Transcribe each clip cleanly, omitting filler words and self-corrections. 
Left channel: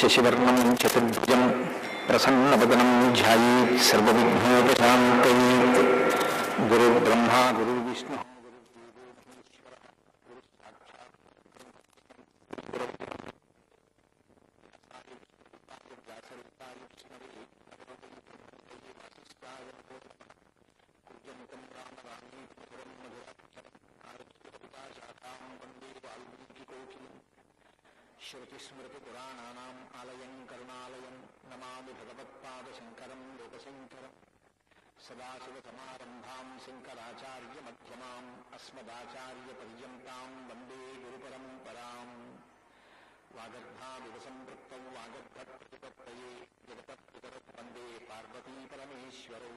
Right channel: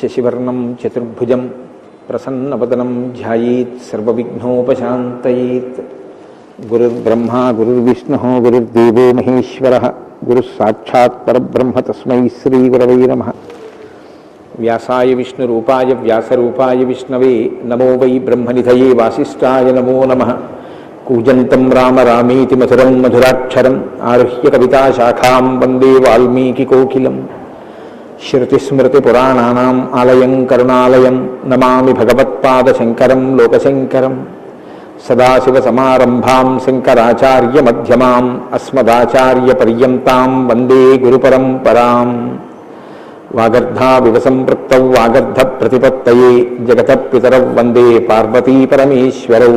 శశివర్ణం చతుర్భుజం ప్రసన్నవదనం ధ్యాయేత్ సర్వవిఘ్నోపశాంతయేత్. గురుర్బ్రహ్మా గురుర్విష్ణుః గురుర్దేవో మహేశ్వరః గురుః సాక్షాత్ పరబ్రహ్మ తస్మై శ్రీగురవై నమః. వ్యాసాయ విష్ణురూపాయ వ్యాసరూపాయ విష్ణవే నమో వై బ్రహ్మనిధయే వాసిష్ఠాయ నమో నమః. కూజంతం రామ రామేతి మధురం మధురాక్షరం ఆరుహ్య కవితాశాఖాం వందే వాల్మీకికోకిలం. శృతిస్మృతిపురాణానాం ఆలయం కరుణాలయం నమామి భగవత్పాదశంకరం లోకశంకరం. సదాశివసమారంభాం శంకరాచార్యమధ్యమాం అస్మదాచార్యపర్యంతాం వందే గురుపరంపరాం. వాగర్ధావివ సంపృక్తౌ వాగర్ధప్రతిపత్తయే జగతః పితరౌ వందే పార్వతీపరమేశ్వరౌ.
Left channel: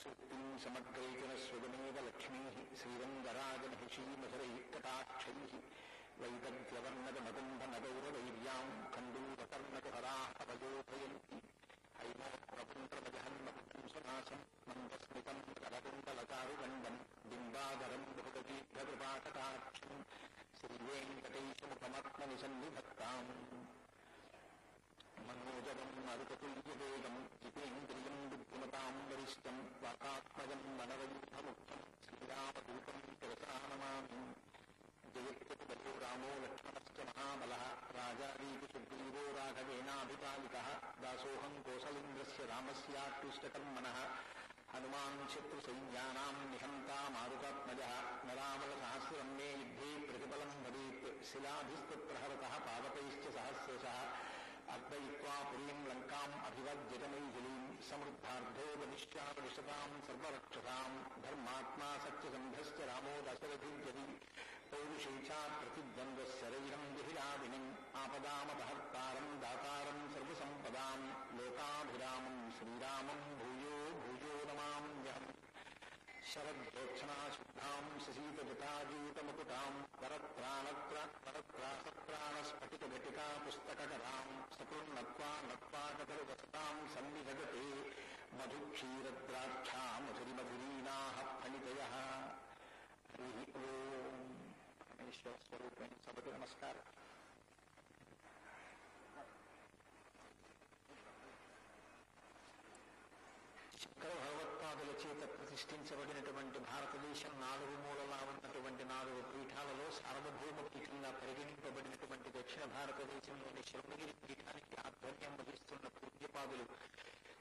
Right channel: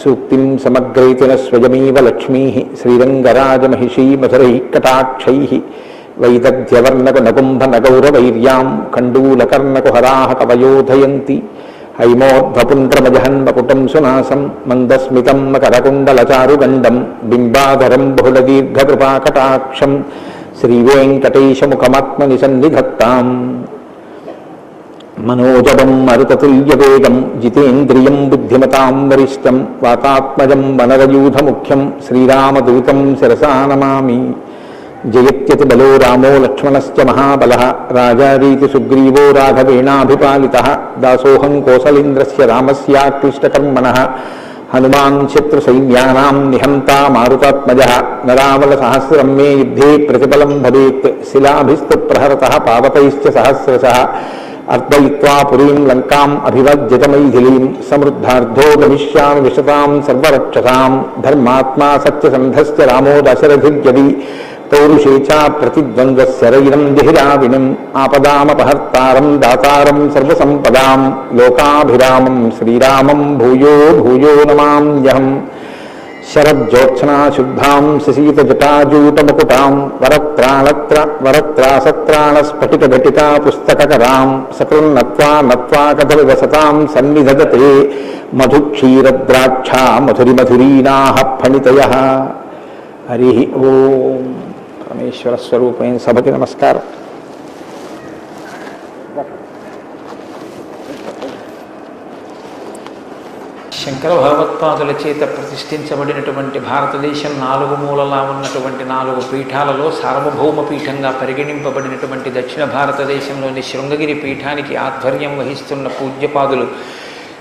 సూక్తిం సమగ్రైతిన స్వయమేవ లక్ష్మీః శ్రీరంగరాజమహిషీ మధురైః కటాక్షైః. వైదగ్ధ్యవర్ణకునకుంభనగౌరవైర్యాం కండూలకర్ణకుహరాः కవయోధయంతి. హైమోర్ధ్వపుండ్రమజహన్మకుటం సునాసం మందస్మితం మకరకుండలచారుగండం బింబాధరం బహుళదీర్ఘకృపాకటాక్షం శ్రీవేంకటేశముఖమాత్మనిసన్నిధత్తాం. మనోజవం మరుతతుల్యవేగం జితేంద్రియం బుద్ధిమతాం వరిష్టం వాతాత్మజం వనరయూధముఖ్యం శ్రీరామదూతం శిరసా నమామి. జయత్యతి బలో రామో లక్ష్మణశ్చ మహాబలః రాజారీతి సుగ్రీవో రాఘవేణాభిపాలితః. దాసోహం కోసలేంద్రస్య రామస్యాక్లిష్టకర్మణః హనుమాన్ శత్రుసైన్యానాం నిహంతా మారుతాత్మజః. నరావలసహస్రం మే యుద్ధే ప్రతిఫలం భవేత్ శిలాభిస్తు ప్రహరతః పావకైశ్చ సహస్రశః. అర్దయిత్వా పురీం లంకాం అభివజ్యత మైథిలీం సమృద్ధార్థో గమిష్యామి విశతాం సర్వరక్షసాం. ధర్మాత్మా సత్యసంధశ్చ రామో దశరథిర్యది పౌరుషే చ ప్రతిద్వంద్వశరైరం జహిరావినం. ఆపదామపహర్తారం దాతారం సర్వసంపదాం లోకాభిరామం శ్రీరామం భూయో భూయో నమామ్యహం. శరజ్యోత్స్నా శుద్ధాం శశీతజటాజూటముకుటాం వరత్రాసత్రాణస్ఫటికఘటికా పుస్తకకరాం. సకృన్నత్వా నత్వా కథవివసతాం సన్నిధదతే మధుక్షీరద్రాక్షా మధురిమధురీనాః ఫణితయః. హరి ఓం. పరమేశ్వర స్వరూపమైన సభకి నమస్కారం. శంకర భగవత్పాదుల చేత ప్రతిష్ఠించబడినటువంటి భారతదేశం నాలుగు మూలలా ఉన్నటువంటి 4 పీఠాలలో సార్వభౌమ పీఠంగా పరిగణింపబడినటువంటి దక్షిణ భారతదేశంలోని శృంగగిరి పీఠానికి ఆధ్వర్యం వహిస్తున్న పూజ్యపాదులు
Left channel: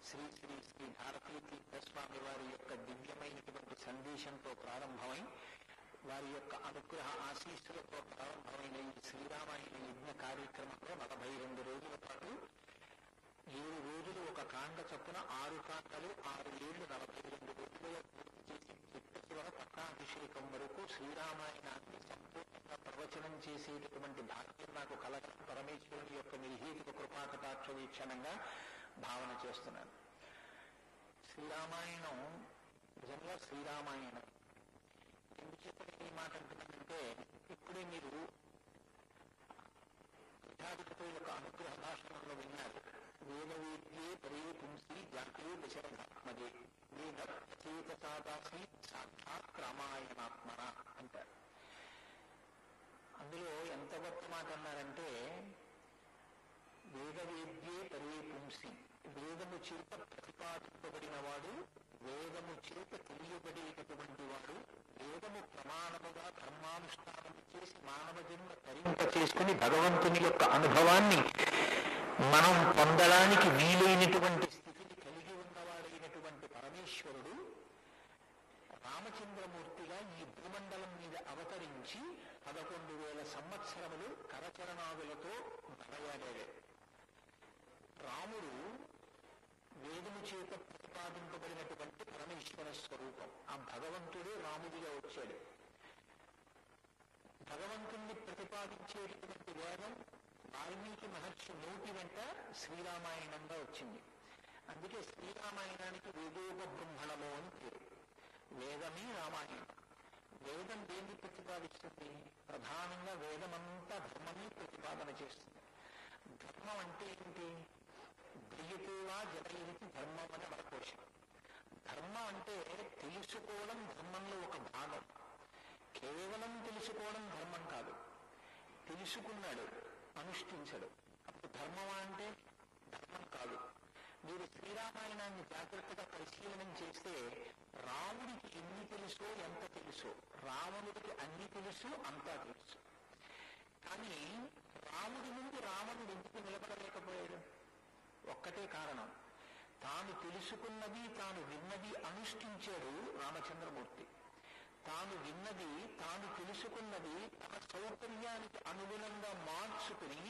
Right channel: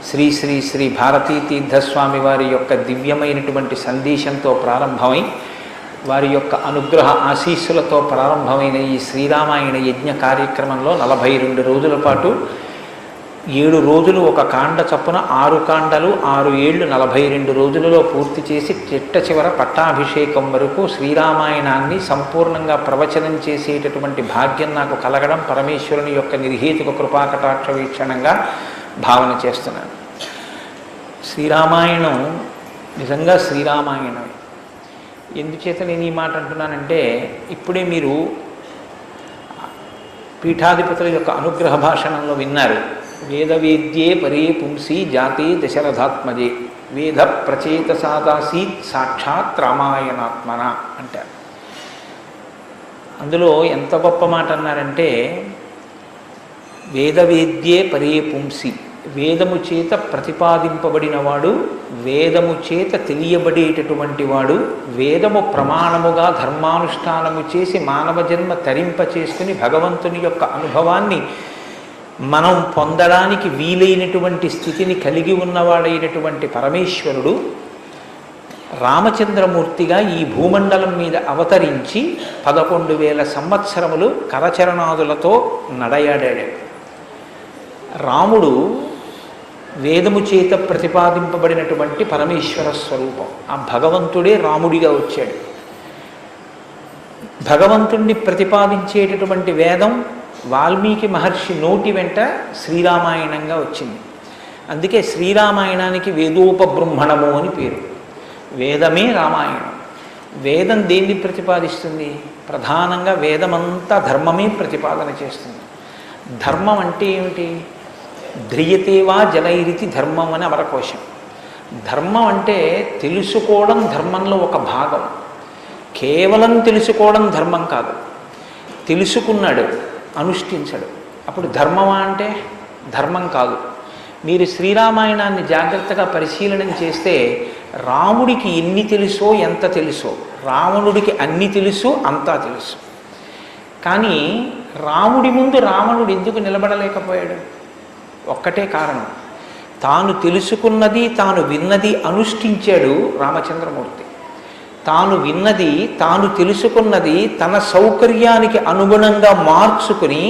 శ్రీ శ్రీ శ్రీ భారతీ తీర్థస్వామి వారి యొక్క దివ్యమైనటువంటి సందేశంతో ప్రారంభమై వారి యొక్క అనుగ్రహ ఆశీస్సులతో ప్రారంభమైన ఈ శ్రీరామాయణ యజ్ఞ కార్యక్రమంలో 42 రోజుల పాటు 7 రోజులు ఒక కాండ చప్పున 6 కాండలు 6 ఏళ్ళు 42 రోజులలో పూర్తి చేసి చిట్ట చివర పట్టాభిషేకం వరకు శ్రీరామాయణాన్ని సంపూర్ణంగా ప్రవచనం చేసేటటువంటి భాగ్యం నాకు కలగడం పరమేశ్వరుని యొక్క నిర్హేతుక కృపాకటాక్ష వీక్షణంగా భావన చేస్తున్నాను. శ్రీరామాయణం నిజంగా శ్రీరామాయణం. ఎందుచేత నేను ఈ మాట అంటున్నానంటే ఇప్పుడే మీరు పీఠాధిపతుల యొక్క అనుగ్రహ భాషణంలో విన్నారు. వేదవేద్యే పరే పుంసి జాతే దశరథాత్మజే వేద ప్రచేతసాదాసీత్ సాక్షాత్ రామాయణాత్మన అంటారు. అందులో ఎంత గొప్ప మాట అన్నారంటే వేదవేద్యే పరే పుంసి, వేదము చేత ప్రతిపాదింపబడినవాడు, వేదము చేత తెలియబడేటటువంటి వాడు, వేదము ప్రమాణముగా ధర్మానుష్ఠానము చేసి మానవ జన్మ తరింప చేసుకుని భగవంతుని యొక్క అనుభవాన్ని మనం పొందడానికి వీలైనటువంటి స్థితిని కలిగి ఉన్నవాడైనటువంటి పరమేశ్వరుడు రామచంద్రమూర్తిగా ఈ భూమండలం మీద అవతరించి 11,000 సంవత్సరములు కరచరణాదులతో నడయాడాడు. రాముడు వేదము చేత ప్రతిపాదింపబడినటువంటి పరమేశ్వర స్వరూపం. ఆ భగవంతుడే రాముడిగా వచ్చాడు. భగవంతుణ్ణి ప్రతిపాదించేటటువంటి వేదం వాల్మీకి మహర్షి నోటి వెంట శ్రీరామాయణంగా వచ్చింది. అందుకే శ్రీరామాయణానికి వేదోపబృంహణము అని పేరు. వేదమే రామాయణం. వేదం దేన్ని ప్రతిపాదిస్తుంది? ప్రధానంగా వేదమంతా ధర్మమే ప్రతిపాదన చేస్తుంది. ధర్మం అంటే ఏమిటి? ధ్రియతేవా జనైరితి ధర్మం అని అమరకోశం. ధర్మం అంటే తెలుసుకోవడం ధర్మంలో ఒక భాగం. కేవలం తెలుసుకోవడం ధర్మం కాదు. తెలుసుకున్నాడు, అనుష్ఠించడు. అప్పుడు ధర్మమా అంటే ధర్మం కాదు. మీరు శ్రీరామాయణాన్ని జాగ్రత్తగా పరిశీలనం చేస్తే రాముడికి ఎన్ని తెలుసో ఎంత తెలుసో, రావణుడికి అన్ని తెలుసు అంతా తెలుసు. కానీ రాముడి ముందు రావణుడు ఎందుకు నిలబడలేకపోయాడు? ఒక్కటే కారణం, తాను తెలుసుకున్నది తాను విన్నది అనుష్ఠించాడు రామచంద్రమూర్తి. తాను విన్నది తాను తెలుసుకున్నది తన సౌకర్యానికి అనుగుణంగా మార్చుకుని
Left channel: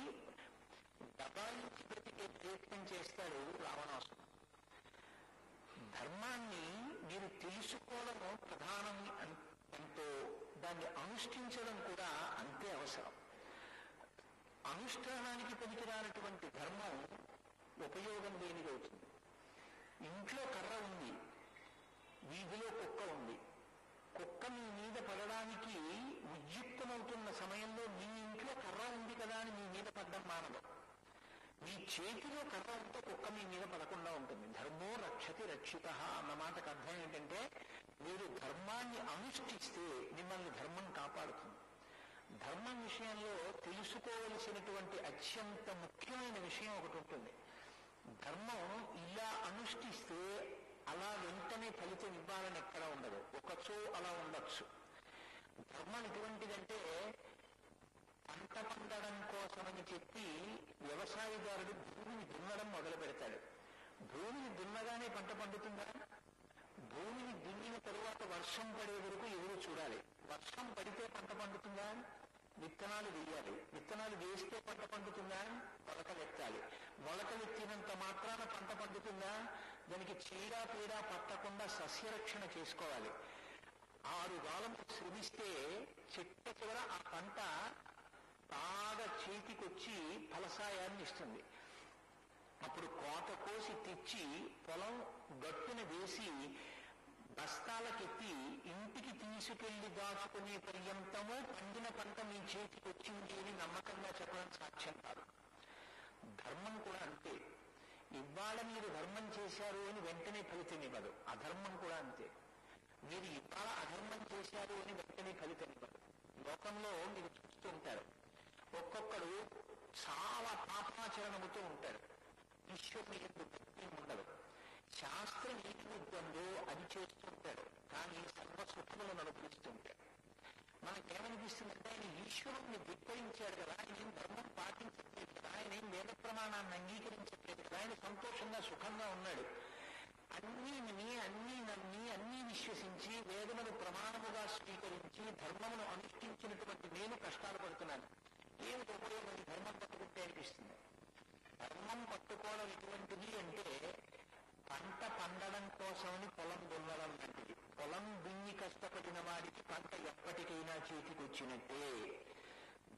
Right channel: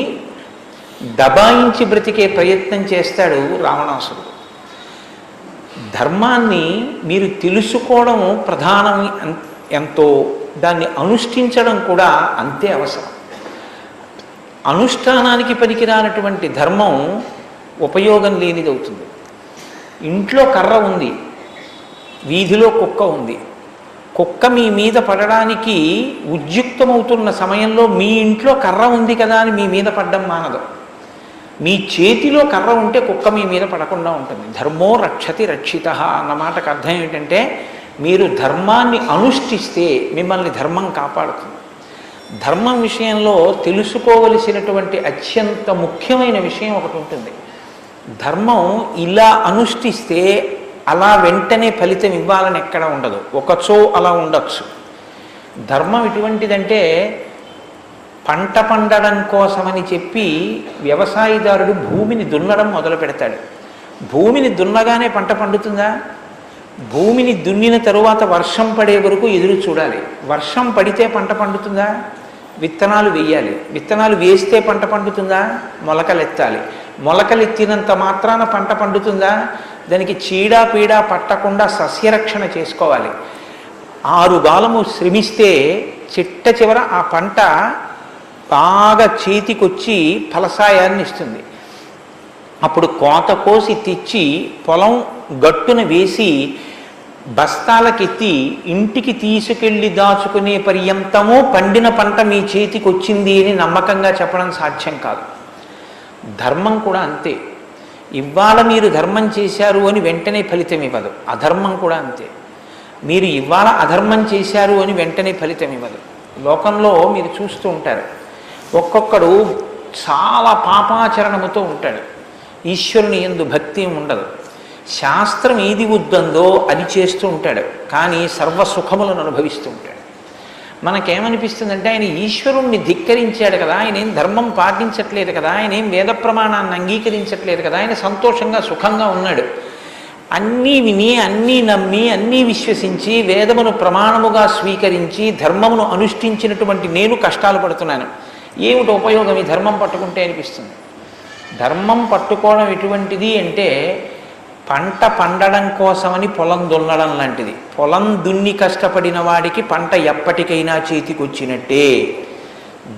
దబాయించి బ్రతికే ప్రయత్నం చేస్తాడు రావణాసురుడు. ధర్మాన్ని మీరు తెలుసుకోవడం ప్రధానం ఎంతో, దాన్ని అనుష్ఠించడం కూడా అంతే అవసరం. అనుష్ఠానానికి పనికిరానటువంటి ధర్మం ఉపయోగం లేనిది అవుతుంది. ఇంట్లో కర్ర ఉంది, వీధిలో కుక్క ఉంది. కుక్క మీ మీద పడడానికి ఉద్యుక్తమవుతున్న సమయంలో మీ ఇంట్లో కర్ర ఉంది కదా అని మీ మీద పడ్డం మానదు. మీ చేతిలో కర్ర ఉంటే కుక్క మీ మీద పడకుండా ఉంటుంది. ధర్మో రక్షతి రక్షిత అన్న మాటకు అర్థం ఏంటంటే, మీరు ధర్మాన్ని అనుష్ఠిస్తే మిమ్మల్ని ధర్మం కాపాడుతుంది. ధర్మం విషయంలో తెలుసుకోవలసినటువంటి అత్యంత ముఖ్యమైన విషయం ఒకటి ఉంటుంది. ధర్మం ఇలా అనుష్ఠిస్తే అలా వెంటనే ఫలితం ఇవ్వాలని ఎక్కడ ఉండదు, ఒకచో అలా ఉండొచ్చు. ధర్మం ఎటువంటిదంటే, పంట పండడం కోసమని చెప్పి వ్యవసాయదారుడు భూమిని దున్నడం మొదలు పెడతాడు. భూమిని దున్నగానే పంట పండుతుందా? భూమిని దున్నిన తరువాత వర్షం పడే వరకు ఎదురు చూడాలి. వర్షం పడితే పంట పండుతుందా? విత్తనాలు వేయాలి. విత్తనాలు వేస్తే పంట పండుతుందా? మొలకలెత్తాలి. మొలకలెత్తినంత మాత్రాన పంట పండుతుందా? దానికి చీడా పీడా పట్టకుండా సస్యరక్షణ చేసుకోవాలి. 6 గాలము శ్రమిస్తే చిట్ట చివర ఆ పంట బాగా చేతికొచ్చి ఫలసాయాన్ని ఇస్తుంది. అప్పుడు కోత కోసి తెచ్చి పొలం గట్టున వేసి బస్తాలకెత్తి ఇంటికి తీసుకెళ్ళి దాచుకునే పర్యంతమో పండిన పంట మీ చేతికి వచ్చింది అని నమ్మకంగా చెప్పడం సాధ్యం కాదు. ధర్మం కూడా అంతే. ఇవాళ మీరు ధర్మం చేశారు అని వెంటనే ఫలితం ఇవ్వదు. అధర్మం కూడా అంతే. మీరు ఇవాళ అధర్మం చేశారు అని వెంటనే ఫలితం ఇవ్వదు. లోకంలో మీరు చూస్తూ ఉంటారు, ఒక్కొక్కడు చాలా పాపాచరణముతో ఉంటాడు, ఈశ్వరుని యందు భక్తి ఉండదు, శాస్త్రం ఏది వద్దందో అది చేస్తూ ఉంటాడు, కానీ సర్వసుఖములను అనుభవిస్తూ ఉంటాడు. మనకేమనిపిస్తుందంటే, ఆయన ఈశ్వరుణ్ణి ధిక్కరించాడు కదా, ఆయన ఏం ధర్మం పాటించట్లేదు కదా, ఆయన ఏం వేద ప్రమాణాన్ని అంగీకరించట్లేదు కదా, ఆయన సంతోషంగా సుఖంగా ఉన్నాడు. అన్నీ విని అన్నీ నమ్మి అన్నీ విశ్వసించి వేదమును ప్రమాణముగా స్వీకరించి ధర్మమును అనుష్ఠించినటువంటి నేను కష్టాలు పడుతున్నాను, ఏమిటి ఉపయోగం ఈ ధర్మం పట్టుకుంటే అనిపిస్తుంది. ధర్మం పట్టుకోవడం ఎటువంటిది అంటే, పంట పండడం కోసమని పొలం దున్నడం లాంటిది. పొలం దున్ని కష్టపడిన వాడికి పంట ఎప్పటికైనా చేతికొచ్చినట్టే.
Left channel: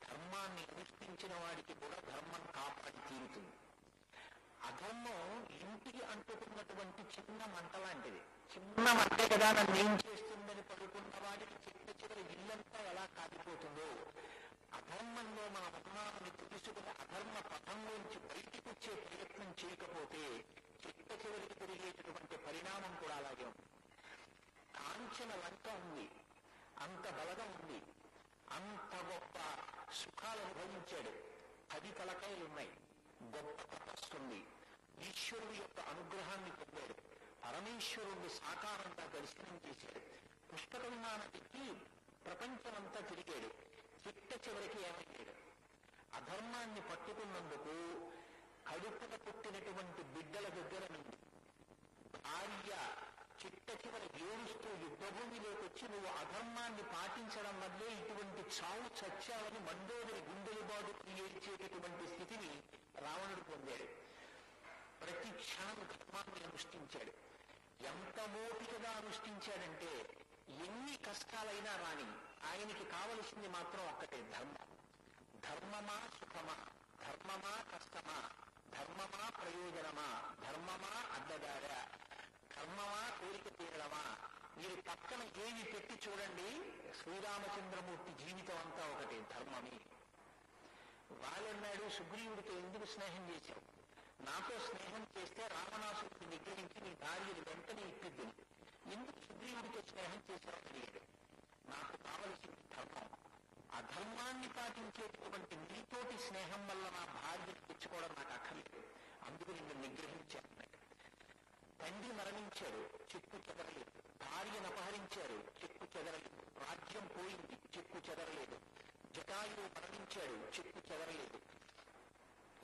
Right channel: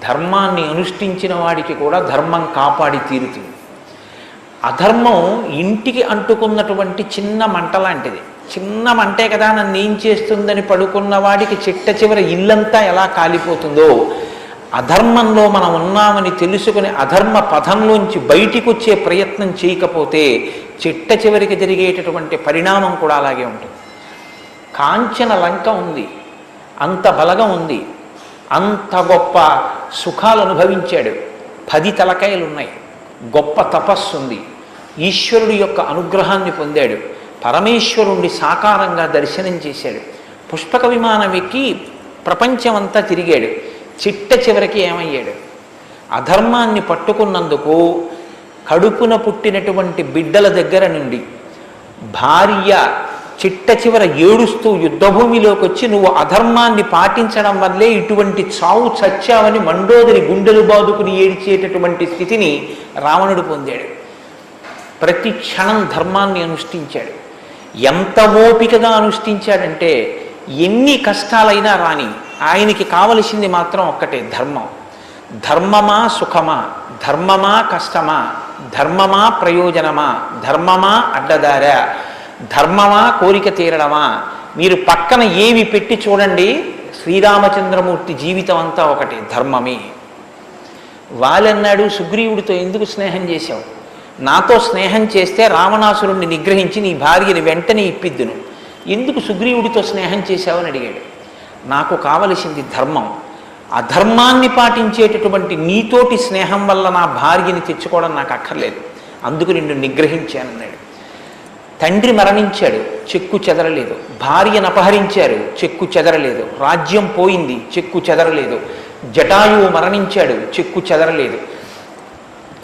ధర్మాన్ని అనుష్ఠించిన వాడికి కూడా ధర్మం కాపాడి తీరుతుంది. అధర్మం ఇంటికి అంటుకున్నటువంటి చిన్న మంట లాంటిది. చిన్న మంటే కదా నన్ను ఏం చేస్తుందని పడుకున్న వాడికి చిట్ట చివర ఇల్లంతా ఎలా కాలిపోతుందో, అధర్మంలో మనం ఉన్నామని తెలుసుకుని అధర్మ పథంలోంచి బయటికి వచ్చే ప్రయత్నం చేయకపోతే చిట్ట చివరికి జరిగేటటువంటి పరిణామం కూడా అలాగే ఉంటుంది. కాంచన లంక ఉంది, అంత బలగం ఉంది, అంత గొప్ప సుఖాలు అనుభవించాడు, 10 తలకాయలు ఉన్నాయి, గొప్ప తపస్సు ఉంది, ఈశ్వరుడి యొక్క అనుగ్రహాన్ని పొందాడు, పరమేశ్వరుణ్ణి సాకారంగా దర్శనం చేశాడు, పుష్పక విమానం ఎక్కి ప్రపంచమంతా తిరిగాడు. చిట్ట చివరికి ఏమయ్యాడు? అధర్మాన్ని పట్టుకున్నందుకు కడుపున పుట్టినటువంటి బిడ్డల దగ్గర నుండి భార్య చిట్ట చివర ఏడుస్తూ యుద్ధభూమిలోకి వచ్చి నువ్వు అధర్మాన్ని పాటించడం వల్లే ఇటువంటి చావు చచ్చావని మండోదరి గుండెలు బాదుకుని ఏడ్చేటటువంటి స్థితిని రావణుడు పొందాడు. ప్రతి క్షణం ధర్మాన్ని అనుష్ఠించాడు. ఎంత ఓపికగా అనుష్ఠించాడంటే, ఎన్ని కష్టాలైనా రాని ఆయనకి కావలసింది మాత్రం ఒక్కటే, ధర్మం. ధర్మమా సుఖమా, ధర్మమా కష్టమా, ధర్మమా ప్రయోజనమా, ధర్మమా అడ్డదారా, ధర్మమా కోరిక తీరడమా, మీరు పక్కన ఏవి పెట్టి చూడండి, శ్రీరామచంద్రమూర్తి జీవితం అంతా ఒకటే, ధర్మమే. వాళ్ళన్నాడు, సుగ్రీవుడితో ఎందుకు స్నేహం చేశావు? నాతో స్నేహం చేస్తే రావణాసురుణ్ణి నిగ్రహించి నీ భార్యని వెంటనే ఇప్పిద్దును, ఎందుకు సుగ్రీవుడితో స్నేహం చేశావని అడిగాడు. నాకు కావలసింది ధర్మం. అధర్మాన్ని పాటించేటటువంటి నీతోటి స్నేహం వల్ల నా భార్యని తెచ్చుకోవడం నాకు అక్కర్లేదు, అందుకు నిన్ను నిగ్రహించానన్నాడు. తండ్రి మరణించాడు, చెక్కు చెదరలేదు. భార్యను అపహరించారు, చెక్కు చెదరలేదు. రాజ్యం పోయింది, చెక్కు చెదరలేదు. జటాయువు మరణించాడు, చెక్కు చెదరలేదు.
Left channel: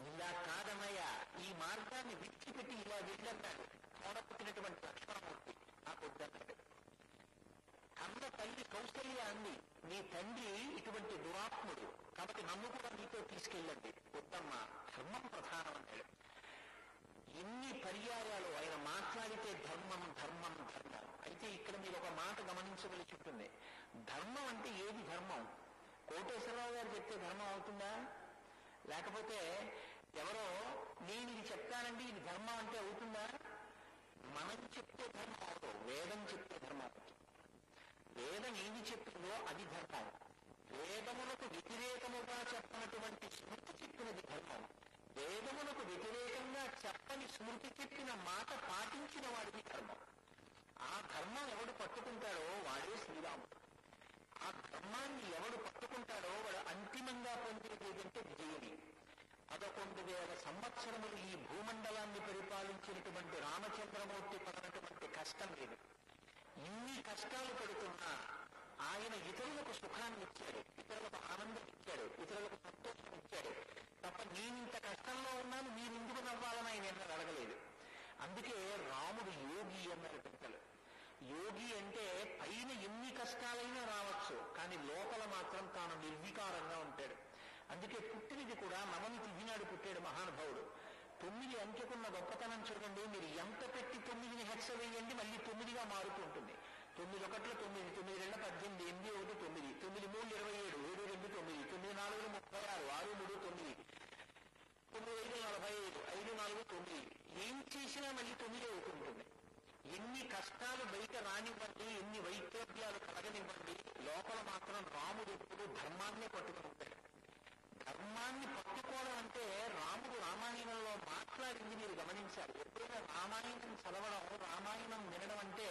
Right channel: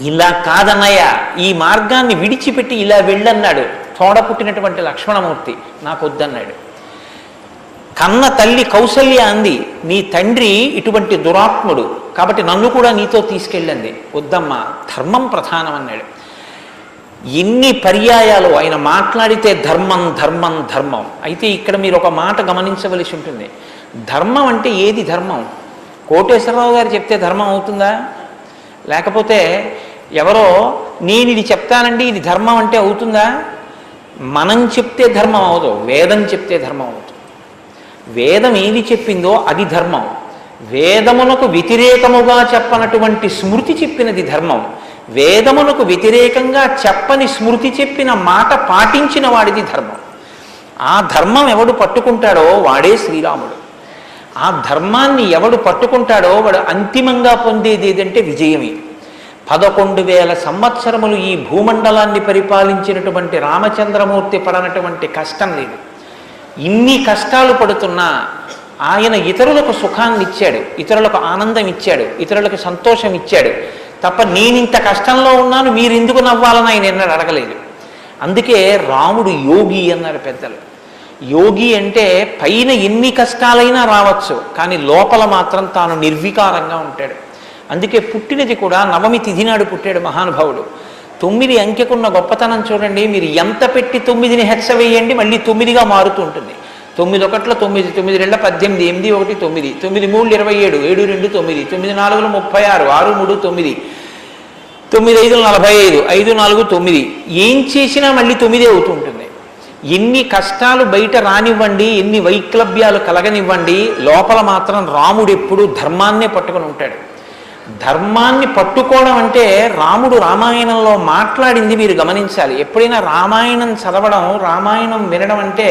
ఇలా కాదన్నయ్య, ఈ మార్గాన్ని విడిచిపెట్టి ఇలా వెళ్ళన్నాడు. తోడ పుట్టినటువంటి లక్ష్మణమూర్తి నాకొద్దన్నాడు. కన్న తల్లి కౌసల్య అంది, నీ తండ్రి ఇటువంటి దురాత్ముడు కాబట్టి నన్ను కూడా నీతో తీసుకెళ్ళండి. వద్దమ్మా, ధర్మం ప్రధానం అన్నాడు. ఎన్ని పర్యాయాలు ఆయన మాట్లాడితే ధర్మం ధర్మం ధర్మం. అయితే ఇక్కడ మీరు ఒక మాట గమనించవలసి ఉంటుంది. ధర్మం అంటే ఏది ధర్మం? కోటేశ్వరరావు గారు చెప్తే ధర్మం అవుతుందా? లేకపోతే ఎవరో నేను ఇది చెప్తానండి ఇది ధర్మం అంటే అవుతుందా? మనం చెప్తే ధర్మం అవదు, వేదం చెప్తే ధర్మం అవుతుంది. వేదం ఏది చెప్పిందో అది ధర్మం. వేదమునకు వ్యతిరేకముగా చెప్పనటువంటి స్మృతి చెప్పినది ధర్మం. వేదమునకు వ్యతిరేకంగా చెప్పని స్మృతి చెప్పిన మాట పాటించిన వాడిది ధర్మం. ఆ ధర్మం ఎవడు పట్టుకుంటాడో వాడే శ్రీరాముడు. ఆ ధర్మాన్ని ఎవడు పట్టుకుంటాడో వాడు అంతిమంగా పొందేది ఏదంటే విజయమే. 11,000 సంవత్సరములు ఈ భూమండలాన్ని పరిపాలించినటువంటి రామచంద్రమూర్తి పడనటువంటి కష్టం లేదు. ఇన్ని కష్టాలు పడుతున్నా ఆయన ఇతరులకు సుఖాన్ని ఇచ్చాడు, ఇతరులకు ఆనందం ఇచ్చాడు, ఇతరులకు సంతోషం ఇచ్చాడు తప్ప నేనింత కష్టంలో ఉన్నాను మీరు ఎందుకు నవ్వాలని ఆయన ఎన్నడూ అడగలేదు. అందుకే రాముడు యోగి అన్నారు పెద్దలు. యోగి అంటే పైన ఎన్ని కష్టాలైనా రావచ్చు, కానీ లోపల మాత్రం తాను నిర్వికారంగా ఉంటాడు. అందుకే పుట్టినది కూడా నవమి తిథి నాడు పుట్టాడు మహానుభావుడు. 9 అంకెకున్న గొప్పతనం చూడండి. మీరు ఎంత పెట్టి 9ని హెచ్చ వేయండి మళ్ళీ 9గా మారుతూ ఉంటుంది. 9 ఒకట్ల 9, 9 2 18, 8 1 9, 9 3 27, 7 2 9, 9 4 36, 6 3 9, 9 5 45, 5 4 9. ఏం చేసినా మళ్ళీ 9 అవుతూ ఉంటుంది. ఎన్ని కష్టాలు బయట రానివ్వండి, ఎన్ని వైక్లభ్యాలు కలగనివ్వండి, లోపల మాత్రం రాముడు ఎప్పుడూ ధర్మాన్నే పట్టుకొని ఉంటాడు. ధర్మాన్ని పట్టుకోవడం అంటే రాముడు రామాయణంలో మాట్లాడింది మీరు గమనించాలి. ఎప్పుడైనా రామాయణం చదవడం, రామాయణం వినడం అంటే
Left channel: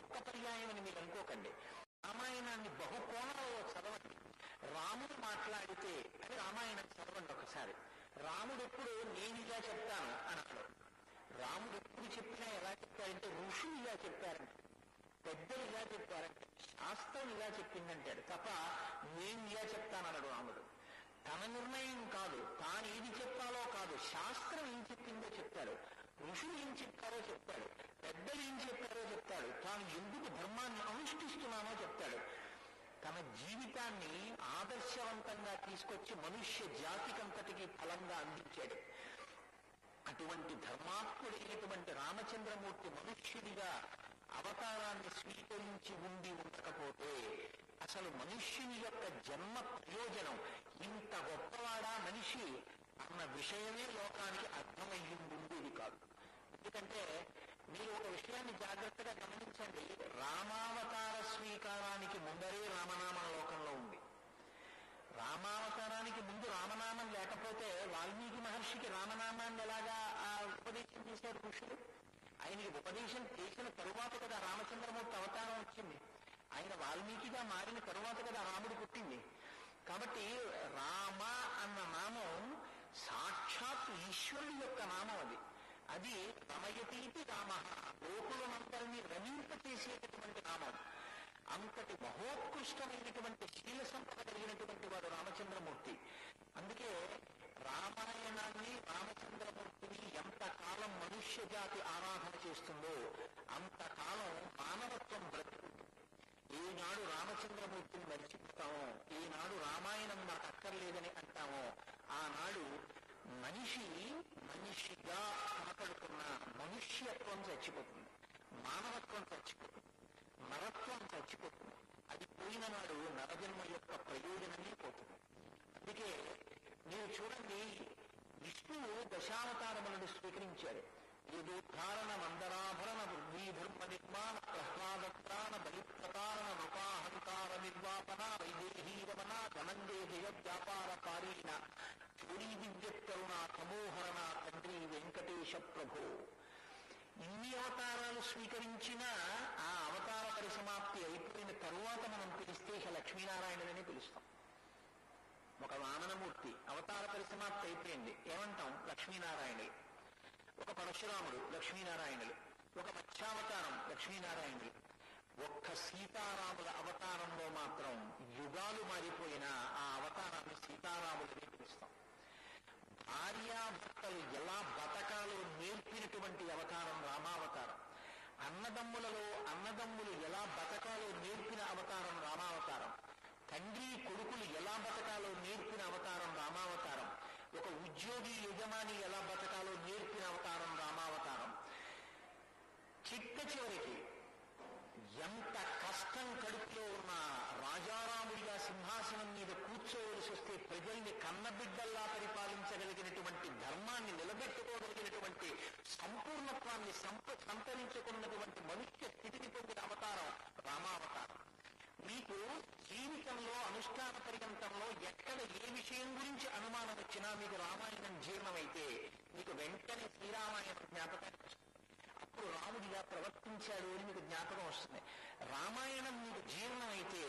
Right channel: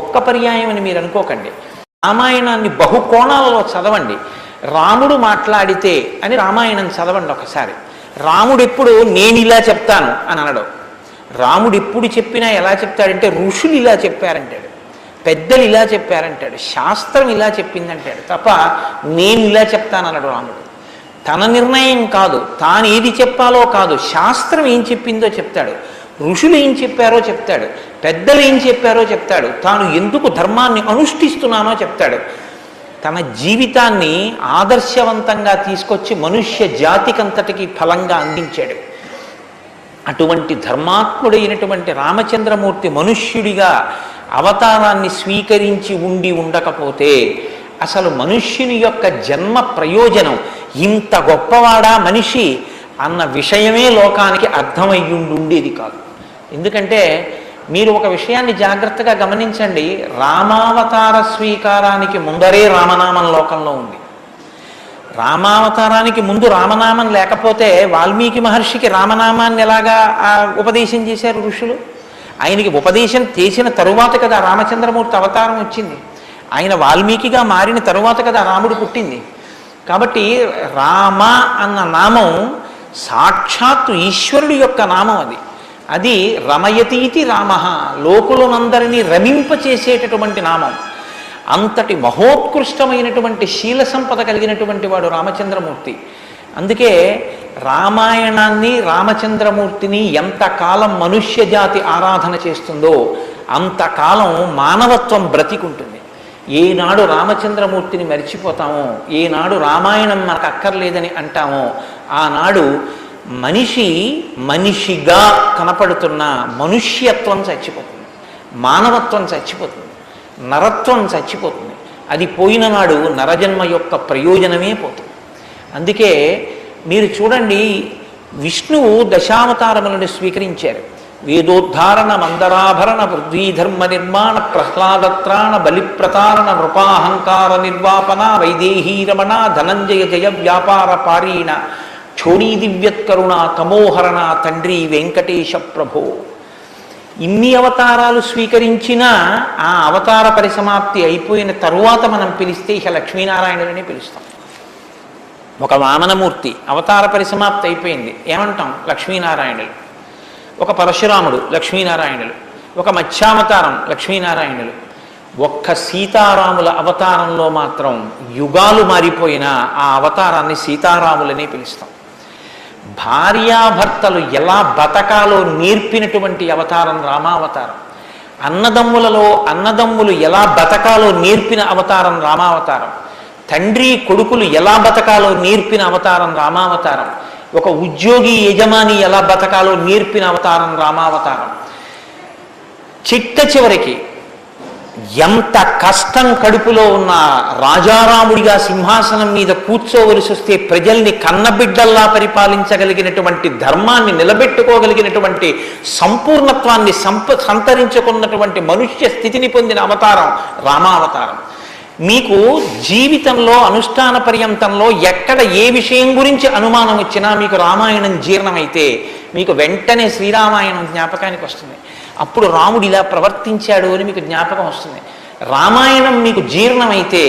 ఒక్క పర్యాయం అని మీరు అనుకోకండి. రామాయణాన్ని బహుకోణాలలో చదవండి. రాముడు మాట్లాడితే అని రామాయణం చదవండి ఒకసారి. రాముడు ఎప్పుడు నేను ఇలా చెప్తాను అని అనడు. రాముడు ఎప్పుడు చెప్పినా ఎలా చెప్తాడంటే ఋషులు ఇలా చెప్పారంటాడు, పెద్దలు ఇలా చెప్పారంటాడు, శాస్త్రం ఇలా చెప్పిందంటాడు తప్ప నేను ఇలా చెప్తానన్నాడు రాముడు. తన నిర్ణయం కాదు, తాను ఏది చెప్పాలో కాదు, శాస్త్రం ఏం చెప్పిందో చెప్తాడు, ఋషులు ఏం చెప్పారో చెప్తాడు, పెద్దలు ఏం చెప్పారో చెప్తాడు, తాను ఎందుకు ధర్మాన్ని అనుష్ఠిస్తున్నానో చెప్తాడు. తన జీవితాన్ని ఆదర్శవంతంగా తీసుకొచ్చి మనుష్య జాతికంతటికి ఫలంగా అందించాడు. అటువంటి ధర్మాత్ముడైనటువంటి రామచంద్రమూర్తి మనుష్యుడిగా అవతారాన్ని స్వీకరించి ఉండకపోతే అసలు మనుష్యుని యొక్క జన్మ ప్రయోజనం ఇంత గొప్పవాడా మనిషి అన్న విషయమే లోకానికి అర్థమయ్యుండేది కాదు. ఎందుకంటే మీరు ఒక విషయాన్ని జాగ్రత్తగా గమనించండి. రామావతార స్వీకారానికి ముందరే రామనామం లోకంలో ఉంది. రామావతారానికి ముందు రామనామం లేకపోతే వాల్మీకి మహర్షికి రామనామాన్ని ఎలాగా ఉపదేశం చేశారు ఋషులు? ఆయనకి ఉపదేశం చేసిన తరువాత కదా రామచంద్రమూర్తి అవతారం వచ్చింది. ఆయన వాల్మీకిగా మారిన తరువాత కదా రాముడు పుట్టింది. కాబట్టి రామ అన్న నామం సాక్షాత్తు ఈశ్వరుడి యొక్క నామం. అది రమయతీతి రామ, లోకులనందరినీ రమింపచేసేటటువంటి నామం. అంతటి మహోత్కృష్టమైనటువంటి శీల సంపద కలిగినటువంటి వాడు రామచంద్రమూర్తి. అందుకే రామాయణాన్ని రామచంద్రమూర్తిని ఎంతకాలం మనుష్య జాతి ఆరాధన చేస్తుందో అంతకాలం మానవత్వం బ్రతికుంటుంది. ఏనాడు రామచంద్రమూర్తిని మరిచిపోతామో, ఏనాడు రామాయణం మనకు అక్కర్లేదని అంటామో, ఆనాడు మనిషిగా కనపడుతున్న మనుష్యత్వం చచ్చిపోతుంది, మానవత్వం చచ్చిపోతుంది, నరత్వం చచ్చిపోతుంది. అది పోయిన నాడు నరజన్మ యొక్క ప్రయోజనమే పోతుంది. అందుకే మీరు చూడండి, విష్ణువు దశావతారములను స్వీకరించారు. వేదోద్ధారణ, మందరాభరణ, పృథ్వీధర్మ నిర్మాణ, ప్రహ్లాదత్రాణ, బలిప్రతారణ, నృపాహంకార నిర్వాపన, వైదేహీ రమణ, ధనంజయ జయ వ్యాపార పారీణ, క్షోణీ దివ్యత్కరుణ, తమోహరణ, తండ్రి వెంకటేశ ప్రభో. ఇన్ని అవతారాలు స్వీకరించినా ఆ అవతార పరిసమాప్తి అయిపోయిన తరువాత మనం పిలిస్తే ఇక లక్ష్మీనారాయణులనే పిలుస్తాం. ఒక వామనమూర్తి అవతార పరిసమాప్తి అయిపోయింది, ఏమంటాం? లక్ష్మీనారాయణులు. ఒక పరశురాముడు, లక్ష్మీనారాయణులు. ఒక మత్స్యావతారం, లక్ష్మీనారాయణులు. ఒక్క సీతారాముల అవతారంలో మాత్రం యుగాలు మారిపోయినా ఆ అవతారాన్ని సీతారాములనే పిలుస్తాం. భార్యాభర్తలు ఎలా బతకాలో నేర్పినటువంటి అవతారం రామావతారం. అన్నదమ్ములు ఎలా బతకాలో నేర్పిన అవతారం రామావతారం. తండ్రి కొడుకులు ఎలా బతకాలో నేర్పిన అవతారం రామావతారం. ఒక ఉద్యోగి యజమాని ఎలా బతకాలో నేర్పిన అవతారం రామావతారం. చిట్ట చివరికి ఎంత కష్టం కడుపులో ఉన్న రాజారాముడిగా సింహాసనం మీద కూర్చోవలసి వస్తే ప్రజల్ని కన్నబిడ్డల్లా పరిపాలించగలిగినటువంటి ధర్మాన్ని నిలబెట్టుకోగలిగినటువంటి సంపూర్ణత్వాన్ని సంతరించుకున్నటువంటి మనుష్య స్థితిని పొందిన అవతారం రామావతారం. మీకు జీవితంలో అనుష్ఠాన పర్యంతంలో ఎక్కడ ఏ విషయం గురించి అనుమానం వచ్చినా మీకు రామాయణం జీర్ణమైతే మీకు వెంటనే శ్రీరామాయణం జ్ఞాపకానికి వస్తుంది. అప్పుడు రాముడు ఇలా ప్రవర్తించాడు అని మీకు జ్ఞాపకం వస్తుంది. రామాయణం మీకు జీర్ణమైతే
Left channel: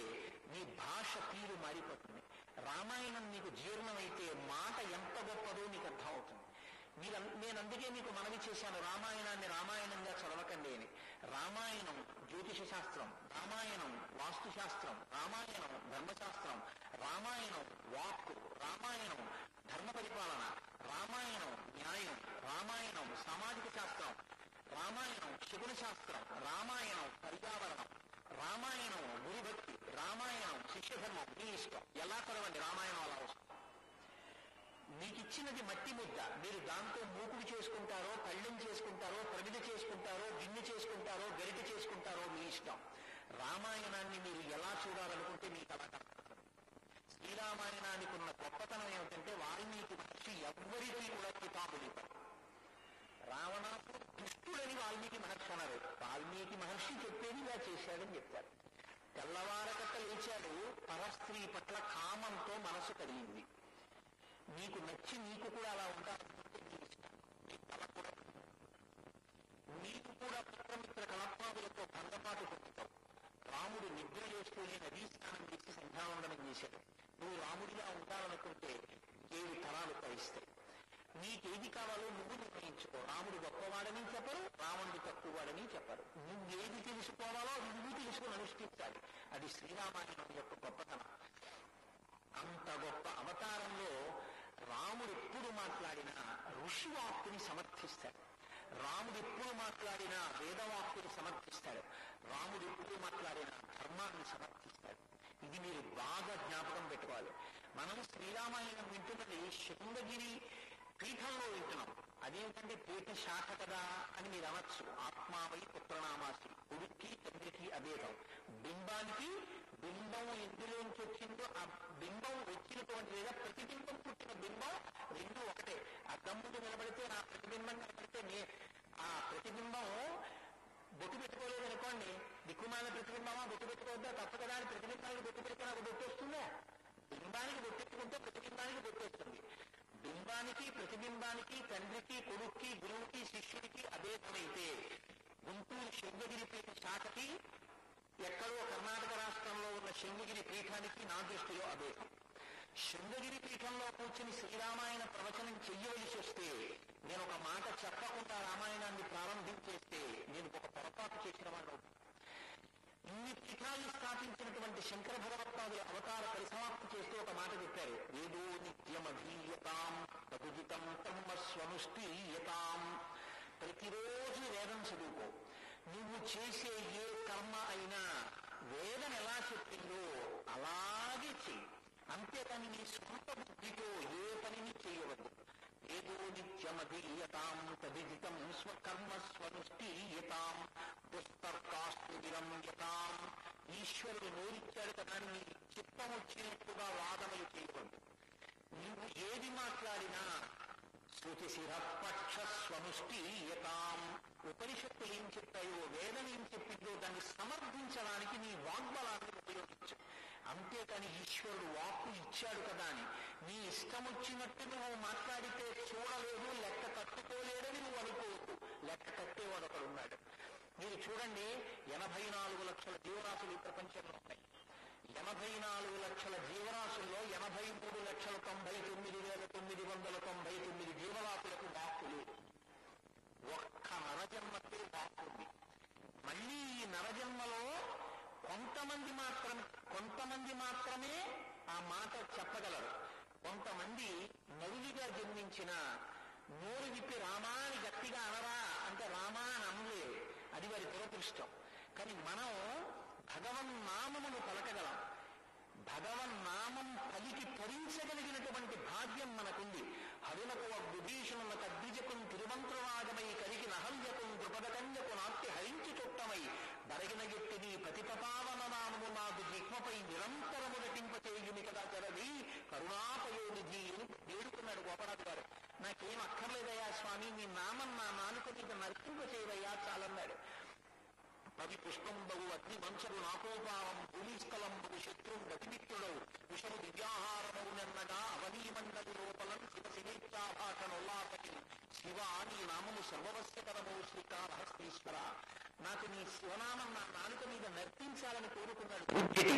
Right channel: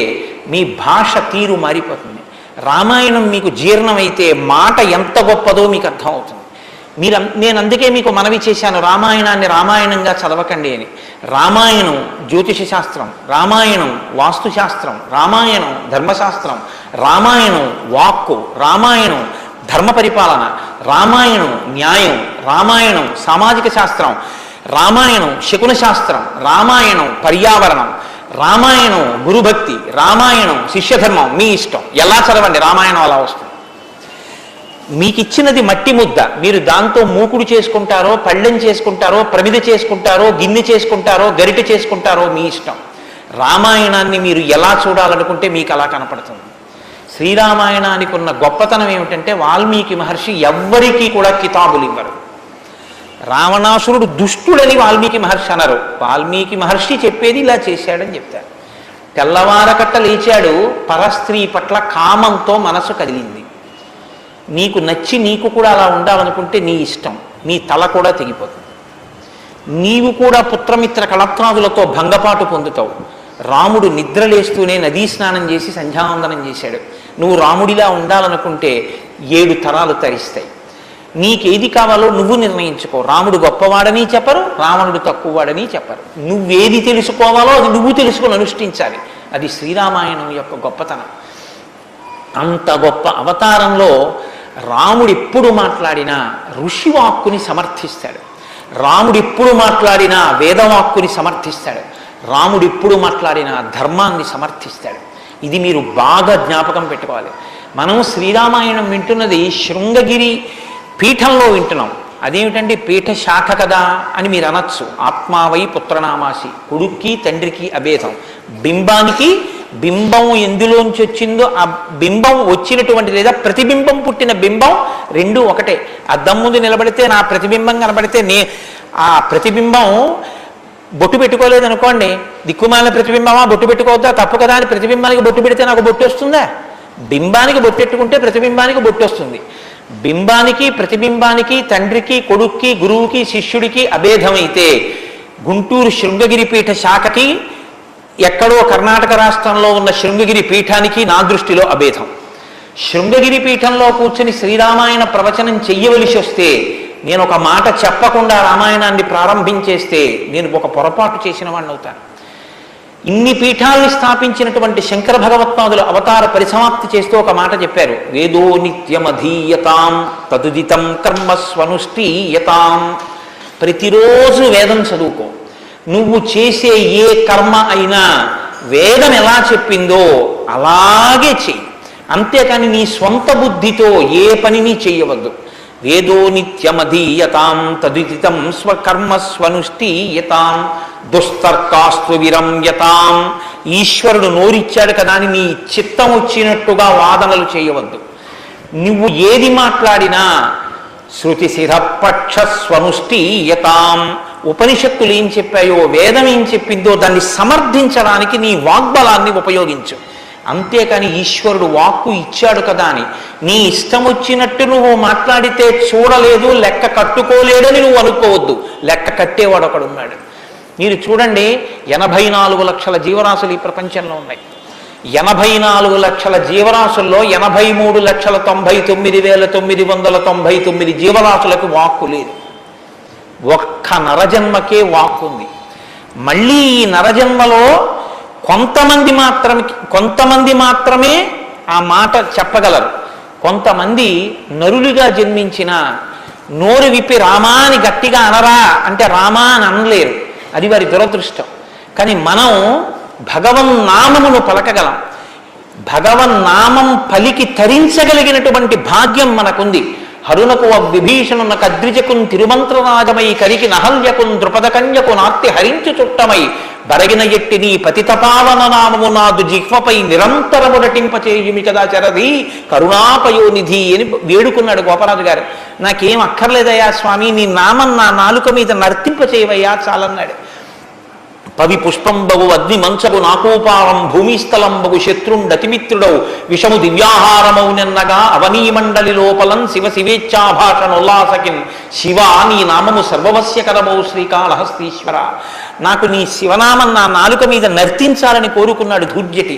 మీ భాష తీరు మారిపోతుంది. రామాయణం మీకు జీర్ణమైతే మాట ఎంత గొప్పదో మీకు అర్థమవుతుంది. నేను అందుకే మీకు మనవి చేశాను, రామాయణాన్ని రామాయణంగా చదవకండి అని. రామాయణం జ్యోతిష శాస్త్రం, రామాయణం వాస్తుశాస్త్రం, రామాయణం ధర్మశాస్త్రం, రామాయణం వాక్కు, రామాయణం ధర్మ పరిపాలన, రామాయణం న్యాయం, రామాయణం సామాజిక శాస్త్రం, రామాయణం శకున శాస్త్రం, రామాయణం పర్యావరణం, రామాయణం గురుభక్తి, రామాయణం శిష్యధర్మం. మీ ఇష్టం, ఎలా చదవండి, రామాయణం అలా వస్తుంది. మీకు ఇచ్చినది మట్టి ముద్ద, మీరు దాంతో మూకుడు చేసుకుంటారో, పళ్ళెం చేసుకుంటారో, ప్రమిద చేసుకుంటారో, గిన్నె చేసుకుంటారో, గరిటె చేసుకుంటారో మీ ఇష్టం. రామాయణాన్ని మీరు ఎలా చూడాలనుకుంటే మీకు అలా కనపడుతుంది. శ్రీరామాయణానికి ఉన్న గొప్పతనం ఏమిటంటే వాల్మీకి మహర్షి ఎవ్వరికీ కూడా కితాబులు ఇవ్వరు. రావణాసురుడు దుష్టుడని వాల్మీకి మహర్షి అనరు. వాల్మీకి మహర్షి చెప్పేది ఇలా చేశాడని చెప్తారు. తెల్లవారకట్ట లేచాడు, పరస్త్రీ పట్ల కామంతో మనసు కదిలింది. నీకు నచ్చి నీకు కూడా అలా ఉండాలనుకుంటే నీ ఇష్టం, నీ తల కూడా తెగిపోతుంది. నీవు కూడా పుత్రమిత్ర కళత్రాదులతో భంగపాటు పొందుతావు. రాముడు నిద్రలేస్తూనే నదీ స్నానం చేసి సంధ్యావందనం చేశాడు. నువ్వు రాముడిలా ఉండాలనుకుంటే 7 తరాలు తరిస్తాయి. నీకేది కావాలో నువ్వు నిర్ణయించుకో. రాముడు గొప్పవాడని చెప్పరు, రావణుడు తక్కువవాడని చెప్పరు. నువ్వేది తెలుసుకోవాలో అది నువ్వు తెలుసుకొని అనుష్ఠించాలి. అది శ్రీరామాయణం యొక్క గొప్పతనం. అంత గొప్ప అవతారంలో రాముడు ఎప్పుడు మాట్లాడినా ఋషివాక్కుని సమర్థిస్తాడు. రాముడు ఎప్పుడు మాట్లాడినా వేదవాక్కుని సమర్థిస్తాడు. రాముడు ఎప్పుడు మాట్లాడినా ధర్మాన్ని సమర్థిస్తాడు. ఇది మీరు బాగా జ్ఞాపకం పెట్టుకోవాలి. మనం శ్రీరామాయణం వింటున్నది శృంగగిరి పీఠంలో వింటున్నాం. అదేమిటండి పీఠ శాఖ కదా అని మీరు అనొచ్చు. ఆత్మావై పుత్రనామాసి, కొడుక్కి తండ్రికి అభేదం. బింబానికి బింబం ఎందులోంచి వచ్చిందో ఆ బింబం వచ్చినటువంటి లేదా ప్రతిబింబం పుట్టిన బింబం రెండు ఒకటే. అద్దం ముందు నిలబడితే నా ప్రతిబింబం కనబడితే ఆ ప్రతిబింబం బొట్టు పెట్టుకోలేదు అనుకోండి, దిక్కుమాలిన ప్రతిబింబమా బొట్టు పెట్టుకోవద్దా, తప్పు కదా అని ప్రతిబింబానికి బొట్టు పెడితే నాకు బొట్టు వస్తుందా? బింబానికి బొట్టెట్టుకుంటే ప్రతిబింబానికి బొట్టు వస్తుంది. బింబానికి ప్రతిబింబానికి తండ్రికి కొడుక్కి గురువుకి శిష్యుడికి అభేదమైతే గుంటూరు శృంగగిరి పీఠ శాఖకి ఎక్కడో కర్ణాటక రాష్ట్రంలో ఉన్న శృంగగిరి పీఠానికి నా దృష్టిలో అభేదం. శృంగగిరి పీఠంలో కూర్చుని శ్రీరామాయణ ప్రవచనం చెయ్యవలసి వస్తే నేను ఒక మాట చెప్పకుండా రామాయణాన్ని ప్రారంభించేస్తే నేను ఒక పొరపాటు చేసిన వాడిని అవుతాను. ఇన్ని పీఠాల్ని స్థాపించినటువంటి శంకర భగవత్పాదులు అవతార పరిసమాప్తి చేస్తూ ఒక మాట చెప్పారు. వేదో నిత్యమధీయతాం తదుదితం కర్మస్వనుష్ఠీయతాం. ప్రతిరోజు వేదం చదువుకో. నువ్వు చేసే ఏ కర్మ అయినా వేదం ఎలా చెప్పిందో అలాగే చెయ్యి. అంతేకాని నీ స్వంత బుద్ధితో ఏ పనిని చెయ్యవద్దు. వేదో నిత్యమధీయతాం తదుదితం స్వకర్మస్వనుష్ఠీయతాం దుస్తర్కాస్తు విరమ్యతాం. ఈశ్వరుడు నోరిచ్చాడు కదా అని నీ చిత్తం వచ్చినట్టుగా వాదనలు చేయవద్దు. నువ్వు ఏది మాట్లాడినా శృతిశిరపక్షస్వనుష్ఠీయతాం. ఉపనిషత్తులు ఏం చెప్పాయో వేదం ఏం చెప్పిందో దాన్ని సమర్థించడానికి నీ వాగ్బలాన్ని ఉపయోగించు. అంతేకాని ఈశ్వరుడు వాక్కు ఇచ్చాడు కదా అని నీ ఇష్టం వచ్చినట్టు నువ్వు మాట్లాడితే చూడలేదు లెక్క కట్టుకోలేడని నువ్వు అనుకోవద్దు. లెక్క కట్టేవాడు ఒకడున్నాడు. మీరు చూడండి, 84 లక్షల జీవరాశులు ఈ ప్రపంచంలో ఉన్నాయి. 84 లక్షల జీవరాశుల్లో 83,99,999 జీవరాశులకు వాక్కు లేదు. ఒక్క నరజన్మకే వాక్కు ఉంది. మళ్ళీ ఈ నరజన్మలో కొంతమంది మాత్రమే ఆ మాట చెప్పగలరు. కొంతమంది నరులుగా జన్మించిన నోరు విప్పి రామా అని గట్టిగా అనరా అంటే రామా అని అనలేరు. అది వారి దురదృష్టం. కానీ మనం భగవన్నామమును పలకగలం. భగవన్నామం పలికి తరించగలిగినటువంటి భాగ్యం మనకుంది. హరునకు విభీషణున కద్విజకున్ తిరుమంత్రరాజమై కరికి నహల్యకున్ ద్రుపదకన్యకు నార్తి హరించు చుట్టమై బరగిన ఎట్టి నీ పతితపావన నామము నాదు జిహ్వపై నిరంతరము నటింపచేయుమి కదా చరది కరుణాపయోనిధి అని వేడుకున్నాడు గోపరాజు గారు. నాకేం అక్కర్లేదయ్యా స్వామి, నీ నామం నా నాలుక మీద నర్తింపచేయవయ్యా చాలన్నాడు. పవి పుష్పంబగు అగ్ని మంచగు నాకోపారం భూమిస్థలంబగు శత్రుండతిమిత్రుడవు విషము దివ్యాహారమౌ నిన్నగా అవనీమండలి లోపలం శివ శివేచ్ఛాభాషణోల్లాసకిన్ శివ నీ నామము సర్వవస్యకరమౌ శ్రీకాళహస్తీశ్వర. నాకు నీ శివనామం నా నాలుక మీద నర్తించాలని కోరుకున్నాడు ధూర్జటి.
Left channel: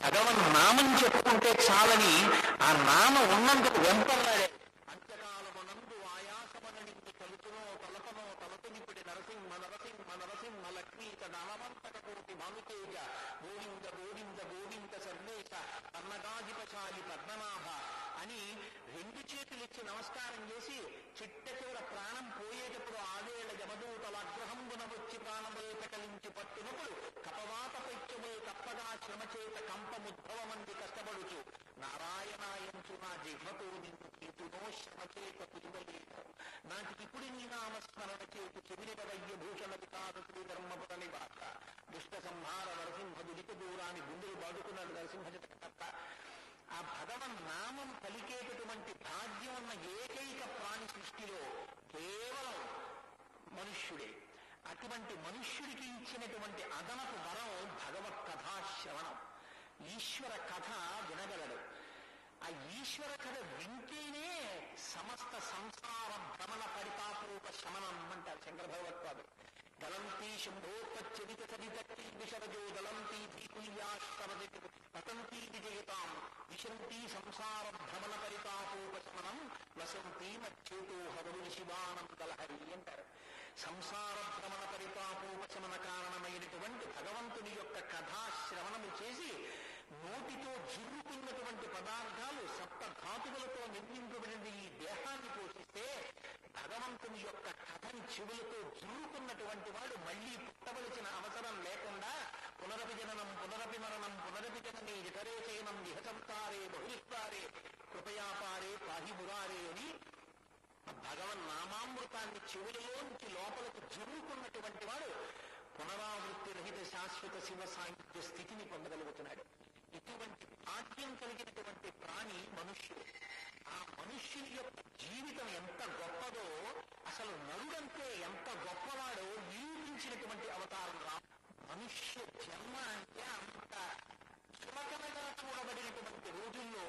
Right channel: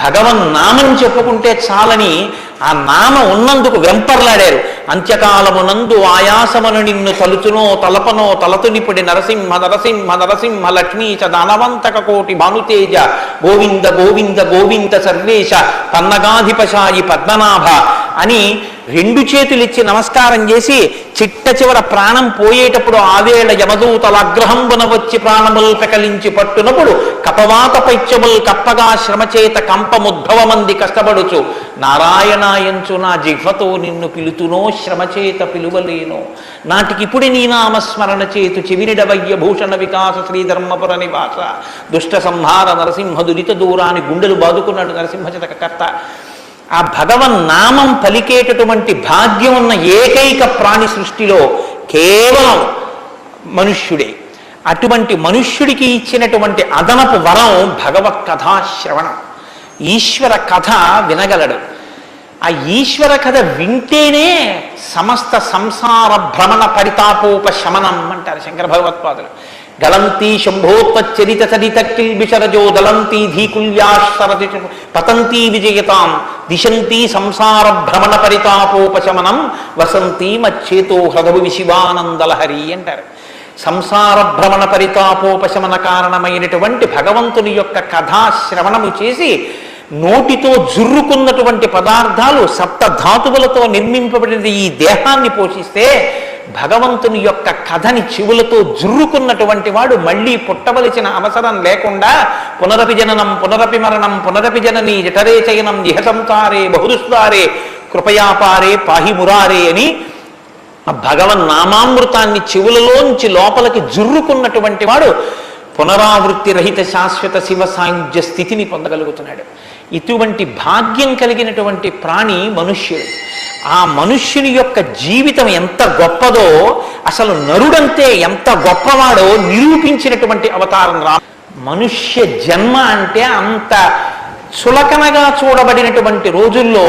భగవన్నామం చెప్పుకుంటే చాలని ఆ నామ ఉన్నందుకు వెంపర్లాడారు. అంత్యకాలమునందు ఆయాసమును నిన్ను తలుచునో తలపనో తలతునిపుడి నరసింహ నరసింహ నరసింహ లక్ష్మీ చ దానవంతక కోటి భానుతేజ గోవింద గోవింద గోవింద సర్వేశ పన్నగాధిపశాయి పద్మనాభ అని 2 చేతులిచ్చి నమస్కారం చేసి చిట్ట చివర ప్రాణం పోయేటప్పుడు ఆవేళ యమదూతల అగ్రహంబున వచ్చి ప్రాణముల్ పెకలించి పట్టునప్పుడు కపవాత పైత్యముల్ కప్పగా శ్రమచేత కంపముద్భవమంది కష్టపడుచు నారాయణాయంచు నా జిహ్వతో నిన్ను పిలుతునో శ్రమచేత పిలువలేనో నాటికిపుడి నీ నామస్మరణ చేతు చెవినిడవయ్య భూషణ వికాస శ్రీధర్మపుర నివాస దుష్ట సంహార నరసింహ దురిత దూరాన్ని గుండెలు బాదుకున్నాడు నరసింహశతకర్త. ఆ భగవన్నామం పలికేటటువంటి భాగ్యం ఉన్న ఏకైక ప్రాణి సృష్టిలో కేవలం మనుష్యుడే. అటువంటి మనుష్యుడికి ఇచ్చినటువంటి అదనపు వరం భగవత్ కథాశ్రవణం. ఈశ్వర కథ వినగలడు. ఆ ఈశ్వర కథ వింటేనే సమస్త సంసార భ్రమణ పరితాపోపశమనం అంటారు శంకర భగవత్పాదులు. గలంతి శంభోత్పచ్చరిత సరిత కిల్బిషరజో దళంతి ధీకుల్యాసరతి పతంతి విజయతాం దిశంతి సంసార భ్రమణ పరితాపోపశమనం వసంతి మచ్చేతో హృదవు విశివానందలహరి అంటారు. సంసార భ్రమణ పరితాపోపశమన కారణమైనటువంటి భగవంతుని యొక్క కథాశ్రవణము చేసి నోటితో జుర్రుకున్నటువంటి పదార్థాలు సప్తధాతువులతో నిర్మింపబడిన ఈ దేహాన్ని పోషిస్తే భగవంతుని యొక్క కథని చెవులతో జుర్రుకున్నటువంటి వాడు మళ్ళీ పుట్టవలసిన అవసరం లేకుండా పునరపి జననం పునరపి మరణం పునరపి జనని జఠరే చయనం ఇహ సంసారే బహుదుస్తారే కృపయాపారే పాహి మురారే అని ఆ భగవన్నామామృతాన్ని చెవులలోంచి లోపలికి జుర్రుకున్నటువంటి వాడు పునరావృత్తి రహిత శాశ్వత శివ సాయుధ్య స్థితిని పొందగలుగుతున్నాడు. ఇటువంటి భాగ్యం కలిగినటువంటి ప్రాణి మనుష్యుడు. ఆ మనుష్యుని యొక్క జీవితం ఎంత గొప్పదో, అసలు నరుడంతే ఎంత గొప్పవాడో నిరూపించినటువంటి అవతారం మనుష్య జన్మ అంటే అంత చులకనగా చూడబడినటువంటి రోజుల్లో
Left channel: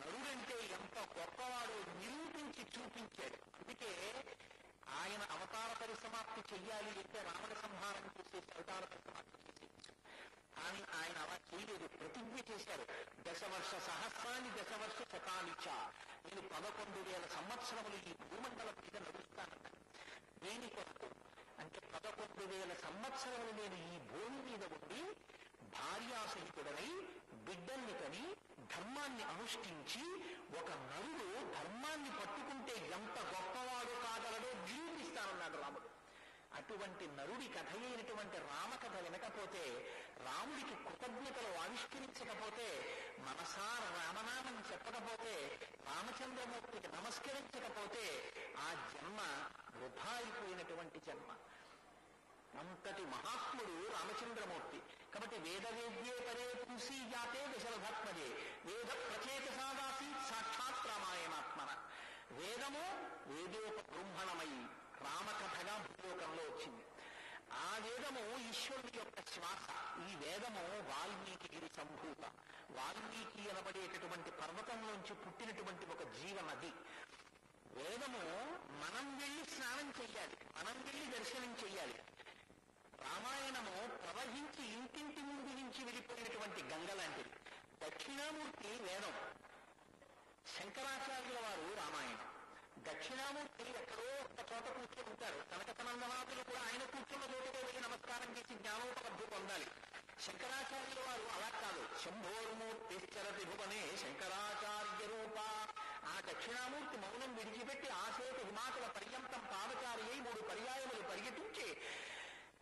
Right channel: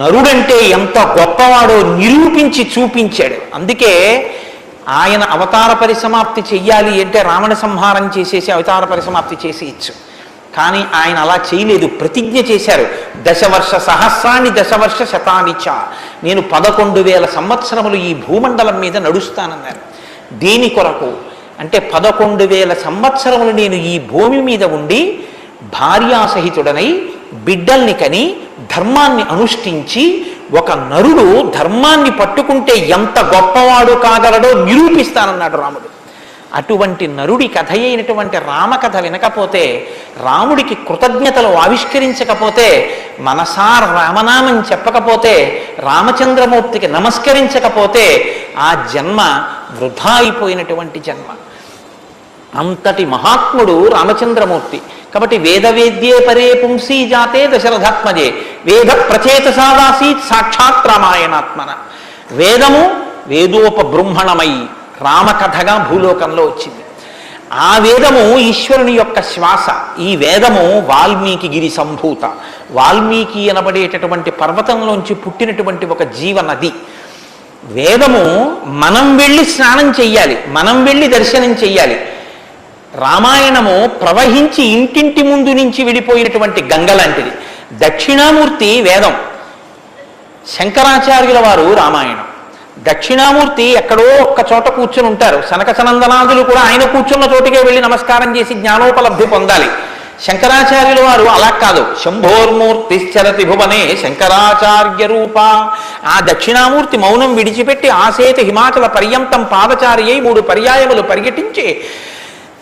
నరుడంటే ఎంత గొప్పవాడో నిరూపించి చూపించాడు. అందుకే ఆయన అవతార పరిసమాప్తి చెయ్యాలి అంటే రావణ సంహారం చేసేసి అవతార పరిసమాప్తి చేసి ఇచ్చు. కానీ ఆయన అలా చేయలేదు, ప్రతిజ్ఞ చేశారు. 10 వర్ష సహస్రాన్ని 10 వర్ష శతానిచ, నేను 11,000 సంవత్సరములు ఈ భూమండలం మీద నడుస్తానన్నారు. దేని కొరకు అంటే 11,000 సంవత్సరములు నేను ఈ భూమి మీద ఉండి భార్యాసహితుడనై బిడ్డల్ని కని ధర్మాన్ని అనుష్ఠించి ఒక నరుడు ధర్మాన్ని పట్టుకుంటే ఎంత గొప్పవాడు కాగలడో నిరూపిస్తానన్నాడు రాముడు. అటువంటి నరుడి కథ అయినటువంటి రామకథ వినకపోతే, రాముడికి కృతజ్ఞతలు ఆవిష్కరించకపోతే, మనసార రామనామం చెప్పకపోతే, రామచంద్రమూర్తికి నమస్కరించకపోతే ఆ జన్మ వృధా అయిపోయినటువంటి జన్మ. అంతటి మహాత్ముడు రామచంద్రమూర్తి. కాబట్టి వేదవేద్యే పరే పుంసీ జాతే దశరథాత్మజే వేద ప్రచేతసాదాసీత్ సాక్షాత్ రామాయణాత్మన. వేదము వేదోపబృంహణమై రామకథగా భూలోకంలో వచ్చింది. ఆ వేదము ఈశ్వరుని యొక్క శ్వాస. ఈ వేదము వాల్మీకి గిరి సంభూత. వాల్మీకి అనబడేటటువంటి పర్వతంలోంచి పుట్టినటువంటి ఒక జీవనది. వేదము మనం వెళ్ళి స్నానం చెయ్యాలి, మనం వెళ్ళి దర్శనం చెయ్యాలి. రామాయణము ప్రవహించి ఇంటింటి ముందు నుంచి విడిపోయినటువంటి గంగ లాంటిది. దక్షిణామూర్తి వేదం, శంకరాచార్యుల వారు రామాయణం. దక్షిణామూర్తి ఎక్కడో ఒక్క చోట కూర్చుని ఉంటారు. సనక సనందనాదులు కూడా ఆయన కూర్చున్న చోటుకే వెళ్ళి నమస్కారం చేసి జ్ఞానోపలబ్ధి పొందాలి. శంకరాచార్యుల వారు అలా కాదు. శంభోర్మూర్తిశ్చరతి భువనే శంకరాచార్య రూప. ఆ దక్షిణామూర్తి మౌనం విడిచిపెట్టి ఆసేత హిమాచల పర్యంతం పాదచారి అయి 3 పర్యాయములు పర్యటించి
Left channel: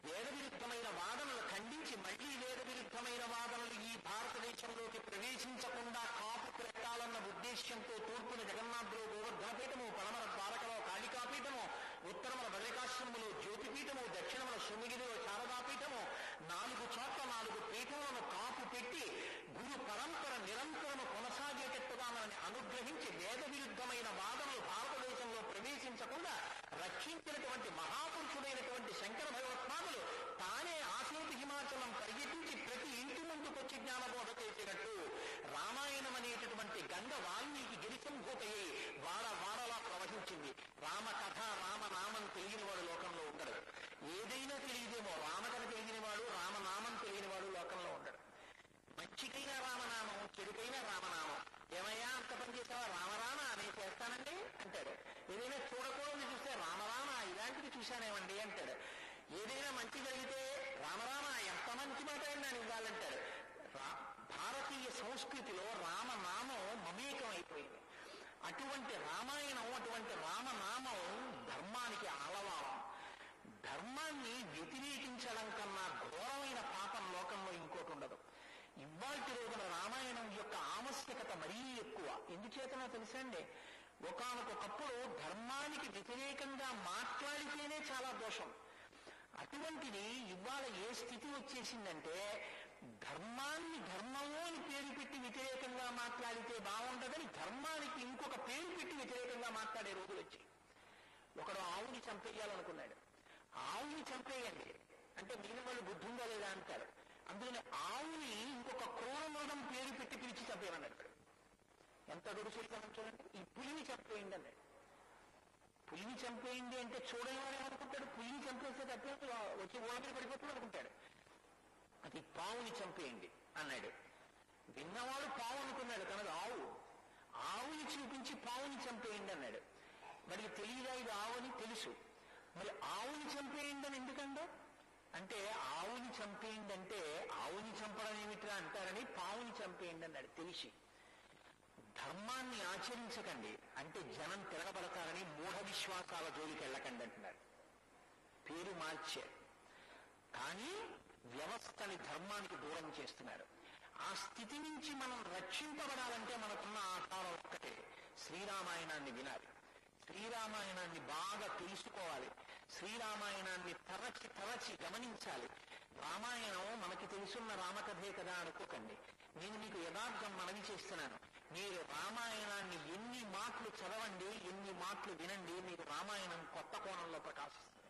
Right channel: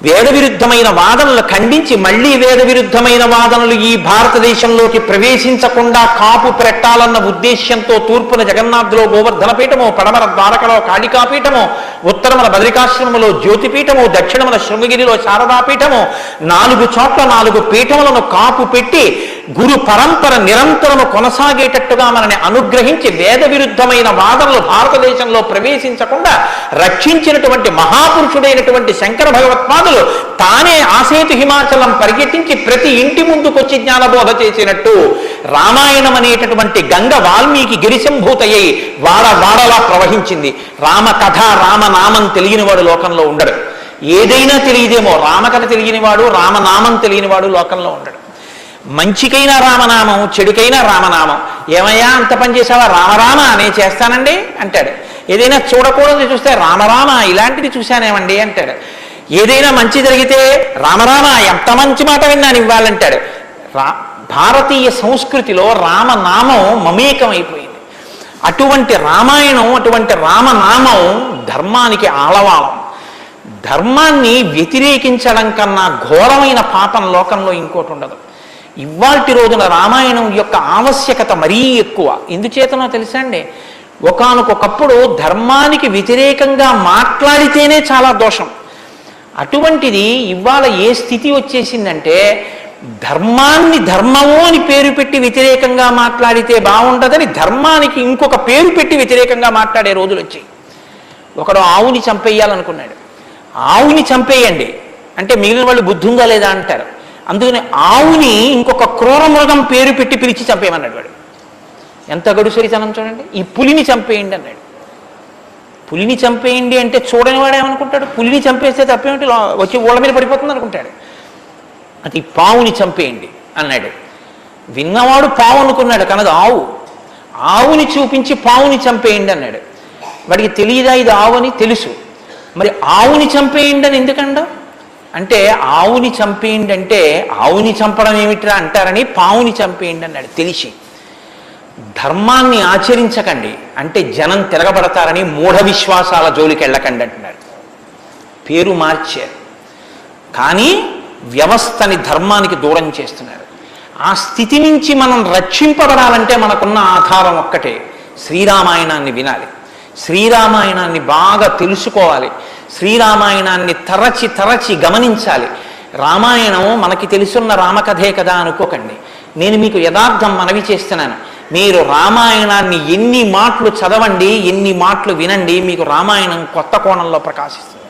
వేద విరుద్ధమైన వాదనలు ఖండించి మళ్లీ వేద విరుద్ధమైన వాదనలు ఈ భారతదేశంలోకి ప్రవేశించకుండా కాపు పెట్టాలన్న ఉద్దేశ్యంతో తూర్పున జగన్నాథ్లో గోవర్ధన పీఠము, పడమర ద్వారకలో కాళికాపీఠము, ఉత్తరమున బద్రికాశ్రమములో జ్యోతిపీఠము, దక్షిణమున శృంగగిరిలో శారదాపీఠము, 4 చోట్ల 4 పీఠములను కాపు పెట్టి గురు పరంపర నిరంతరము కొనసాగేటట్టుగా మనని అనుగ్రహించి వేద విరుద్ధమైన వాదనలు భారతదేశంలో ప్రవేశించకుండా రక్షించినటువంటి మహాపురుషుడైనటువంటి శంకర భగవత్పాదులు తానే ఆసేతు హిమాచలం పరిగెట్టించి ప్రతి ఇంటి ముందుకొచ్చి జ్ఞానబోధ చేసినట్టు రామాయణం అనేటటువంటి గంగ వాల్మీకి గిరిశంభూతయ్యి వాడలా ప్రవహించింది. రామకథ రామనామం తెలియనివాడు లోకంలో ఉండడు. ఏదైనా తెలియదేమో, రామకథ తెలియనివాడు రామనామం తెలియనివాడు లోకంలో ఉండడు. మంచికైనా రామనామం, చెడుకైనా రామనామం. ఏమయ్యా అంత పని చేసావా? రామరామ నేను చేస్తానండి అంటాడు. ఏదైనా చూడకూడదు చూస్తే రామరామ ఇలాంటిది చూశానేమండి అంటాడు. ఏదైనా మంచి జరిగితే రామరామ ఎంత మంచి మాట విన్నాను ఇవ్వాలంటాడు. భారతీయ సంస్కృతిలో రామనామం మమేకం అయిపోయింది. అటువంటి రామాయణం, అటువంటి రామనామం ధర్మానికి ఆలవాలం. ధర్మాన్ని వ్యతిరేకించడం కన్నా ఘోరమైన పాపం లోకంలో ఇంకోటి ఉండదు. ఇవాల్టి రోజున రామాయణం యొక్క ఆవశ్యకత మరీ ఎక్కువ. ఎందుచేతనో తెలుసా అండి? ఒకానొకప్పుడు ధర్మానికి వ్యతిరేకంగా మాట్లాడితేనే చాలా దోషం. అటువంటిది ఇవాళ ఏ స్థితి వచ్చేసిందంటే ధర్మాన్ని ధర్మము అని పేరు పెట్టి వ్యతిరేకంగా మాట్లాడితే బాగుండదని ధర్మానికి ఇంకొక పేరు పెట్టి వ్యతిరేకంగా మాట్లాడే రోజులు వచ్చాయి. ఒకడు ఆవుని చంపేయాలనుకున్నాడు. ఆవుని చంపేయండి అంటే మిగిలిన వాళ్ళు బుద్ధి ఉందా లేదా అంటారు. అందుకని ఆవుని ఇంకొక క్రూర మృగం పేరు పెట్టి పిలిచి చంపేయమన్నాడు వాడు. ఎంత గడుసరితనం చూడండి. ఈ పులిని చంపేయండి అన్నాడు. పులిని చంపేయండి అంటే చూడని వాడేమనుకుంటాడు? పులిని చంపేస్తే తప్పేమిటి, వచ్చి ఊళ్ళ మీద పడిపోతుంది అనుకుంటాడు. అది పావుని చంపేయండి అన్నాడు. విన్నవాడు పావు అనుకున్నాడు, కనదు ఆవు. ఆవుని చూపించి పావుని చంపేయండి అన్నాడు. వాడికి తెలియదా ఇది ఆవు అని? తెలుసు. మరి ఆవుని చంపేయండి అని ఎందుకండా అంటే ఆవుని చంపేయండి అంటే ఆవుని చంపడం ఏమిట్రా అంటారని పావుని చంపేయండి అన్నాడు. తెలిసి ధర్మాన్ని ఆచరించకండి అంటే జనం తిరగబడతారని మూఢ విశ్వాసాల జోలికి వెళ్ళకండి అంటున్నాడు. పేరు మార్చారు కానీ వ్యవస్థని ధర్మానికి దూరం చేస్తున్నారు. ఆ స్థితి నుంచి మనం రక్షింపబడాలంటే మనకున్న ఆధారం ఒక్కటే, శ్రీరామాయణాన్ని వినాలి, శ్రీరామాయణాన్ని బాగా తెలుసుకోవాలి, శ్రీరామాయణాన్ని తరచి తరచి గమనించాలి. రామాయణం మనకి తెలుసున్న రామకథే కదా అనుకోకండి. నేను మీకు యథార్థం మనవి చేస్తున్నాను. మీరు రామాయణాన్ని ఎన్ని మాటలు చదవండి, ఎన్ని మాటలు వినండి, మీకు రామాయణం కొత్త కోణంలో ప్రకాశిస్తుంది,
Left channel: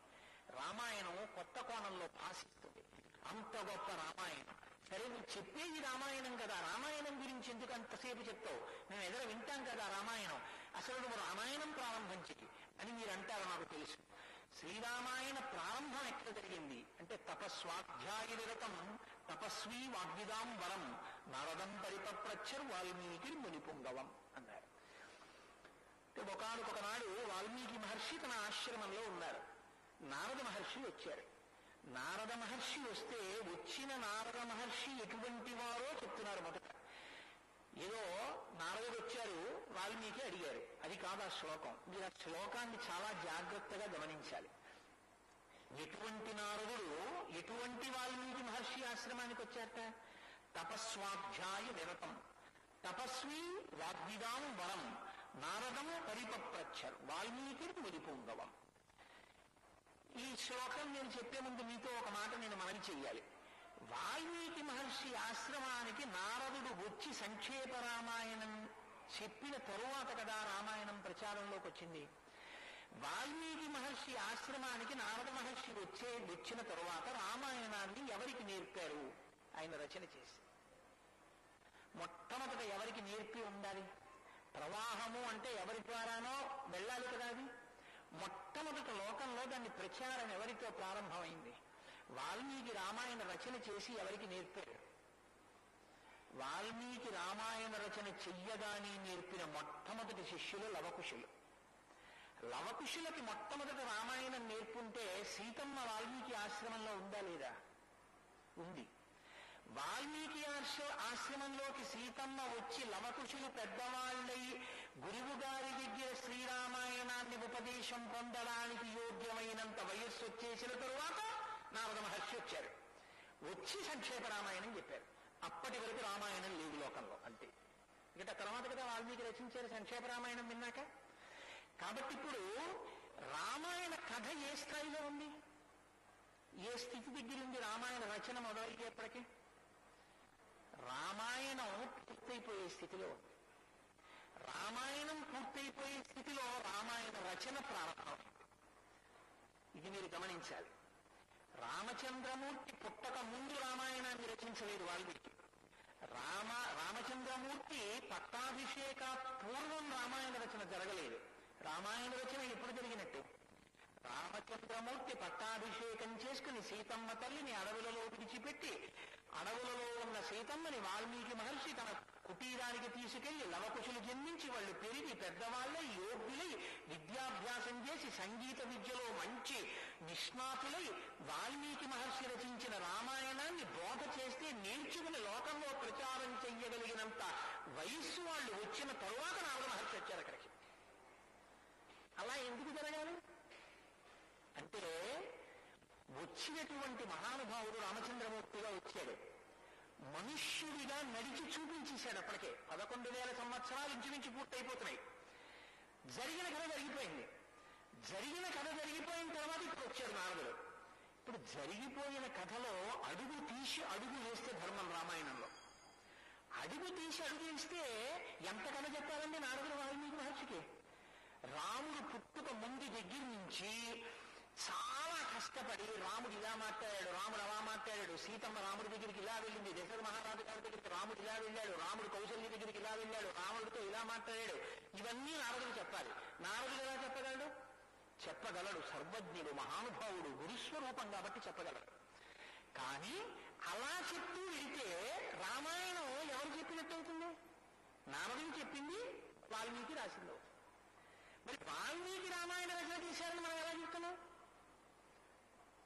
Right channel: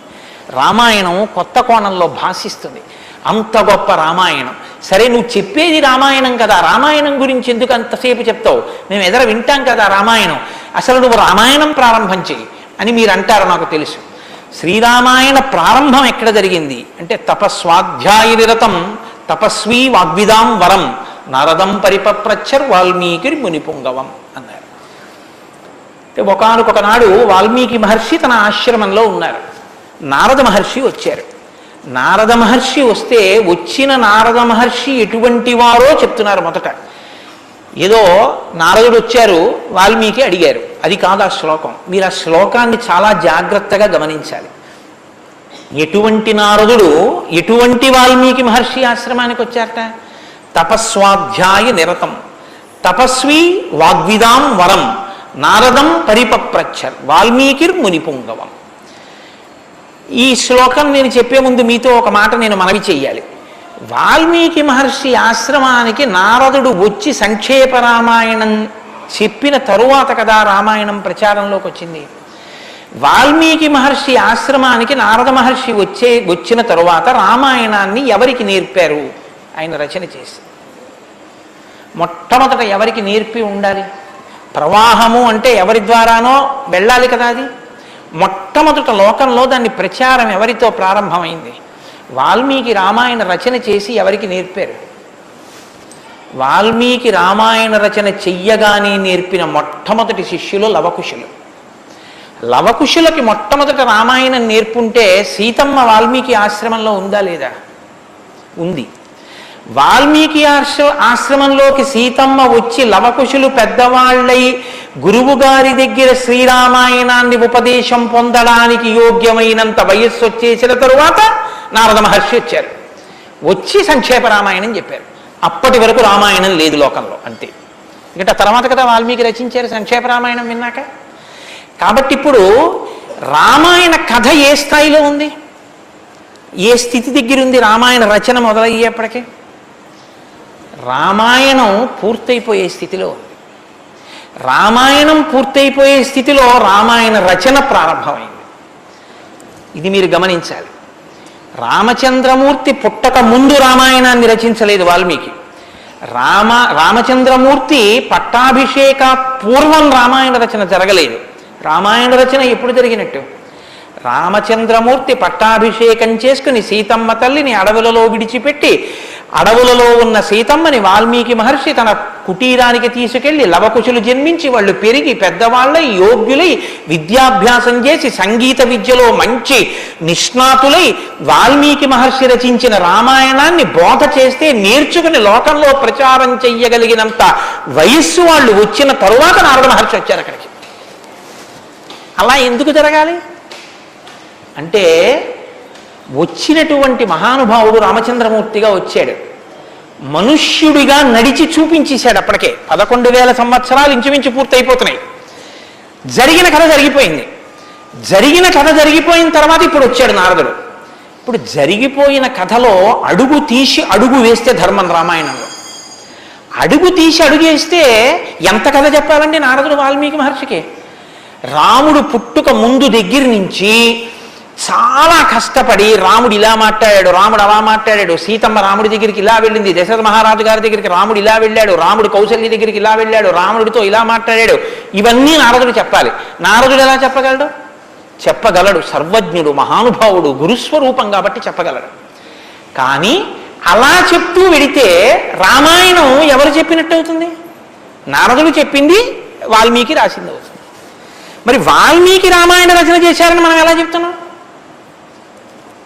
రామాయణం కొత్త కోణంలో భాషిస్తుంది. అంత గొప్ప రామాయణం. సరే నువ్వు చెప్పేది రామాయణం కదా, రామాయణం గురించి ఎందుకు అంతసేపు చెప్తావు? మేము ఎదుర వింటాం కదా రామాయణం. అసలు నువ్వు రామాయణం ప్రారంభం చెయ్యి అని మీరు అంటారు, నాకు తెలుసు. శ్రీరామాయణ ప్రారంభం ఎక్కడ జరిగింది అంటే తపస్వాధ్యాయ నిరతం తపస్వీ వాగ్విదాం వరం నారదం పరిపప్రచ్చర్ వాల్మీకి మునిపుంగవం అన్నారు. ఒకానొక నాడు వాల్మీకి మహర్షి తన ఆశ్రమంలో ఉన్నారు. నారద మహర్షి వచ్చారు. నారద మహర్షి వస్తే వచ్చిన నారద మహర్షి ఎటువంటి వారో చెప్తున్నారు. మొదట ఏదో నారదుడు వచ్చారు, వాల్మీకి అడిగారు, అది కాదు ఆ శ్లోకం. మీరు ఆ శ్లోకాన్ని చాలా జాగ్రత్తగా గమనించాలి. ఎటువంటి నారదుడు ఎటువంటి వాల్మీకి మహర్షి ఆశ్రమానికి వచ్చారట? తపస్వాధ్యాయ నిరతం తపస్వి వాగ్విదాం వరం నారదం పరిపప్రచ్చర్ వాల్మీకిర్ మునిపుంగవం. ఈ శ్లోకం నేను చెప్పే ముందు మీతో ఒక మాట నేను మనవి చెయ్యాలి. వాల్మీకి మహర్షి ఆశ్రమానికి నారదుడు వచ్చి సంక్షేప రామాయణం చెప్పిన తరువాత కదా రామాయణం ప్రచారంలోకి వచ్చింది. వాల్మీకి మహర్షి ఆశ్రమానికి నారద మహర్షి వచ్చిన తరువాత రామాయణాన్ని ఎవరికి నేర్పారు? ఆయన రచన చేసి మొట్టమొదట ఎవరికి నేర్పి ఉండాలి? ప్రవాహము అంటే ఎవరి ద్వారానో వెళ్ళాలి కదా. అది మొట్టమొదట లోకంలో దాన్ని ప్రచారం ఎవరితో ప్రారంభమైంది? వాల్మీకి రామాయణ రచన చేసి ఎవరికి నేర్పారు? వాల్మీకి రామాయణ రచన చెయ్యగానే నేర్పిన మొట్టమొదటి శిష్యులు లవకుశులు. లవకుశులకి మొట్టమొదట రామాయణం నేర్పుంటే సీతమ్మ వాల్మీకి ఆశ్రమంలో ఉందా లేదా? ఉంది. వాల్మీకి ఆశ్రమంలోకి సీతమ్మ వచ్చి లవకుశులు పెద్దవాళ్ళై గురువు గారి దగ్గర శ్రీరామాయణాన్ని ఉపదేశం పొందడానికి యోగ్యమైనంత వయస్సు వచ్చేసిన తరువాత నారద మహర్షి వచ్చారు. వచ్చి సంక్షేప రామాయణం చెప్పారు. అప్పటి వరకు రామాయణం లేదు లోకంలో, అంతే. ఎందుకంటే తర్వాత కదా వాల్మీకి రచించారు సంక్షేప రామాయణం విన్నాక. కాబట్టి ఇప్పుడు రామాయణ కథ ఏ స్థాయిలో ఉంది, ఏ స్థితి దగ్గర ఉంది? రామాయణ రచన మొదలయ్యేప్పటికీ రామాయణం పూర్తయిపోయే స్థితిలో ఉంది. రామాయణం పూర్తయిపోయే స్థితిలో రామాయణ రచన ప్రారంభమైంది. ఇది మీరు గమనించాలి. రామచంద్రమూర్తి పుట్టక ముందు రామాయణాన్ని రచించలేదు వాల్మీకి. రామచంద్రమూర్తి పట్టాభిషేక పూర్వం రామాయణ రచన జరగలేదు. రామాయణ రచన ఎప్పుడు జరిగినట్టు? రామచంద్రమూర్తి పట్టాభిషేకం చేసుకుని సీతమ్మ తల్లిని అడవులలో విడిచిపెట్టి అడవులలో ఉన్న సీతమ్మని వాల్మీకి మహర్షి తన కుటీరానికి తీసుకెళ్లి లవకుశులు జన్మించి వాళ్ళు పెరిగి పెద్దవాళ్ళై యోగ్యులై విద్యాభ్యాసం చేసి సంగీత విద్యలో మంచి నిష్ణాతులై వాల్మీకి మహర్షి రచించిన రామాయణాన్ని బోధ చేస్తే నేర్చుకుని లోకంలో ప్రచారం చెయ్యగలిగినంత వయస్సు వాళ్ళు వచ్చిన తరువాత నారద మహర్షి వచ్చారు అక్కడికి. అలా ఎందుకు జరగాలి అంటే, వచ్చినటువంటి మహానుభావుడు రామచంద్రమూర్తిగా వచ్చాడు. మనుష్యుడిగా నడిచి చూపించేశాడు. అప్పటికే 11,000 సంవత్సరాలు ఇంచుమించు పూర్తయిపోతున్నాయి. జరిగిన కథ జరిగిపోయింది. జరిగిన కథ జరిగిపోయిన తర్వాత ఇప్పుడు వచ్చాడు నారదుడు. ఇప్పుడు జరిగిపోయిన కథలో అడుగు తీసి అడుగు వేస్తే ధర్మం. రామాయణంలో అడుగు తీసి అడుగేస్తే ఎంత కథ చెప్పాలండి నారదుడు వాల్మీకి మహర్షికి? రాముడు పుట్టుక ముందు దగ్గర నుంచి చాలా కష్టపడి రాముడు ఇలా మాట్లాడాడు, రాముడు అలా మాట్లాడాడు, సీతమ్మ రాముడి దగ్గరికి ఇలా వెళ్ళింది, దశరథ మహారాజు గారి దగ్గరికి రాముడు ఇలా వెళ్ళాడు, రాముడు కౌశల్య దగ్గరికి ఇలా వెళ్ళాడు, రాముడితో ఇలా మాట్లాడాడు, ఇవన్నీ నారదుడు చెప్పాలి. నారదుడు ఎలా చెప్పగలడు? చెప్పగలడు. సర్వజ్ఞుడు, మహానుభావుడు, గురుస్వరూపం కాబట్టి చెప్పగలడు. కానీ అలా చెప్తూ వెడితే రామాయణం ఎవరు చెప్పినట్టు అవుతుంది? నారదుడు చెప్పింది వాల్మీకి రాసింది అవుతుంది. మరి వాల్మీకి రామాయణ రచన చేశారని మనం ఎలా చెప్తున్నాం?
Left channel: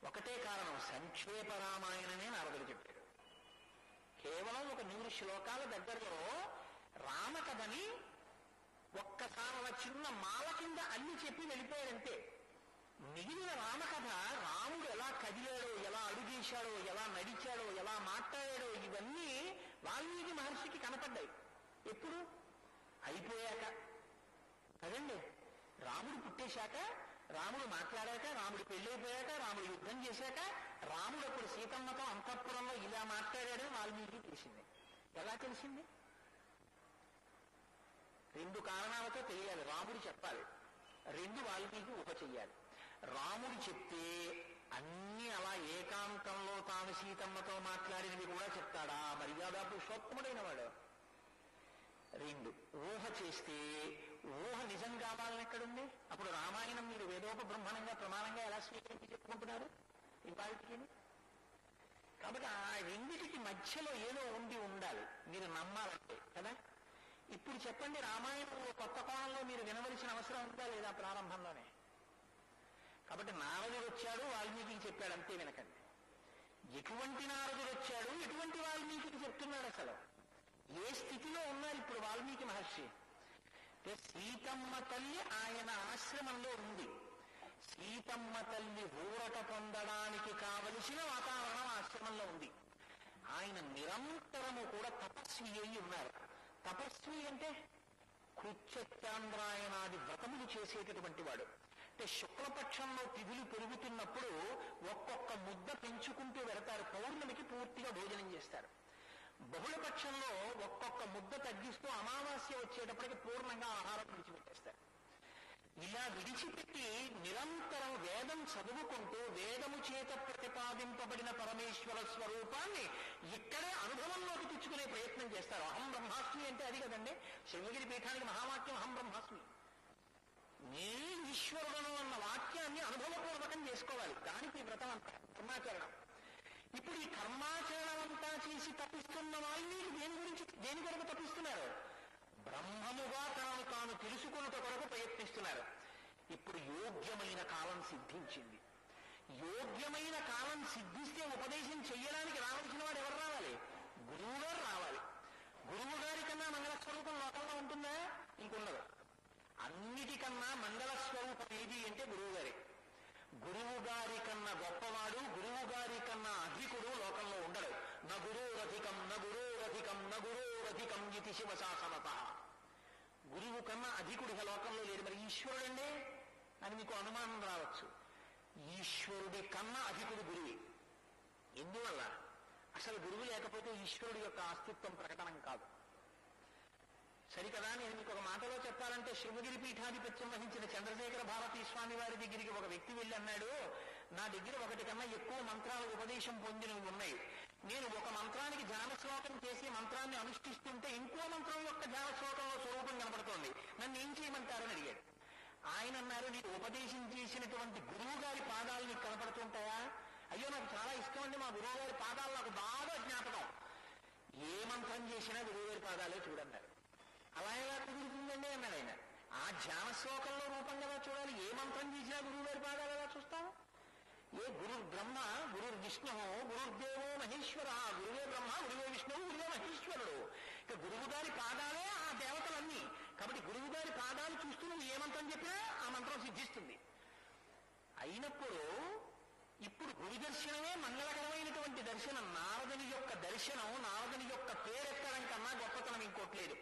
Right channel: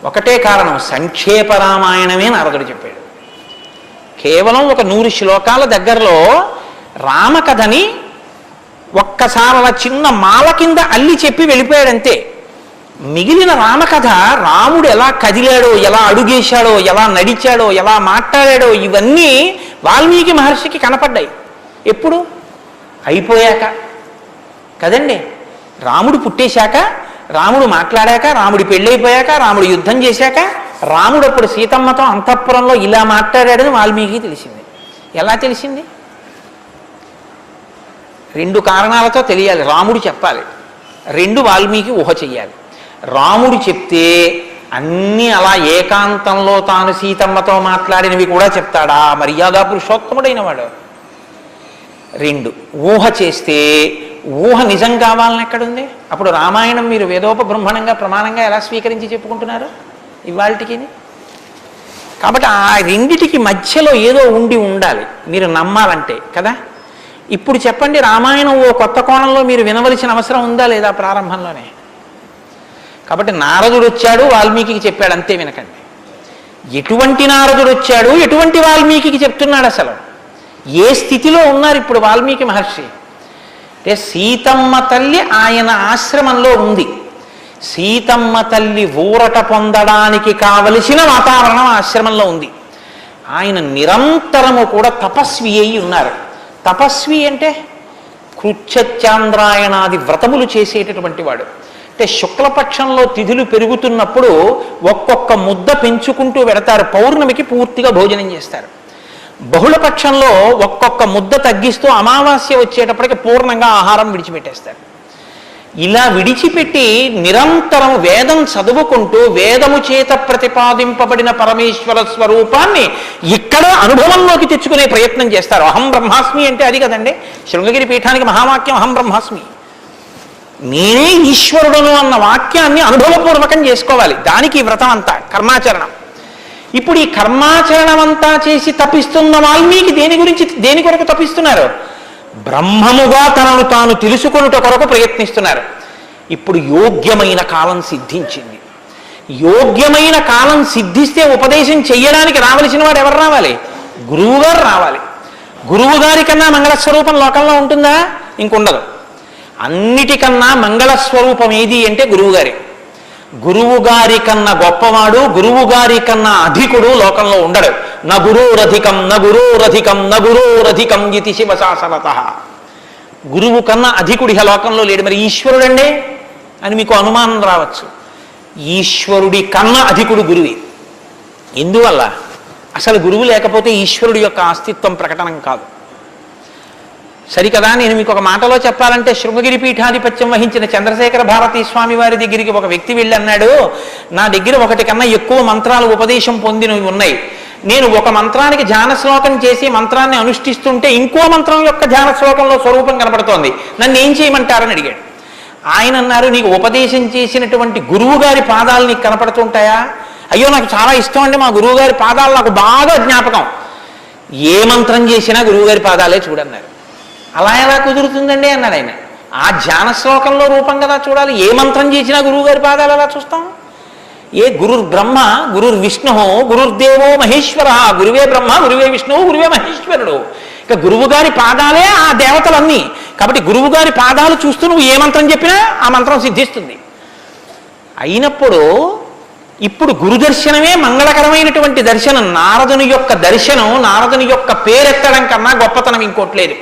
ఒకటే కారణం, సంక్షేప రామాయణమే నారదుడు చెప్పాడు. కేవలం ఒక 100 శ్లోకాల దగ్గరలో రామకథని ఒక్కసారి అలా చిన్న మాల కింద అల్లి చెప్పి వెళ్ళిపోయాడంతే. మిగిలిన రామకథ రాముడు ఎలా కదిలాడో, ఎలా అడుగేశాడో, ఎలా నడిచాడో, ఎలా మాట్లాడాడో ఇవన్నీ వాల్మీకి మహర్షికి కనపడ్డాయి. ఎప్పుడు? అయిపోయాక కదండి. రాముడు పుట్టేశాక, రాముడు మాట్లాడాక, రాముడి పెళ్ళైపోయాక, రాముడు యుద్ధం చేశాక, రాముడు అప్పుడు సీతమ్మతో అంతఃపురంలో ఇలా మాట్లాడాడని వాల్మీకి తెలిసింది. ఎలా తెలిసింది? 2 కారణాలతో తెలియాలి. రాముడు చెప్పాలి, 2 వాల్మీకి ఊహ చెయ్యాలి. రాముడు చెప్తే అన్నీ అలా ఏకాంతంలో తాను సీతమ్మతో మాట్లాడినవి కూడా చెప్తాడా? మర్యాదా పురుషోత్తముడైన వాడు. 2 ఊహ చేస్తే ఊహ నిజం కావాలని ఎక్కడుంది? అప్పుడు రామాయణం మీరు వేదోపబ్రహ్మణంగా ప్రమాణంగా ఎలా స్వీకరించి చెప్పుకుంటున్నారు ఇవాళకి? కాబట్టి ఆ రెండిటికి మధ్యలో ఏదో ఉండాలి మీరు నమ్మాలంటే కదా. ఇప్పుడు చెప్పండి, రామాయణం ఓ కొత్త కోణంలో మీరు వినవలసిన అవసరం ఉందా లేదా ప్రారంభంలోనే? కాబట్టి నారదుడు వచ్చాడు, వాల్మీకి చెప్పాడు, అంతే. వినకండి. ఎటువంటి నారదుడు వచ్చాడు, ఎటువంటి వాల్మీకి చెప్తున్నాడు, అసలు ఏ స్థితిలో ఉన్నారు ఇప్పుడు వాల్మీకి మహర్షి అంటే? సీతమ్మ తల్లి ఆయన ఆశ్రమంలో ఉంది. సీతమ్మ తల్లి ఊరట పొందడానికి కావలసిన వాతావరణం ఆశ్రమంలో ఉంది. ఆయన నిరంతరము కూడా తపస్వి అయి ఉన్నారు. తపస్వి అంటే కృచ్ఛత్యాంద్రాయణాది వ్రతములు చేసేటటువంటి వాడు. అంటే శుక్లపక్షంలో తిథులు పెరుగుతున్నప్పుడు ఒక్కొక్క ముద్ద పెంచుకుంటూ వెడతారు. పౌర్ణమికి పూర్తిగా భోజనం చేస్తారు. బహుళపక్షంలో ఒక్కొక్క ముద్ద తగ్గిస్తూ అమావాస్య వచ్చేటప్పటికి పూర్ణంగా ఆహారం విడిచిపెట్టేస్తారు. ఇలా విడిచిపెట్టి నిరంతరం వేదం చదువుకుంటూ వేదము చేత ప్రతిపాదింపబడిన పరమేశ్వర స్వరూపాన్ని ఇక్కడ అనుభవంలోకి తెచ్చుకునే ప్రయత్నం చేస్తారు. అహం బ్రహ్మాస్మి అంటే అది కదండి. శృంగగిరి పీఠానికి మహావాక్యం అహం బ్రహ్మాస్మి, నేనే ఈశ్వరుడును అన్న వాక్యాన్ని అనుభవపూర్వకం చేసుకోవాలి. దానికి వ్రతం అంతా, కర్మాచరణం. ఇప్పుడు ఈ కర్మాచరణమంతా చేసి తపిస్తున్న వాల్మీకి దేని కొరకు తపిస్తున్నారు? బ్రహ్మముగా తనను తాను తెలుసుకొనుట కొరకు ప్రయత్నిస్తున్నారు. ఇప్పుడు యోగ్యమైన కాలం సిద్ధించింది. యోగ్యమైన కాలం సిద్ధిస్తే ఉపదేశం చెయ్యడానికి రావలసిన వాడు ఎవరు రావాలి? గురువుగారు రావాలి. గురువు గారి కన్నా మంగళస్వరూపం లోకంలో ఉంటుందా? ఇంకుండదు. అన్నిటికన్నా మంగళస్వరూపం ఏది అంటే గురువుగారి. గురువుగారి కన్నా గొప్పవాడు, గురువుగారి కన్నా అధికుడు లోకంలో ఉండడు. న గురోరధికం న గురోరధికం న గురోరధికం ఇది శివశాసనత. గురువు కన్నా అధికుడి లోకంలో లేడు. మరి ఈశ్వరుడండే అని మీకు అనుమానం రావచ్చు. ఈశ్వరుడి కన్నా అధికుడు గురువే. ఎందువల్ల? అసలు గురువు లేకపోతే ఈశ్వరుడి యొక్క అస్తిత్వం ప్రకటనం కాదు. సరికదా? నేను మీకు ఒక మాటలో చెప్పాలంటే, శృంగగిరి పీఠాధిపత్యం వహించిన చంద్రశేఖర భారతీ స్వామి వారి దగ్గరికి ఒక వ్యక్తి వెళ్ళి అన్నాడు, నా దగ్గర ఒకటి కన్నా ఎక్కువ మంత్రాలు ఉపదేశం పొందినవి ఉన్నాయి. నేను ఒక మంత్రానికి ధ్యాన శ్లోకం చేసి మంత్రాన్ని అనుష్ఠిస్తుంటే ఇంకో మంత్రం యొక్క ధ్యాన శ్లోకంలో స్వరూపం కనపడుతోంది, నన్ను ఏం చేయమంటారని అడిగాడు. ఆయన అన్నారు, నీకు ఉపదేశం చేసినటువంటి గురువు గారి పాదాలు నీకు కనపడుతుంటాయా? అయ్యో నాకు చాలా ఇష్టం అండి, మా గురువు గారి పాదాలు నాకు బాగా జ్ఞాపకం. ఏ మంత్రం చేసినా గురువుగారి పాదాలే చూడన్నారు. అలా ఎలా కుదురుతుందండి అన్నాడు ఆయన. ఆ ధ్యాన శ్లోకంలో రూపం కదా చూడాలి. ఏ మంత్రం చేసినా గురువుగారి పాదాలు ఎలా చూస్తాం? ఏ గురుర్ బ్రహ్మ గురుర్ విష్ణు గురుర్దేవో మహేశ్వర, గురువే బ్రహ్మ గురువే విష్ణువు గురువే మహేశ్వరుడు. ఇక గురువు గారి పాదాలే ఆ దేవతలన్నీ. కాబట్టి గురువు గారి పాదాలు చూస్తూ నువ్వు ఏ మంత్రం చెప్పినా ఆ మంత్రం సిద్ధిస్తుంది. అయినప్పుడు ఇప్పుడు గురు దర్శనమే మంగళకరమైనటువంటి దర్శనం. నారదుని యొక్క దర్శనం, నారదుని యొక్క పేరెత్తడం కన్నా గొప్పతనం ఇంకోట్లేదు.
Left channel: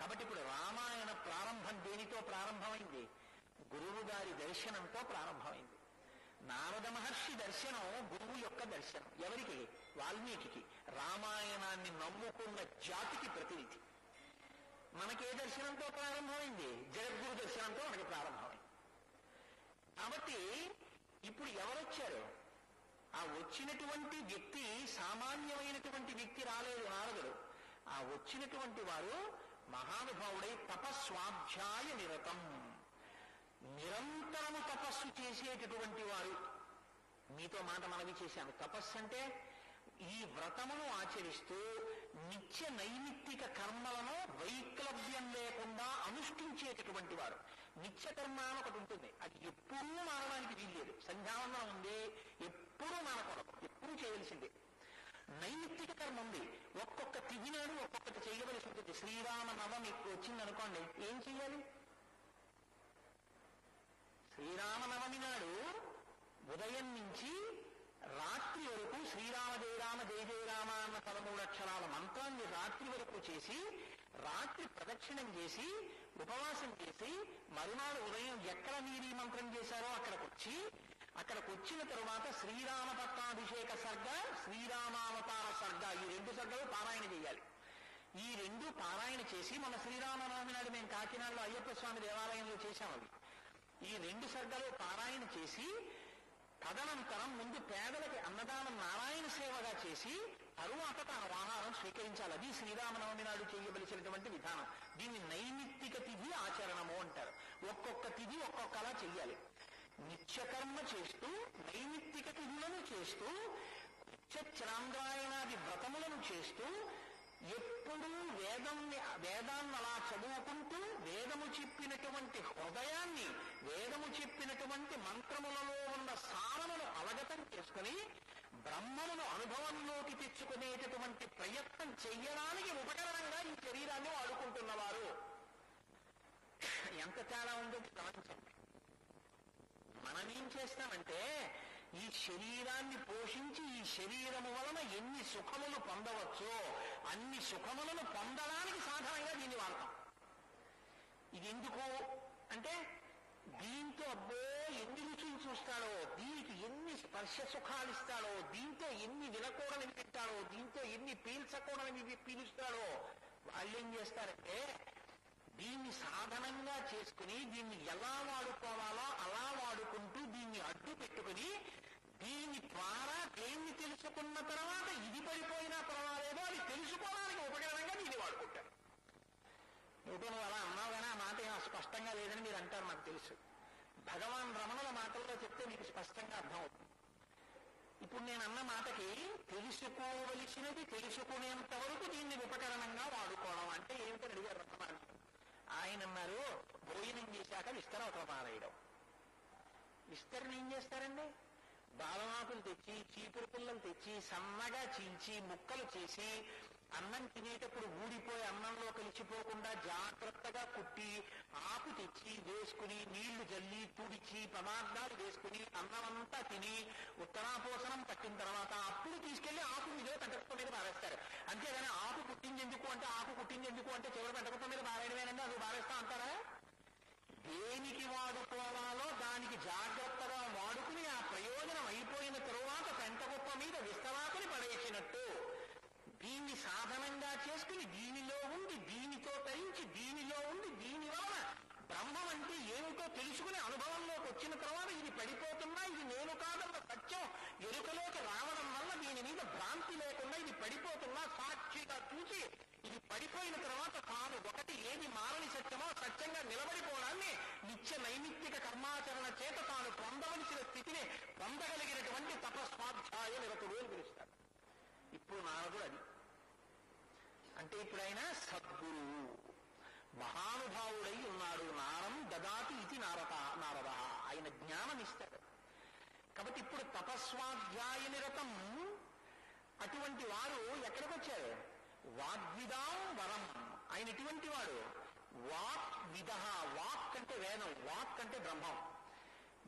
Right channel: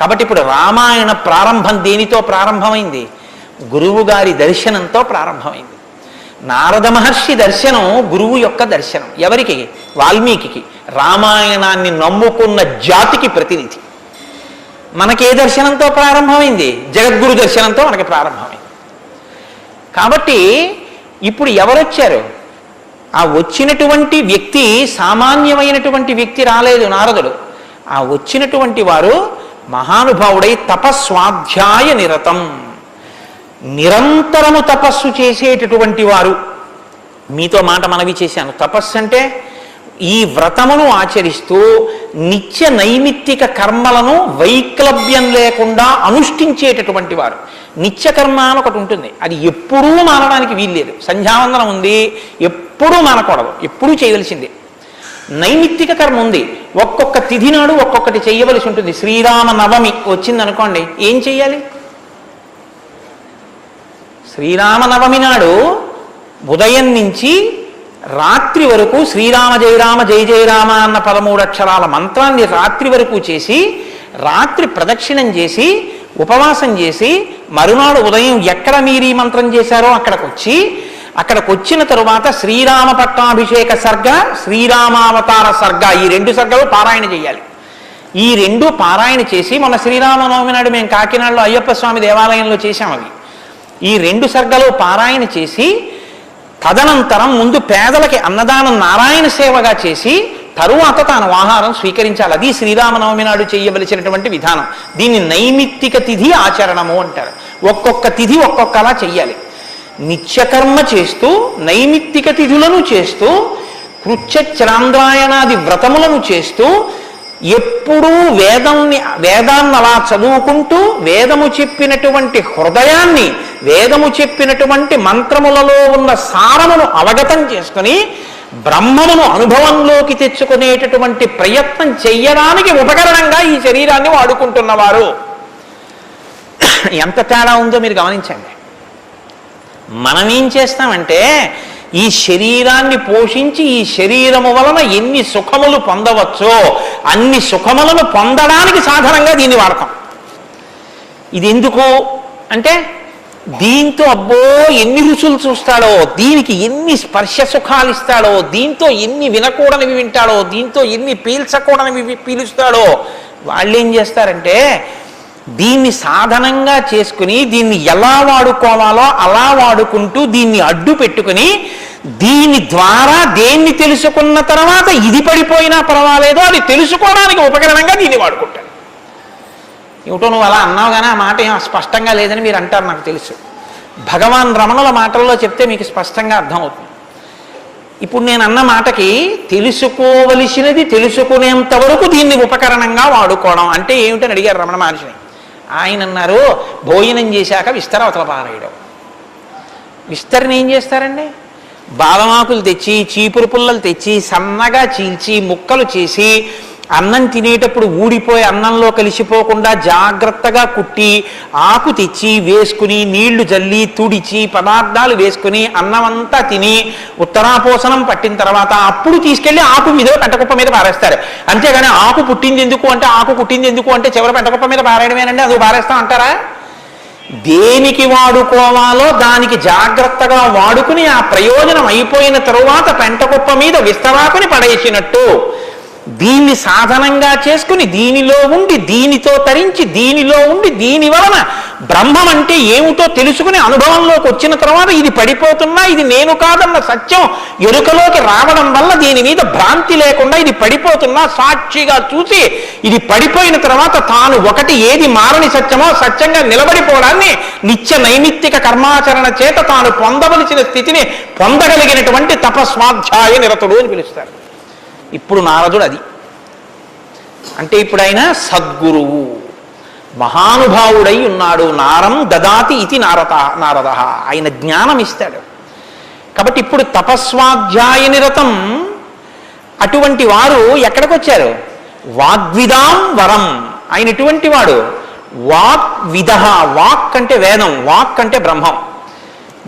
కాబట్టి ఇప్పుడు రామాయణ ప్రారంభం దేనితో ప్రారంభమైంది? గురువు గారి దర్శనంతో ప్రారంభమైంది. నారద మహర్షి దర్శనం గురువు యొక్క దర్శనం. ఎవరికి? వాల్మీకి. రామాయణాన్ని నమ్ముకున్న జాతికి ప్రతినిధి. మనకే దర్శనంతో ప్రారంభమైంది? జగద్గురు దర్శనంతో మనకి ప్రారంభమైంది. కాబట్టి ఇప్పుడు ఎవరొచ్చారు? ఆ వచ్చినటువంటి వ్యక్తి సామాన్యమైనటువంటి వ్యక్తి రాలేదు, నారదుడు. ఆ వచ్చినటువంటి వారు మహానుభావుడై తపస్వాధ్యాయ నిరతం, నిరంతరము తపస్సు చేసేటటువంటి వారు. మీతో మాట మనవి చేశాను. తపస్సు అంటే ఈ వ్రతమును ఆచరిస్తూ నిత్య నైమిత్తిక కర్మలను వైక్లభ్యం లేకుండా అనుష్ఠించేటటువంటి వారు. నిత్యకర్మ అని ఒకటి ఉంటుంది, అది ఎప్పుడూ మానడానికి వీల్లేదు. సంధ్యావందనం ఉంది, ఎప్పుడూ మానకూడదు, ఎప్పుడూ చేయవలసిందే. నైమిత్తిక కర్మ ఉంది, ఒక్కొక్క తిథి నాడు ఒక్కొక్కటి చేయవలసి ఉంటుంది. శ్రీరామ నవమి వచ్చిందనుకోండి, ఏం చెయ్యాలి? శ్రీరామనవమి నాడు ఉదయం నుంచి రాత్రి వరకు శ్రీరామ జయరామ జయ జయరామ అన్న 13 అక్షరాల మంత్రాన్ని రాత్రి వరకు చేసి, రాత్రి ప్రదక్షిణం చేసి, ఉపవాసం చేసి, మరునాడు ఉదయం ఎక్కడ మీరు ఈ మంత్రం చేశారో అక్కడికి వచ్చిన తరువాత శ్రీరామ పట్టాభిషేక సర్గ, శ్రీరామావతార సర్గ, ఈ 2 సర్గలు పారాయణ చేయాలి. ఈ 2 పారాయణ చేసి, మొన్న శ్రీరామనవమి నాడు మేము కాకినాడలో అయ్యప్ప స్వామి దేవాలయంలో చేశాం. అవి ఈ 2 సర్గలు పారాయణ చేసి, తదనంతరం ముందు పేదలకి అన్నదానం నారాయణ సేవగా చేసి, తరువాత తాను ఆహారం స్వీకరించాలి. అది శ్రీరామనవమి నాడు చేయవలసినటువంటి విధానం. దీన్ని నైమిత్తిక తిథి ఆచరణము అంటారు. ఒక్కొక్క తిథి ఒక్కొక్కలా చెయ్యాలి. నిత్యకర్మ చేస్తూ, నైమిత్తిక తిథులను చేస్తూ, కృత్యచరాంద్రాయణాది వ్రతములను చేస్తూ, ఎప్పుడూ వేదాన్ని అలా చదువుకుంటూ, వేదము చెప్పినటువంటి హృదయాన్ని, వేదము చెప్పినటువంటి మంత్రములలో ఉన్న సారమును అవగతం చేసుకుని బ్రహ్మమును అనుభవంలోకి తెచ్చుకునేటటువంటి ప్రయత్నం చెయ్యడానికి ఉపకరణంగా ఈ శరీరాన్ని వాడుకుంటున్నవారు. ఎంత తేడా ఉందో మీరు గమనించండి. మనం ఏం చేస్తామంటే, ఈ శరీరాన్ని పోషించి ఈ శరీరము వలన ఎన్ని సుఖములు పొందవచ్చో అన్ని సుఖములను పొందడానికి సాధనంగా దీన్ని వాడతాం. ఇది ఎందుకు అంటే, దీంతో అబ్బో ఎన్ని రుచులు చూస్తాడో, దీనికి ఎన్ని స్పర్శ సుఖాలు ఇస్తాడో, దీంతో ఎన్ని వినకూడనివి వింటాడో, దీంతో ఎన్ని పీల్చకూడనివి పీలుస్తాడో. వాళ్ళు ఏం చేస్తారంటే, దీన్ని సాధనంగా చేసుకుని దీన్ని ఎలా వాడుకోవాలో అలా వాడుకుంటూ దీన్ని అడ్డు పెట్టుకుని, దీని ద్వారా దేన్ని తెలుసుకున్న తర్వాత ఇది పడిపోయినా పర్వాలేదో అది తెలుసుకోవడానికి ఉపకరణంగా దీన్ని వాడుకుంటాడు. ఏమిటో నువ్వు అలా అన్నావు కానీ ఆ మాట ఏం స్పష్టంగా లేదని మీరు అంటారు, నాకు తెలుసు. భగవాన్ రమణుల మాటల్లో చెప్తే మీకు స్పష్టంగా అర్థమవుతుంది. ఇప్పుడు నేను అన్న మాటకి తెలుసుకోవలసినది తెలుసుకునేంత వరకు దీన్ని ఉపకరణంగా వాడుకోవడం అంటే ఏమిటని అడిగారు రమణ మహర్షిని. ఆయన అన్నారు, భోజనం చేశాక విస్తర అవతల పారేయడం. విస్తరణ ఏం చేస్తారండి? బాదమాకులు తెచ్చి, చీపురు పుల్లలు తెచ్చి, సన్నగా చీల్చి, ముక్కలు చేసి, అన్నం తినేటప్పుడు ఊడిపోయి అన్నంలో కలిసిపోకుండా జాగ్రత్తగా కుట్టి, ఆకు తెచ్చి వేసుకుని, నీళ్లు జల్లి తుడిచి, పదార్థాలు వేసుకుని, అన్నం అంతా తిని ఉత్తరాపోసనం పట్టిన తర్వాత అప్పుడు తీసుకెళ్లి ఆకు మీద పెంటకుప్ప మీద పారేస్తారు. అంతేగాని ఆకు పుట్టింది ఎందుకు అంటే, ఆకు పుట్టింది ఎందుకు అంటే చివరి పెంటకుప్ప మీద పారేయడమేనండి. అది పారేస్తాం అంటారా? దేనికి వాడుకోవాలో దానికి జాగ్రత్తగా వాడుకుని ఆ ప్రయోజనం అయిపోయిన తరువాత పెంటకుప్ప మీద విస్తరాకుని పడేసినట్టు దీన్ని సాధనంగా చేసుకుని, దీనిలో ఉండి, దీనితో తరించి, దీనిలో ఉండి, దీని వలన బ్రహ్మం అంటే ఏమిటో తెలుసుకుని అనుభవంలోకి వచ్చిన తర్వాత ఇది పడిపోతున్నా, ఇది నేను కాదన్న సత్యం ఎరుకలోకి రావడం వల్ల దీని మీద భ్రాంతి లేకుండా ఇది పడిపోతున్నా సాక్షిగా చూసి, ఇది పడిపోయిన తర్వాత తాను ఒకటి ఏది మారని సత్యమో సత్యంగా నిలబడిపోవడాన్ని నిత్య నైమిత్తిక కర్మాచరణ చేత తాను పొందవలసిన స్థితిని పొందగలిగినటువంటి తపస్వాధ్యాయ నిరతుడు అని పిలుస్తారు. ఇప్పుడు నారదుడు అది అంటే ఇప్పుడు ఆయన సద్గురువు, మహానుభావుడై ఉన్నాడు. నారం దదాతి ఇది నారద, ఆయన జ్ఞానం ఇస్తాడు. కాబట్టి ఇప్పుడు తపస్వాధ్యాయ నిరతం అటువంటి వారు ఎక్కడికి వచ్చారు? వాగ్విదాం వరం. ఆయన ఎటువంటి వాడు? వాగ్విద. వాక్ అంటే వేదం, వాక్ అంటే బ్రహ్మం,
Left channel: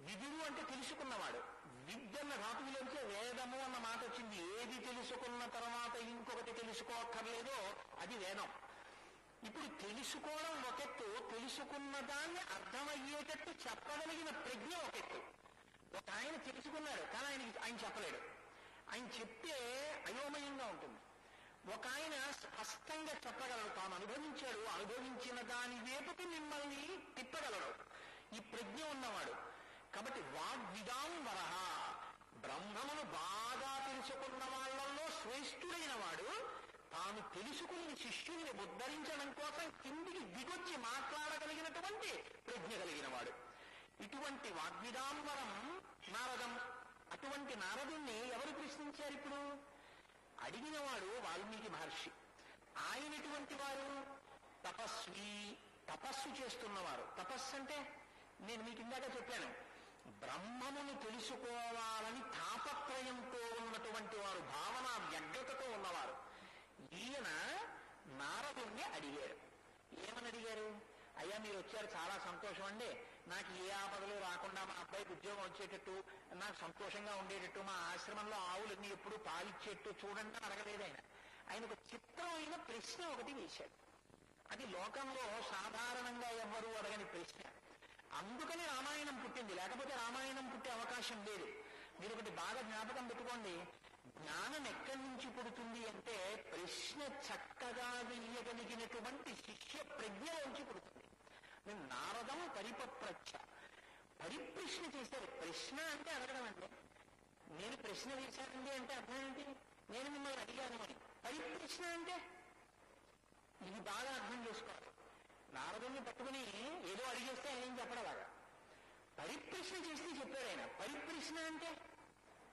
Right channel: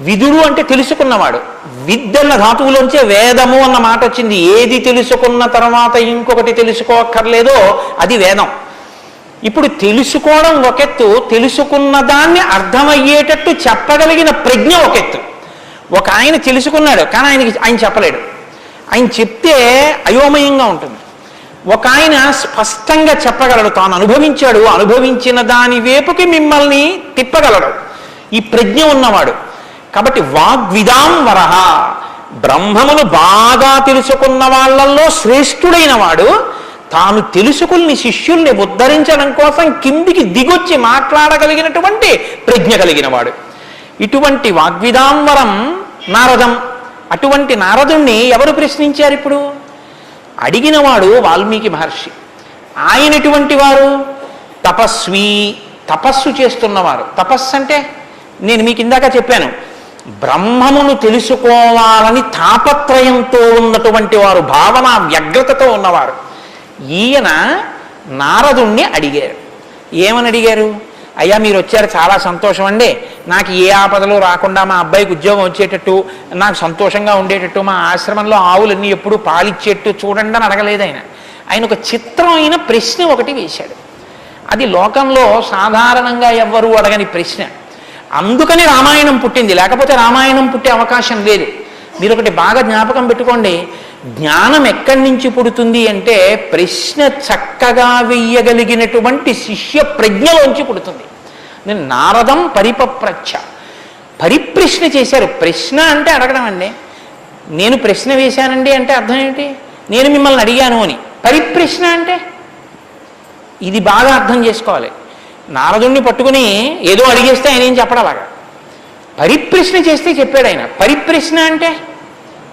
విదుడు అంటే తెలుసుకున్నవాడు. విద్దన్న ధాతువులోంచే వేదము అన్న మాట వచ్చింది. ఏది తెలుసుకున్న తర్వాత ఇంకొకటి తెలుసుకోక్కర్లేదో అది వేదం. ఇప్పుడు తెలుసుకోవడం ఒకెత్తు, తెలుసుకున్న దాన్ని అర్థమయ్యేటట్టు చెప్పగలిగిన ప్రజ్ఞ ఒకెత్తు. ఒక ఆయన తెలుసుకున్నాడు కానీ ఆయన చెప్పలేడు, ఆయన చెప్తే అయోమయంగా ఉంటుంది. ఒక ఆయన స్పష్టంగా చెప్పగలడు, తాను అనుభవించాడు, అనుభవించిన దాని వైపుకి మిమ్మల్ని తిప్పగలడు, ఈ ప్రజ్ఞ ఉన్నవాడు. కాబట్టి వాగ్విదాం వరహ, బ్రహ్మమును బాగా తెలుసుకున్న వాళ్ళల్లో శ్రేష్ఠుడైన వాడు తాను తెలుసుకుని శిష్యుల్ని ఉద్ధరించడం కోసం కిందికి దిగొచ్చి మాట్లాడగలిగినటువంటి ప్రజ్ఞ కలిగిన వాడు. ఇటువంటి వాగ్విదాంవరం నారదం. అటువంటి నారదుణ్ణి ఎవరు ప్రశ్నించారు? ఇప్పుడు అడిగినవాడు వాల్మీకి మహర్షి. ఆయన ఎటువంటి వారు? తపస్వి, తపస్సు చేస్తున్నవారు. తపస్సు అంటే నేను మీకు ఇందాక చెప్పాను, బ్రహ్మమును తెలుసుకోవాలని తాపత్రయంతో ఉన్నటువంటి వారు, భావన వ్యగ్రతతో ఉన్నవారు. ఈయన నారదుణ్ణి అడిగారు. ఏమని అడిగారు? అయ్యా మీరు వచ్చారు, చాలా సంతోషం అండి, నాకు ఏ ఆపదలు రాకుండా మా అబ్బాయికి ఉద్యోగం వచ్చేటట్టు, నాకు సంతోషంగా ఉండేటట్టు, మా ఆశ్రమంలో ఆవులన్నీ ఎప్పుడు పాలిచ్చేట్టు చూడండి అని అడగలేదు. ఆయన ఒక చిత్రమైన ప్రశ్న ఒకటి వేశాడు. అది లోకంలో సాధారణంగా ఎవ్వరూ అడగని ప్రశ్న. అందుకని రామాయణం పుట్టింది, లేకపోతే రామాయణం పుట్టే అవకాశం లేదు. మీరు ఒకటి బాగా జ్ఞాపకం పెట్టుకోండి, జ్ఞానం ఎక్కడి నుంచి పుడుతుంది అంటే ప్రశ్న చక్కగా వెయ్యగలిగినటువంటి శిష్య ప్రజ్ఞలోంచి పుడుతుంది. నేను నారదం పరిపప్రచ్ఛ, పరిప్రశ్న చేశారు. ప్రశ్న అంటే అడగడం అండి. నేను ప్రశ్న వేశానండి అంటే అర్థం ఏంటి? నేను మిమ్మల్ని అడిగాను అని. పరిప్రశ్న అంటే ఇది బాగా అర్థం చేసుకోవాలి. నారదుణ్ణి పట్టుకుని ఏదో అడిగేస్తే ఆయన ఏం చెప్పడలాగా, పరిప్రశ్న చేస్తే చెప్పాడు ఆయన. పరిప్రశ్న అంటే,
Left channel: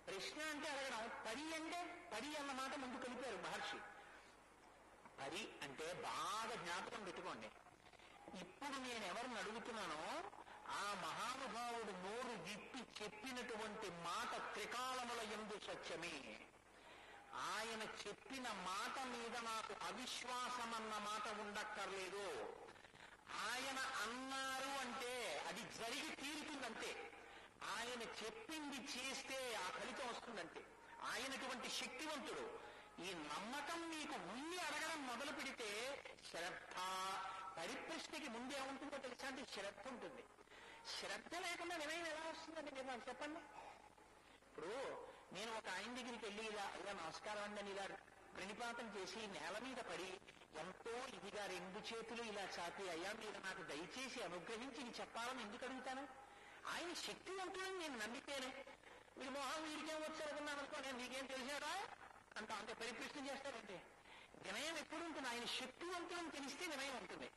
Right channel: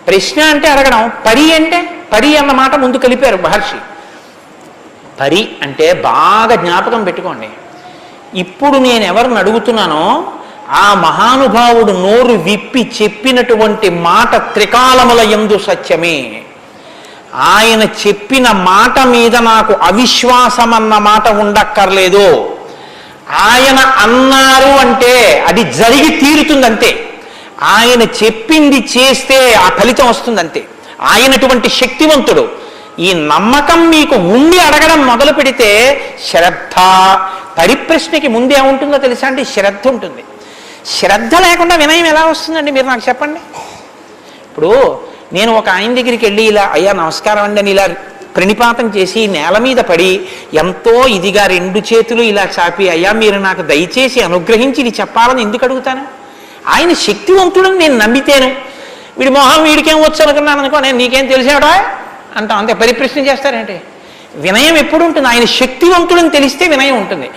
ప్రశ్న అంటే అడగడం, పరి అంటే, పరి అన్న మాట ముందు కలిపారు మహర్షి. పరి అంటే బాగా జ్ఞాపకం పెట్టుకోండి, ఇప్పుడు నేను ఎవరిని అడుగుతున్నానో ఆ మహానుభావుడు నోరు విప్పి చెప్పినటువంటి మాట త్రికాలముల యందు సత్యమే. ఆయన చెప్పిన మాట మీద నాకు అవిశ్వాసం అన్న మాట ఉండక్కర్లేదు. ఆయన అన్నారు అంటే అది జరిగి తీరుతుందంతే. ఆయన చెప్పింది చేస్తే ఆ ఫలితం వస్తుందంతే. ఆయనటువంటి శక్తివంతుడు. ఈ నమ్మకం మీకు ఉండి అడగడం మొదలు పెడితే శ్రద్ధ, పరిప్రశ్నకి ముందే ఉంటుందో తెలుసా అండి? శ్రద్ధ ఉంటుంది. శ్రద్ధ లేకుండా వినయం ఎలా వస్తుందండి? మీరు నాకు చెప్పండి. ఇప్పుడు నేను ఒక ఆయన దగ్గరికి వెళ్ళి ఇలా అయ్యా నమస్కారం అండి అని ఇలా ప్రణిపాతం చేసి నేల మీద పడి ఎంతో ఇదిగా రెండు చేతులు ఇలా చాపి అయ్యా మీరు నాకు దయచేసి అనుగ్రహించి ఇది చెప్పాలని ఎందుకు అడుగుతాను? ఆయన శక్తివంతుడని నేను నమ్మితేను. వీడి మొహం వీడికేం వచ్చు అనుకున్నాను అనుకో, నేను నీకేం తెలిసాడా అంటాం, అంతే. పరిప్రశ్న చేస్తారేంటి? వినయం ఎప్పుడు ఉంటుంది? ఆయన శక్తివంతుడని తెలిస్తే వినయం ఉంటుంది.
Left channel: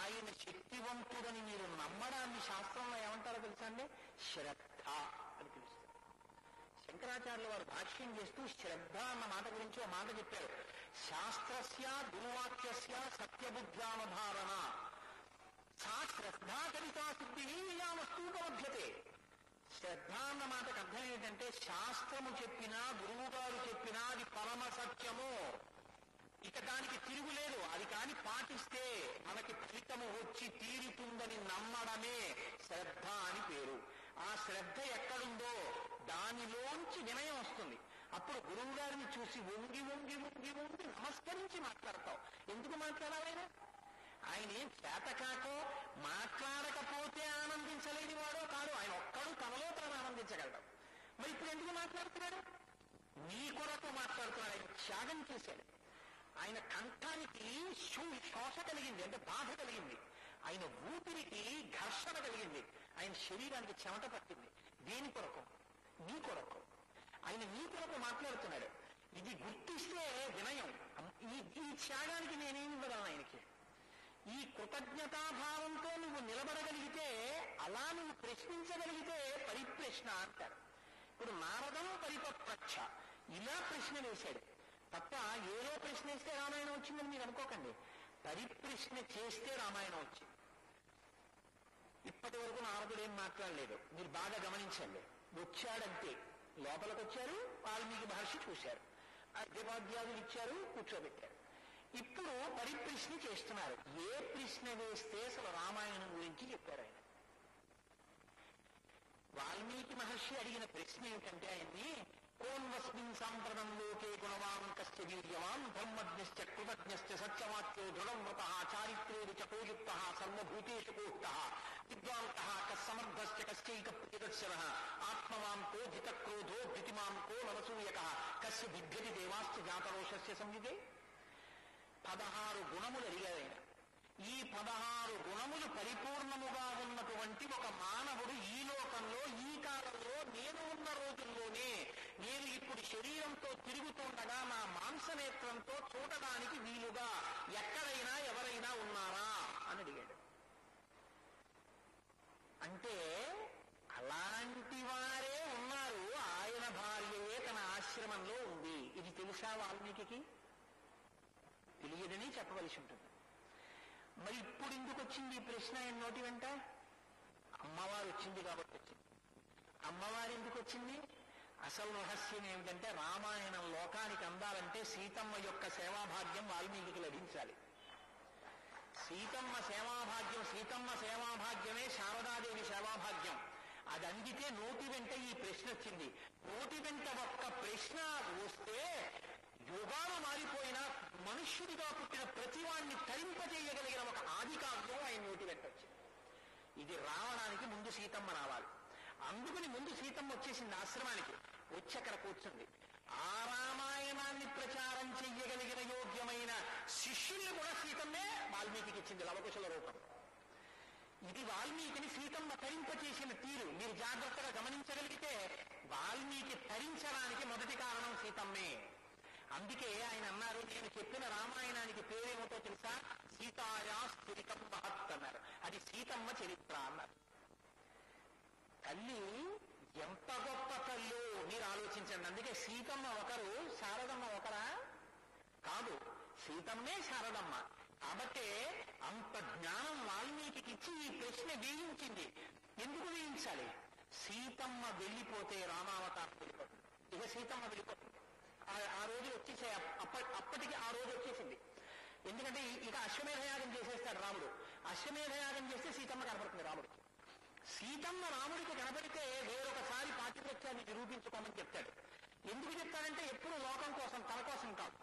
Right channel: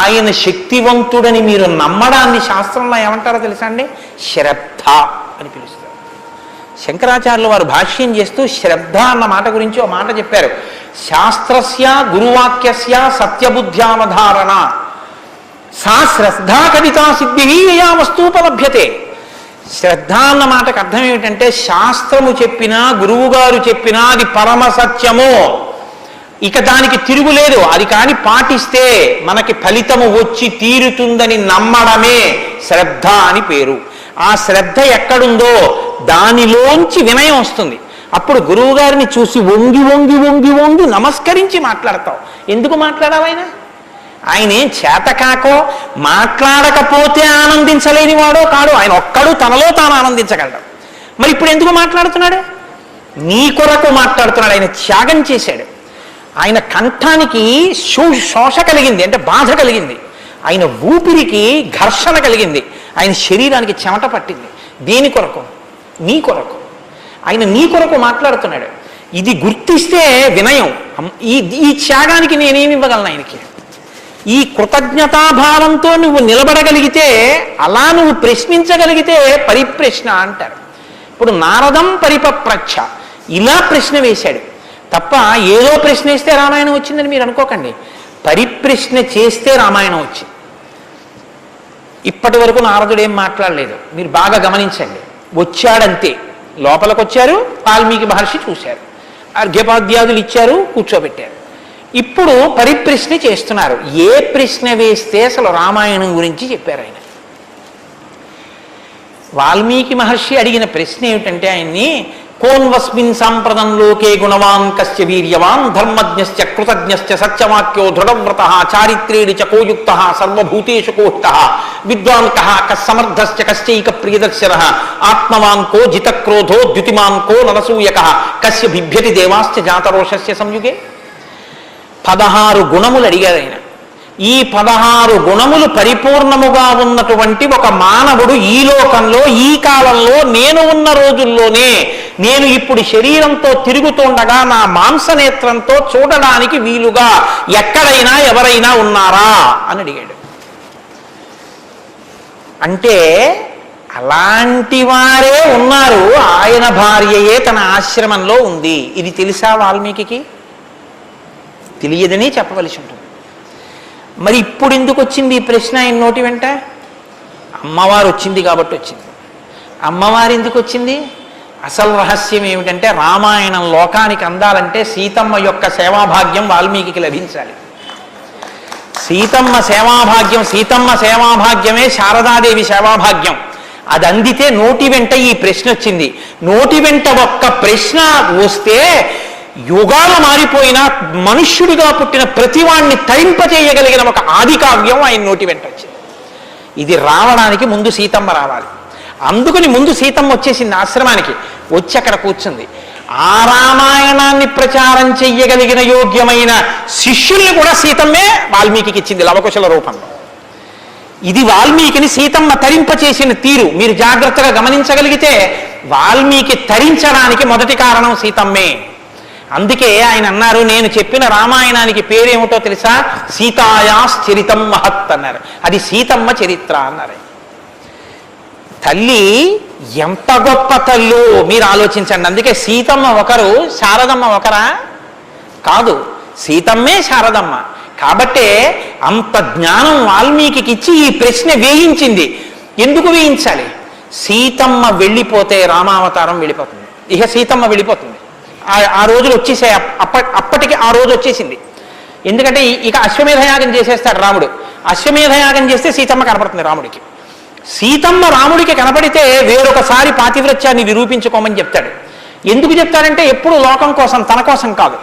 ఆయన శక్తివంతుడని మీరు నమ్మడాన్ని శాస్త్రంలో ఏమంటారో తెలుసా అండి? శ్రద్ధ అని పిలుస్తారు. శంకరాచార్యులు వారు భాష్యం చేస్తూ శ్రద్ధ అన్న మాట గురించి ఒక మాట చెప్పారు. శాస్త్రస్య గురువాక్యస్య సత్యబుద్ధ్యావధారణ సా శ్రద్ధా కవితా సిద్ధి యయా వస్తూపలభ్యతే. శ్రద్ధ అన్న మాటకు అర్థం ఏమిటంటే శాస్త్రము చెప్పినా గురువు గారు చెప్పినా అది పరమ సత్యము, ఇక దానికి తిరుగులేదు, అది కాని పాటిస్తే మనకి ఫలితము వచ్చి తీరుతుందని నమ్మడమే శ్రద్ధ అని పేరు. ఆ శ్రద్ధ ఎక్కడుందో దానిలోంచి వినయం వస్తుంది. అప్పుడు గురువు గారిని చూసి వంగి వంగి వంగి వంగి నమస్కరించి మాట్లాడతావు. ఎందుకు మాట్లాడాలైనా? ఆయన ఏం చేతకాకో మాట్లాడకపోతే ఆనందించలేని వాడో కాడు, ఆయన ఒక్కడు తనలో తాను ఆనందించగలడు. మరి ఇప్పుడు ఎందుకు మాట్లాడుతున్నాడు? నీ కొరకు మాట్లాడుతున్నాడు. ఆయన త్యాగం చేశాడు. ఆయన కంఠానికి శోష కలిగింది, అంటే బాధ కలిగింది. ఆయన ఊపిరికి ఘర్షణ కలిగింది. ఆయన శరీరానికి చెమట పట్టింది. దేని కొరకు? నీ కొరకు. ఆయన నీ కొరకు మాట్లాడుతున్నాడు. ఇది గుర్తిస్తే వినయం. ఈ త్యాగానికి నేనేమి ఇవ్వగలను ఆయనకి? ఈ కృతజ్ఞతాభావంతో నువ్వు నిలబడగలిగితే, అలా నువ్వు ప్రశ్నించగలిగితే పరిప్రశ్న అంటారు. ఇప్పుడు నారదం పరిపప్రచ్ఛ ఇలా ప్రశ్న వేశాడు తప్ప ఏదో ప్రశ్న వేస్తే రామాయణం వచ్చిందని మీరు అనుకోకండి. పరిప్రశ్న చేస్తే రామాయణం వచ్చింది. ఇప్పటి వరకు నారదుడు ఏం మాట్లాడలేదు, మీరు బాగా గమనించండి. వచ్చాడంతే, లోపలికి వచ్చారు, వాల్మీకి మహర్షి చూశారు, అర్ఘ్యపాద్యాదులు ఇచ్చారు, కూర్చోబెట్టారు. ఇప్పుడు పరిప్రశ్న చేస్తున్నారు. ఏ ప్రశ్న వేస్తే అసలు రామాయణం గురించి చెప్పారు ఆయన? వాల్మీకి మహర్షి అడిగిన ప్రశ్న ఏమిటంటే ఆయన్ని, కోన్వస్మిన్ సాంప్రదం లోకే గుణవాన్ కస్య వీర్యవాన్ ధర్మజ్ఞశ్చ కృతజ్ఞశ్చ సత్యవాక్యో దృఢవ్రతః చారిత్రేణ చ కోయుక్తః సర్వభూతేషు కోహితః విద్వాన్ కః కస్సమర్థశ్చ కశ్చైక ప్రియదర్శనః ఆత్మవాన్ కో జితక్రోధో ద్యుతిమాన్ కో నరసూయకః కస్య బిభ్యతి దేవాశ్చ జాతరోషస్య సంయుగే. 16 గుణములు అడిగారు ఆయన. ఈ 16 గుణములు పరిపూర్ణముగా ఉన్నటువంటి ఒక మానవుడు ఈ లోకంలో, ఈ కాలంలో, నేను ఉన్న రోజుల్లోనే, నేను ఇప్పుడు శరీరంతో తిరుగుతుండగా నా మాంసనేత్రంతో చూడడానికి వీలుగా ఎక్కడైనా ఎవరైనా ఉన్నారా అని అడిగాడు. అంటే అలాంటి వారే ఉన్నారు. ఆయన భార్యయే తన ఆశ్రమంలో ఉంది. ఇది తెలుసా వాల్మీకి? తెలియదని చెప్పవలసి ఉంటుంది. మరి ఇప్పుడు ఎందుకు వచ్చింది ఈ ప్రశ్న ఆయన నోటి వెంట? అమ్మవారు వచ్చింది కాబట్టి వచ్చింది. అమ్మవారు ఎందుకు వచ్చింది? అసలు రహస్యం ఏమిటంటే, రామాయణం లోకానికి అందాలంటే సీతమ్మ యొక్క సేవాభాగ్యం వాల్మీకి లభించాలి. సీతమ్మ సేవాభాగ్యమే శారదాదేవి సేవాభాగ్యం. అది అందితే నోటి వెంట ఈ ప్రశ్న వచ్చింది. నోటి వెంట ఒక్క ప్రశ్న వస్తే యుగాలు మారిపోయినా మనుష్యుడిగా పుట్టిన ప్రతివాణ్ణి తరింపచేయగలిగిన ఒక ఆది కావ్యం ఆయన నోటి వెంట వచ్చింది. ఇది రావడానికి ముందు సీతమ్మ రావాలి. అందుకని ముందు సీతమ్మ వచ్చేసింది ఆశ్రమానికి. వచ్చి అక్కడ కూర్చుంది. ఆ రామాయణాన్ని ప్రచారం చెయ్యగలిగిన యోగ్యమైన శిష్యుల్ని కూడా సీతమ్మే వాల్మీకి ఇచ్చింది లవకుశల రూపంలో. ఇది వాల్మీకిని సీతమ్మ తరింపచేసిన తీరు మీరు జాగ్రత్తగా గమనించగలిగితే, వాల్మీకి తరించడానికి మొదటి కారణం సీతమ్మే. అందుకే ఆయన అన్నారు, నేను చెప్పిన రామాయణానికి పేరేమిటో తెలుసా? సీతాయాశ్చరితం మహత్ అన్నారు. అది సీతమ్మ చరిత్ర అన్నారు. తల్లి ఎంత గొప్ప తల్లు మీరు ఆలోచించండి. అందుకే సీతమ్మ ఒకరు, శారదమ్మ ఒకరా? కాదు, సీతమ్మే శారదమ్మ. కాబట్టే అంత జ్ఞానం వాల్మీకి ఇచ్చి ఈ ప్రశ్న వేయించింది. ఎందుకు వేయించాలి? సీతమ్మ వెళ్ళిపోతే రామావతారం వెళ్ళిపోతుంది. ఇక సీతమ్మ వెళ్ళిపోతుంది. ఆ రోజులు వచ్చేసాయి. అప్పటికి ఆ రోజు వచ్చేసింది. ఎందుకంటే ఇక అశ్వమేధయాగం చేసేస్తాడు రాముడు. అశ్వమేధయాగం చేస్తే సీతమ్మ కనపడుతుంది రాముడికి. సీతమ్మ రాముడికి కనపడితే వేరొకసారి పాతివ్రత్యాన్ని నిరూపించుకోమని చెప్తాడు. ఎందుకు చెప్తాడంటే ఎప్పుడు లోకం కోసం, తన కోసం కాదు.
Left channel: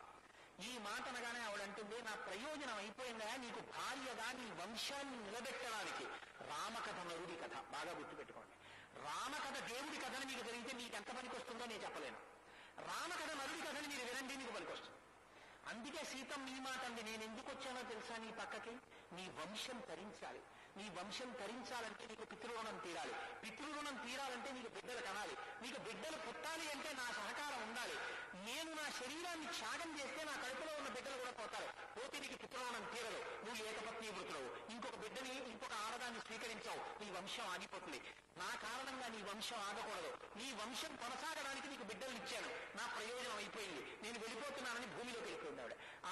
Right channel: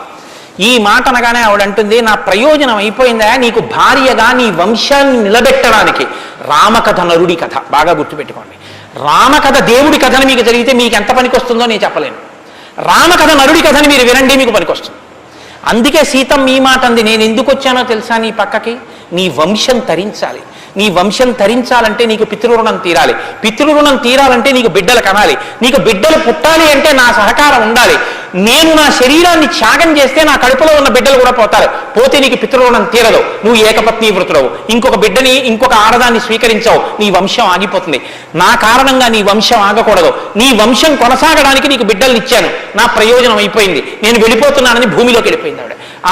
ఈ మాట అనగానే ఆవిడంటుంది, నా ప్రయోజనం అయిపోయిందా, నీకు భార్యగా నీ వంశాన్ని నిలబెట్టడానికి. రామకథ నరుడి కథ బాగా గుర్తుపెట్టుకోండి. రామకథ దేవుడి కథను మీకు జరిగితే మీకు ఎంత పనికి వస్తుందో నేను చెప్పలేను. రామకథ నరుడి కథని మీరు వినండి, మీకు పనికొస్తుంది. అందుకే సీతమ్మ ఈ మాట అంది, నేను ఎందుకు వచ్చానో తెలుసా నీ పక్కకి? నీ వంశం తరించాలి, నీ వంశం తరించాలంటే నీకు పితృరుణం తీరాలి, పితృరుణం తీరాలంటే నీకు బిడ్డలు కనాలి, నీకు బిడ్డలు పుట్టాలి అంటే నా సహకారం ఉండాలి, నేను నా శరీరాన్ని త్యాగం చేస్తే నా కడుపులో ఉన్న బిడ్డలు కూడా పోతారు, పోతే నీకు పితృరుణం తీరదు, నువ్వు ఏకపత్ని వృతుడవు, ఇంకొక బిడ్డని ఇంకొక ఆడదాన్ని స్వీకరించావు, నీ వంశం ఆగిపోతుంది, నా కారణంగా నీ వంశం ఆగకూడదు, నీ వంశం కొనసాగడానికి నీకు బిడ్డల్ని ఇచ్చాను, నా ప్రయోజనం అయిపోయింది, నేను వెళ్ళిపోతున్నానని భూమిలోకి వెళ్ళిపోయింది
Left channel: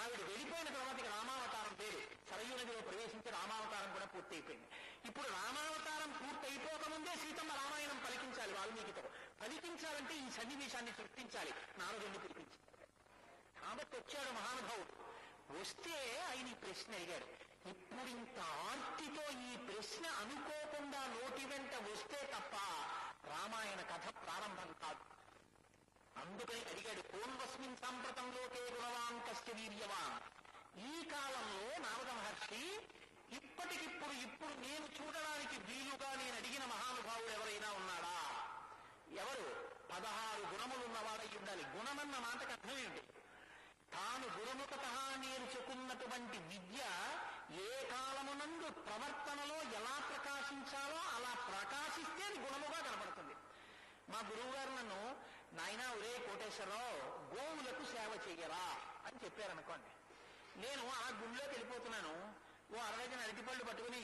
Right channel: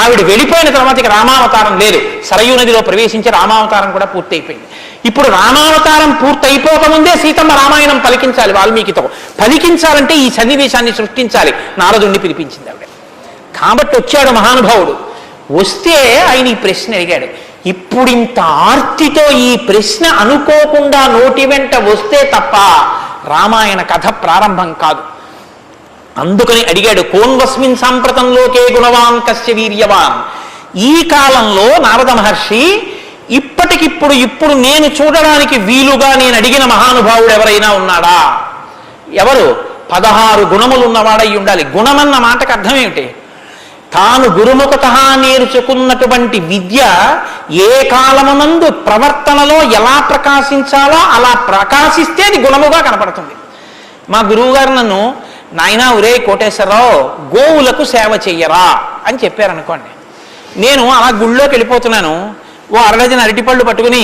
ఆవిడ వెళ్ళిపోయిన తర్వాత ఇక రామావతారం లేదు, సరయూ నదిలో ప్రవేశించి రామావతారం కూడా పూర్తి అయిపోయింది. ఇప్పుడు రామావతారం పూర్తి అయిపోకముందే సీతమ్మ రామాయణం పలికించాలి, వాల్మీకితో పలికించాలంటే ఈ సన్నివేశాన్ని సృష్టించాలి, నారదుణ్ణి పిలిపించింది ఆవిడ. కాబట్టి వచ్చాడు మహానుభావుడు, వస్తే ఆయన ఈ ప్రశ్న అడిగాడు. ఇప్పుడు ఇంత ఆర్తితో ఈ ప్రశ్న అనుకోకుండా నోటి వెంట వస్తే తప్ప రామాయణ కథ ప్రారంభం కాదు. అందుకని అడిగాడు, కోన్వస్మిన్ సాంప్రతంలోకే గుణవాన్ కస్య వీర్యవాన్. ఈ కాలంలో నారద మహర్షి ఇప్పుడు నేను చూడడానికి వీలుగా నేను అడిగిన మహానుభావుడు ఎవరైనా ఉన్నాడా? ఎవరు? 16 గుణములు ఉన్నవాడై ఉండాలి. గుణమన్న మాటకు అర్థం ఏమిటి? తాను గురుముఖత నేర్చుకున్నటువంటి విద్య ఏ కాలమునందు ప్రవర్తనలో ఎలా ప్రకాశించాలో అలా ప్రకాశిస్తే అది గుణముగా కనపడుతుంది. మా గురువుగారు నన్ను, నాయనా ఒరే కోటేశ్వరరావు, గోవులకు సేవ చెయ్యరా అని చెప్పారనుకోండి. నేను అలా గుళ్ళోకి వెళ్ళిపోతున్నాను, ఓ అరడజన అరటిపళ్ళు పట్టుకుని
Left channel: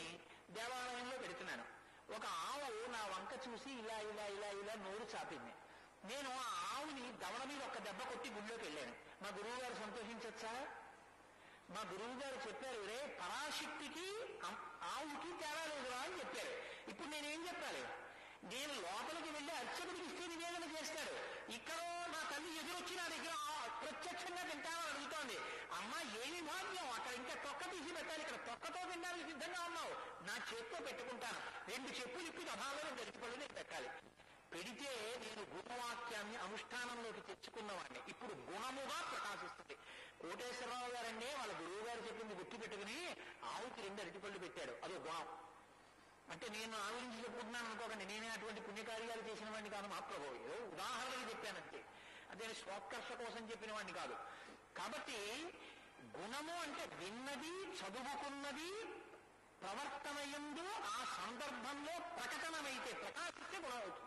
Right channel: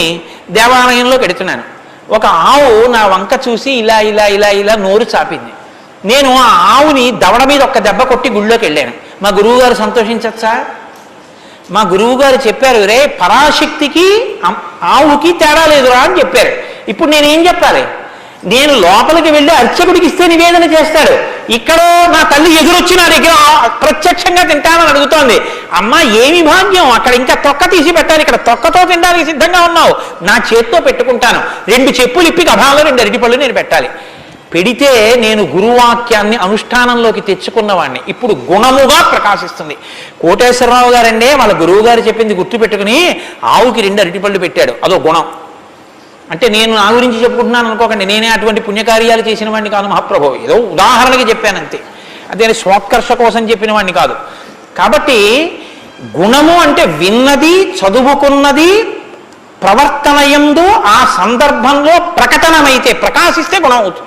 దేవాలయంలోకి వెడుతున్నాను. ఒక ఆవు నా వంక చూసి ఇలా ఇలా ఇలా ఇలా నోరు చాపింది. నేను ఆ ఆవుని దవడ మీద ఒక్క దెబ్బ కొట్టి గుళ్ళోకి వెళ్ళాను. మా గురువుగారు సంతోషించచ్చా? మా గురువుగారు చెప్పారు, రే పరాశక్తికి ఆవుకి తేడా లేదురా అని చెప్పారు. ఇప్పుడు నేనేం చెప్పాలి? నేను లోపలికి వెళ్ళి అర్చకుడికి ఇస్తే నివేదన చేస్తాడు, ఇక్కడ నా తల్లి ఎదురొచ్చి నా దగ్గర ప్రత్యక్షంగా తింటానని అడుగుతోంది. అమ్మ ఏమి భాగ్యం, అక్కడ ఇంకా తొక్క తీసి పెట్టాలి, ఇక్కడ తొక్కతో తినడానికి సిద్ధంగా ఉన్నావు, నా చేత్తో పెట్టుకుంటాను, 2 చెప్పులు ఇప్పి గభాలో 2 అరటిపళ్ళు నేను పెట్టాలి. పెడితే నేను గురువాక్యాన్ని అనుష్ఠానంలోకి తెచ్చుకున్నవాడిని. ఇప్పుడు గుణముగా ప్రకాశిస్తుంది. కోటేశ్వరరావు గారండే వాళ్ళ గురువు గారు చెప్పింది గుర్తుపెట్టుకుని ఆవుకి 2 అరటిపళ్ళు పెట్టాడు, అదో గుణం. అంటే నేను నా గురించి చెప్పుకుంటున్నాను అనుకోకండి, నేనే అటువంటి పుణ్యకార్యాలు చేసిన వాడిని కాదు మహాప్రభు, ఏదో ఉదాహరణకి చెప్పానంతే, అదే స్వోత్కర్ష కోసం చెప్పిన వాడిని కాదు. కాబట్టి గుణము అంటే విన్నది, చదువుకున్నది, ప్రవర్తనయందు ఆ సందర్భంలో ప్రకటనమైతే ప్రకాశిస్తే గుణం అవుతుంది.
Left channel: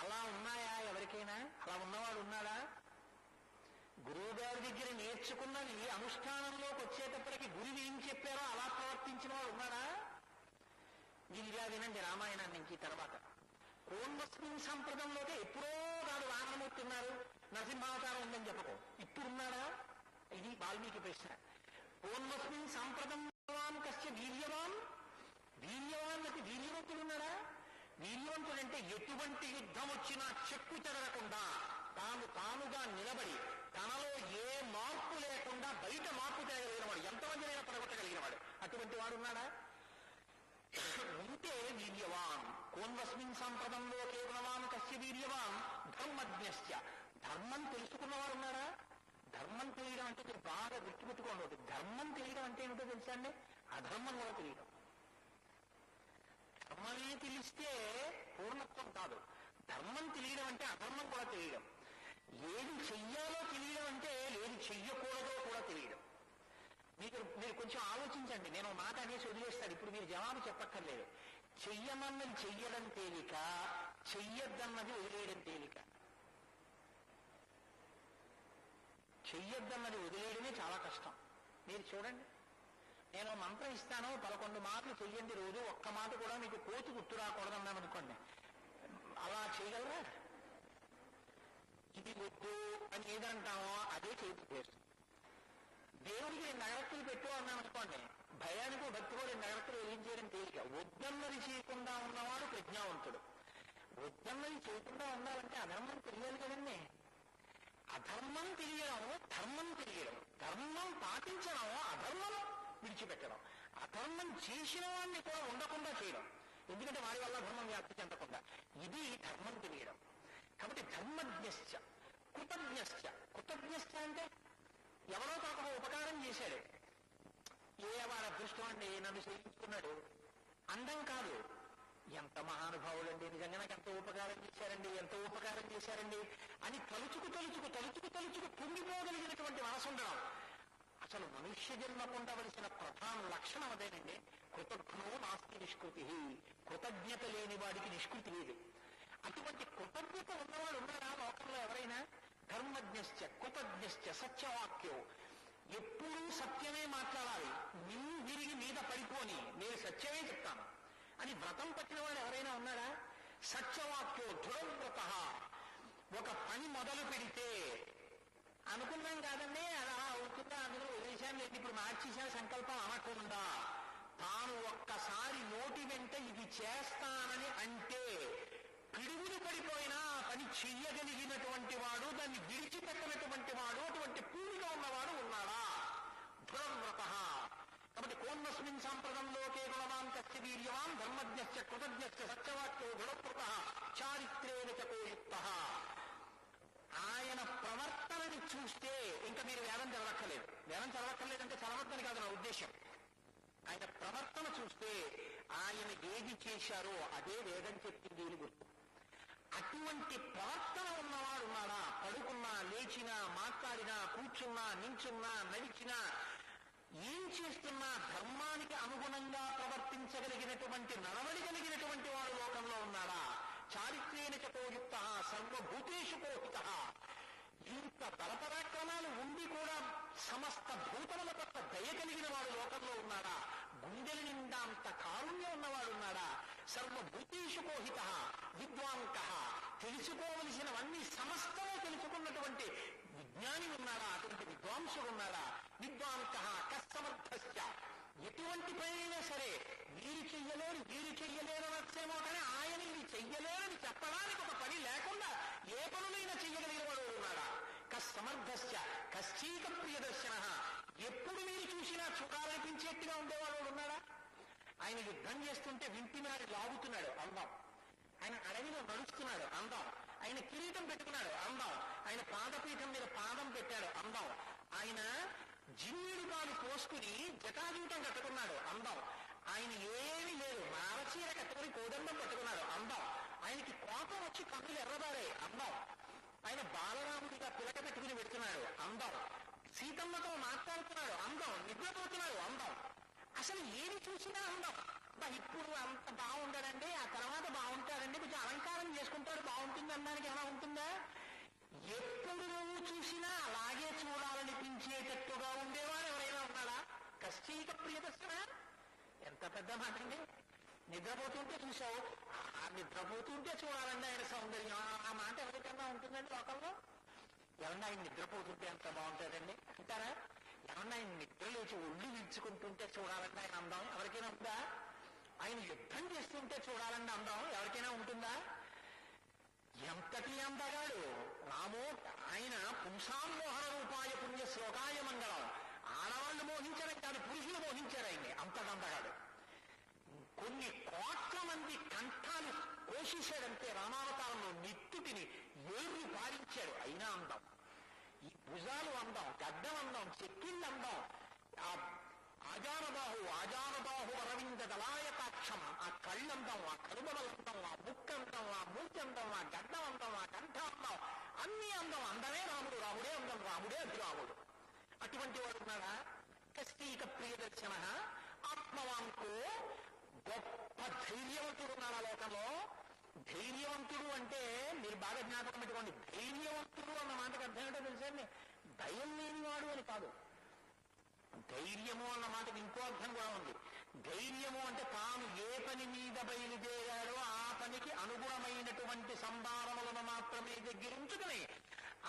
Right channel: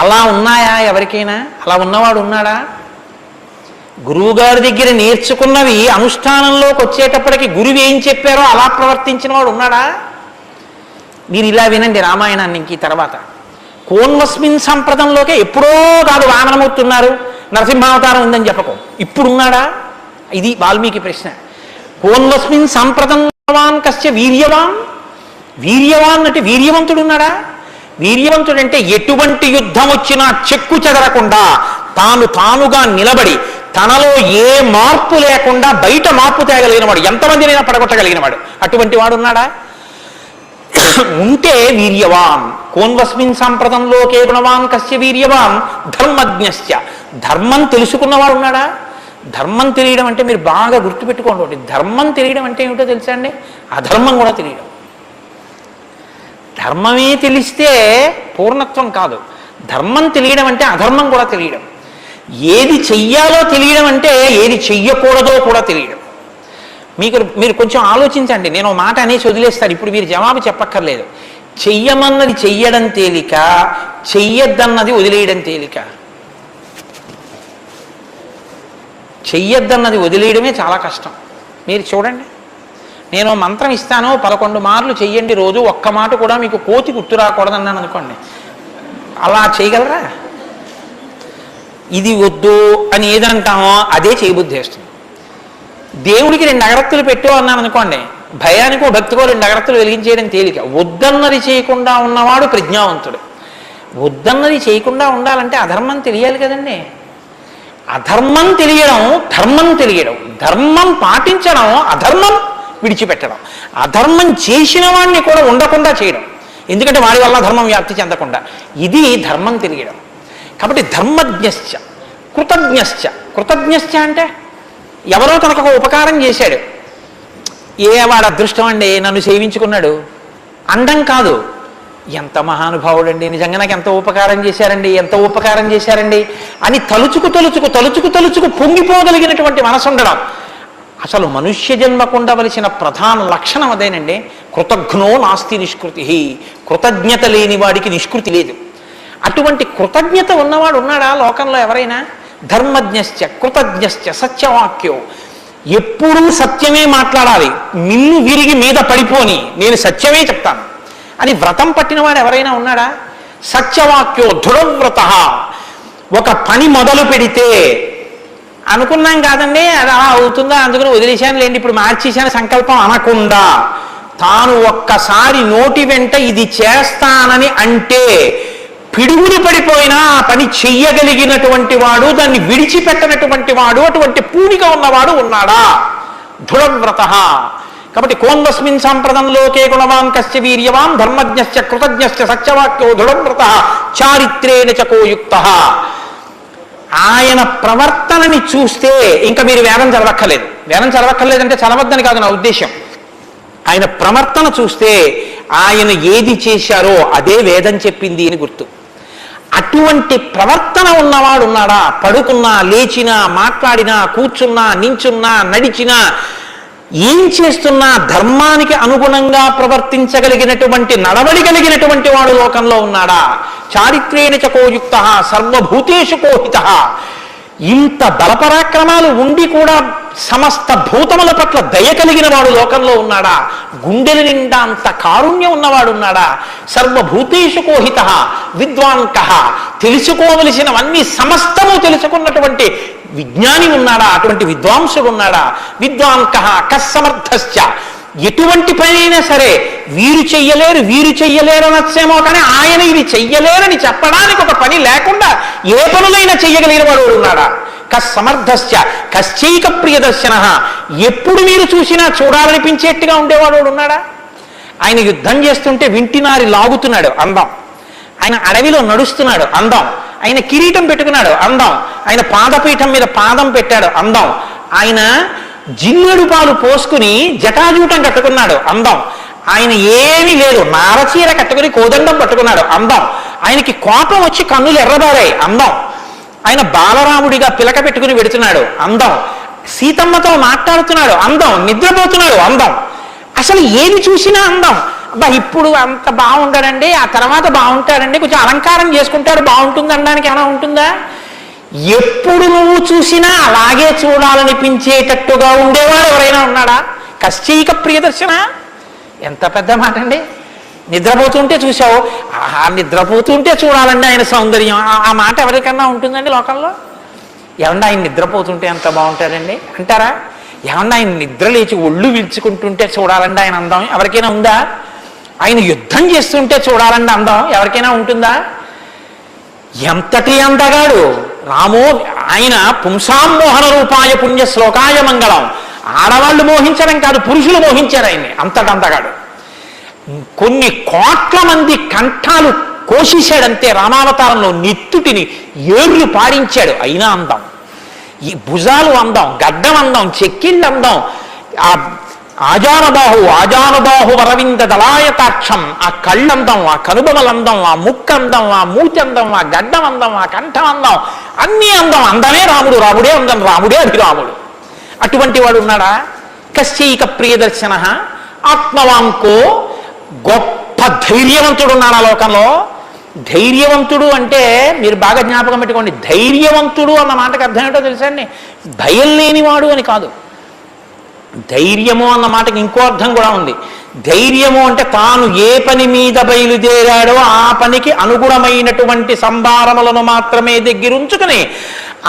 అలా ఉన్నాయా ఎవరికైనా? అలా ఉన్నవాడు ఉన్నాడా? గురువుగారి దగ్గర నేర్చుకున్నవి అనుష్ఠానంలోకి వచ్చేటప్పటికి గురువు ఏం చెప్పారో అలా ప్రవర్తించిన వాడు ఉన్నాడా? మీరు ఇలా వినండి రామాయణాన్ని. ఇంక తర్వాత కోన్వస్మిన్ సంప్రదంలోకే ఎప్పుడో కాదు వామనమూర్తి ఉన్నారు, నరసింహావతారం ఉందని చెప్పకు, ఇప్పుడున్నాడా? ఇది వాల్మీకి ప్రశ్న. కోన్వస్మిన్ సంప్రదంవాన్ కస్య వీర్యవాన్. వీర్యవాన్ అంటే వీర్యవంతుడు ఉన్నాడా? వీర్యవంతుడంటే ఎటువంటి యుద్ధం వచ్చినా చెక్కు చెదరకుండా తానుగా నిలబడి తనలో ఏ మార్పు లేకుండా బయట మార్పు తేగలిగినవాడు, ఎంతమందినైనా పడగొట్టగలిగినవాడు, అటువంటి వాడు ఉన్నాడా? ఉంటే వీర్యవాన్. కోన్వస్మిన్ సంప్రదంలోకే గుణవాన్ కస్య వీర్యవాన్ ధర్మజ్ఞశ్చ. ధర్మం తెలుసుకున్నవాడు ఉన్నాడా? ధర్మం తెలియడం అంటే మీరు బాగా గుర్తుపెట్టుకోండి, ధర్మం తెలియడం అంటే ఏమిటో తెలుసా అండి? అధర్మం కూడా తెలియడం. ధర్మమే తెలిస్తే పూర్ణత్వం కాదు, ధర్మం తెలియడం అంటే అధర్మం కూడా తెలియడం. ఏది చెయ్యాలో తెలియడం అంటే ఏది చెయ్యకూడదో కూడా తెలియడం. మీరు కొంచెం ఆలోచించండి, నేను మాట అనేసి వదిలేస్తాను, ఇప్పుడు మీరు జవాబు చెప్పక్కర్లేదు. చెయ్యమన్నది చెయ్యడం తేలిక, చెయ్యొద్దన్నది వదిలేయడం తేలిక. చెయ్యొద్దన్నది వదిలేయడమే చాలా కష్టం. మీరు చూడండి, నేను మంత్రం ఇస్తాను, 11 మార్లు చెయ్యండి రోజు, ఒక్క మాట కూడా మీకు కోతి గుర్తు రాకూడదన్నాను అనుకోండి, అలా చేయగలరా? ఇది వద్దు అని ఏదంటామో అదే చేయబుద్ధి వేస్తుంది. దేవుడికి 2 అగరత్తులు పెట్టు అన్నాను అనుకోండి, భయానికో భక్తికో 2 అగరత్తులు వెలిగించేయడం తేలిక. వద్దన్నది చేయకుండా ఉన్నవాడు ప్రజ్ఞావంతుడు. వద్దన్నది చేయకుండా ఉండాలంటే అధర్మం తెలియాలి కదండి. అధర్మం తెలియడం, ధర్మం తెలియడం, ధర్మం పాటించడం, అధర్మం విడిచిపెట్టడం, అధర్మం చేసిన వాడిని కూడా ఉండకుండా చేయడం, ఎందుకంటే వాడి వల్ల ధర్మం వ్యాప్తి చెందకుండా, ఇది ధర్మం తెలియడం. కాబట్టి ధర్మజ్ఞశ్చ కృతజ్ఞశ్చ. కృతజ్ఞశ్చ అంటే ఎవరో తనకు ఒక ఉపకారం చేశాడు, వాడు అదృష్టం అండి నన్ను సేవించుకున్నాడు అండం కాదు, ఎంత మహానుభావుడండి, నిజంగా నాకు ఎంత ఉపకారం చేశారండి, ఎంత ఉపకారం చేశారండి అని తలుచుకు తలుచుకు తలుచుకు తలుచుకు పొంగిపోగలిగినటువంటి మనసు ఉండడం. అసలు మనుష్య జన్మకు ఉండవలసిన ప్రధాన లక్షణం అదేనండి. కృతఘ్నో నాస్తి నిష్కృతి, కృతజ్ఞత లేని వాడికి నిష్కృతి లేదు. అటువంటి కృతజ్ఞత ఉన్నవాడు ఉన్నాడా లోకంలో ఎవరైనా? ధర్మజ్ఞశ్చ కృతజ్ఞశ్చ సత్యవాక్యో, ఎప్పుడూ సత్యమే మాట్లాడాలి, మిన్ను విరిగి మీద పడిపోని నేను సత్యమే చెప్తాను అని వ్రతం పట్టినవాడు ఎవరైనా ఉన్నాడా? సత్యవాక్యో దృఢవ్రత, ఒక పని మొదలు పెడితే అనుకున్నాం కాదండి అది అలా అవుతుందా అందుకని వదిలేశాను లేండి ఇప్పుడు మార్చేశాను సంకల్పం అనకుండా తాను ఒక్కసారి నోటి వెంట ఇది చేస్తానని అంటే పిడుగులు పడిపోయినా ఆ పని చెయ్యగలిగినటువంటి వాడు, దాన్ని విడిచిపెట్టనటువంటి వాడు, అటువంటి పూనిక ఉన్నవాడు ఉన్నాడా? దృఢవ్రత. కాబట్టి కోన్వస్మిన్ సంప్రదంలోకే గుణవాన్ కస్య వీర్యవాన్ ధర్మజ్ఞశ్చ కృతజ్ఞశ్చ సత్యవాక్యో దృఢవ్రత చారిత్రేణ చకోయుక్తః. ఆయన ప్రవర్తనని చూస్తే ఇంకా మీరు వేదం చదవక్కర్లేదు. వేదం చదవక్కర్లేదంటే చదవద్దని కాదు నా ఉద్దేశం. ఆయన ప్రవర్తన చూస్తే ఆయన ఏది చేశారో అదే వేదం చెప్పింది అని గుర్తు. అటువంటి ప్రవర్తన ఉన్నవాడు ఉన్నాడా? పడుకున్నా, లేచినా, మాట్లాడినా, కూర్చున్నా, నించున్నా, నడిచినా, ఏం చేస్తున్నా ధర్మానికి అనుగుణంగా ప్రవర్తించగలిగినటువంటి నడవడి కలిగినటువంటి వాడు లోకంలో ఉన్నాడా? చారిత్రేణ చకోయుక్తః సర్వభూతేషు కోహితః. ఇంత బలపరాక్రమాలు ఉండి కూడా సమస్త భూతముల పట్ల దయ కలిగిన వాడు లోకంలో ఉన్నాడా? గుండెల నిండా అంత కారుణ్యం ఉన్నవాడు ఉన్నాడా? సర్వభూతేషు కోహితః విద్వాంకః, తెలుసుకోవలసినవన్నీ సమస్తము తెలుసుకున్నటువంటి విజ్ఞాని ఉన్నాడా? అటువంటి విద్వాంసుడు ఉన్నాడా? విద్వాంకః కస్సమర్థశ్చ, ఎటువంటి పని అయినా సరే వీరు చెయ్యలేరు అనొచ్చేమో కానీ ఆయన ఇది చెయ్యలేరని చెప్పడానికి ఒక పని లేకుండా ఏ పనులైనా చెయ్యగలిగిన వాడు ఉన్నాడా? కస్సమర్థశ్చ కశ్చైక ప్రియదర్శనః, ఎప్పుడు మీరు చూసినా చూడాలనిపించేట్టుగా ఉండేవాడు ఉన్నాడా? ఆయన యుద్ధం చేస్తుంటే వింటినారి లాగుతున్నాడు అందం, ఆయన అడవిలో నడుస్తున్నాడు అందం, ఆయన కిరీటం పెట్టుకున్నాడు అందం, ఆయన పాదపీఠం మీద పాదం పెట్టాడు అందం, ఆయన జిల్లుడు పాలు పోసుకుని జటాజూటం కట్టుకున్నాడు అందం, ఆయన ఏమీ లేదు నారచీర కట్టుకుని కోదండం పట్టుకున్నాడు అందం, ఆయనకి కోపం వచ్చి కన్నులు ఎర్రబారాయి అందం, ఆయన బాలరాముడిగా పిలక పెట్టుకుని పెడుతున్నాడు అందం, సీతమ్మతో మాట్లాడుతున్నాడు అందం, నిద్రపోతున్నాడు అందం, అసలు ఏది చూసినా అందం. అబ్బా ఇప్పుడు అంత బాగుంటాడండి, ఆ తర్వాత బాగుంటాడండి, కొంచెం అలంకారం చేసుకుంటాడు బాగుంటుంది అనడానికి ఏమైనా ఉంటుందా? ఎప్పుడు నువ్వు చూసినా అలాగే చూడాలనిపించేటట్టుగా ఉండేవాడు ఎవరైనా ఉన్నాడా? కశ్చైక ప్రియదర్శన, ఎంత పెద్ద మాట అండి. నిద్రపోతుంటే చూసావు, ఆహా నిద్రపోతుంటే చూడాలండి ఆయన సౌందర్యం, ఆ మాట ఎవరికన్నా ఉంటుందండి లోకంలో? ఏమన్నా ఆయన నిద్రపోతుంటే ఎంత బాగుంటాడండి అంటారా? ఏమన్నా ఆయన నిద్ర లేచి ఒళ్ళు విల్చుకుంటుంటే చూడాలండి ఆయన అందం ఎవరికైనా ఉందా? ఆయన యుద్ధం చేస్తుంటే చూడాలండి అందం ఎవరికైనా ఉంటుందా? ఎంతటి అందగాడు రామో! ఆయన పుంసామోహన రూపాయ పుణ్య శ్లోకాయ మంగళం, ఆడవాళ్ళు మోహించడం కాదు పురుషులు మోహించారు ఆయన్ని, అంతటి అందగాడు. కొన్ని కోట్ల మంది కంఠాలు కోసేశాడంతే రామావతారంలో, నెత్తుటిని ఏర్లు పాడించాడు, అయినా అందం. ఈ భుజాలు అందం, గడ్డం అందం, చెక్కిళ్ళు అందం, ఆ ఆజానుబాహు వరవింద దళాయతాక్షం, ఆ కళ్ళందం, ఆ కనుబొమలందం, ఆ ముక్కందం, ఆ మూతి అందం, ఆ గడ్డం అందం, ఆ కంఠం అందం, అన్నీ అందం. అందమే రాముడు, రాముడే అందం, రాముడే అభిరాముడు. అటువంటి వాడు ఉన్నాడా? కశ్చైక ప్రియదర్శన ఆత్మవాంకో, గొప్ప ధైర్యవంతుడు ఉన్నాడు ఆ లోకంలో. ధైర్యవంతుడు అంటే మీరు బాగా జ్ఞాపకం పెట్టుకోండి, ధైర్యవంతుడు అన్న మాటకు అర్థం ఏంటో తెలుసా అండి? భయం లేనివాడు అని కాదు. ధైర్యము అన్న మాటకి ఇంకో అర్థం కూడా ఉంది. ధైర్యము అంటే తాను ఏ పని మీద బయలుదేరాడో ఆ పనికి అనుగుణమైనటువంటి సంభారములను మాత్రమే దగ్గరుంచుకుని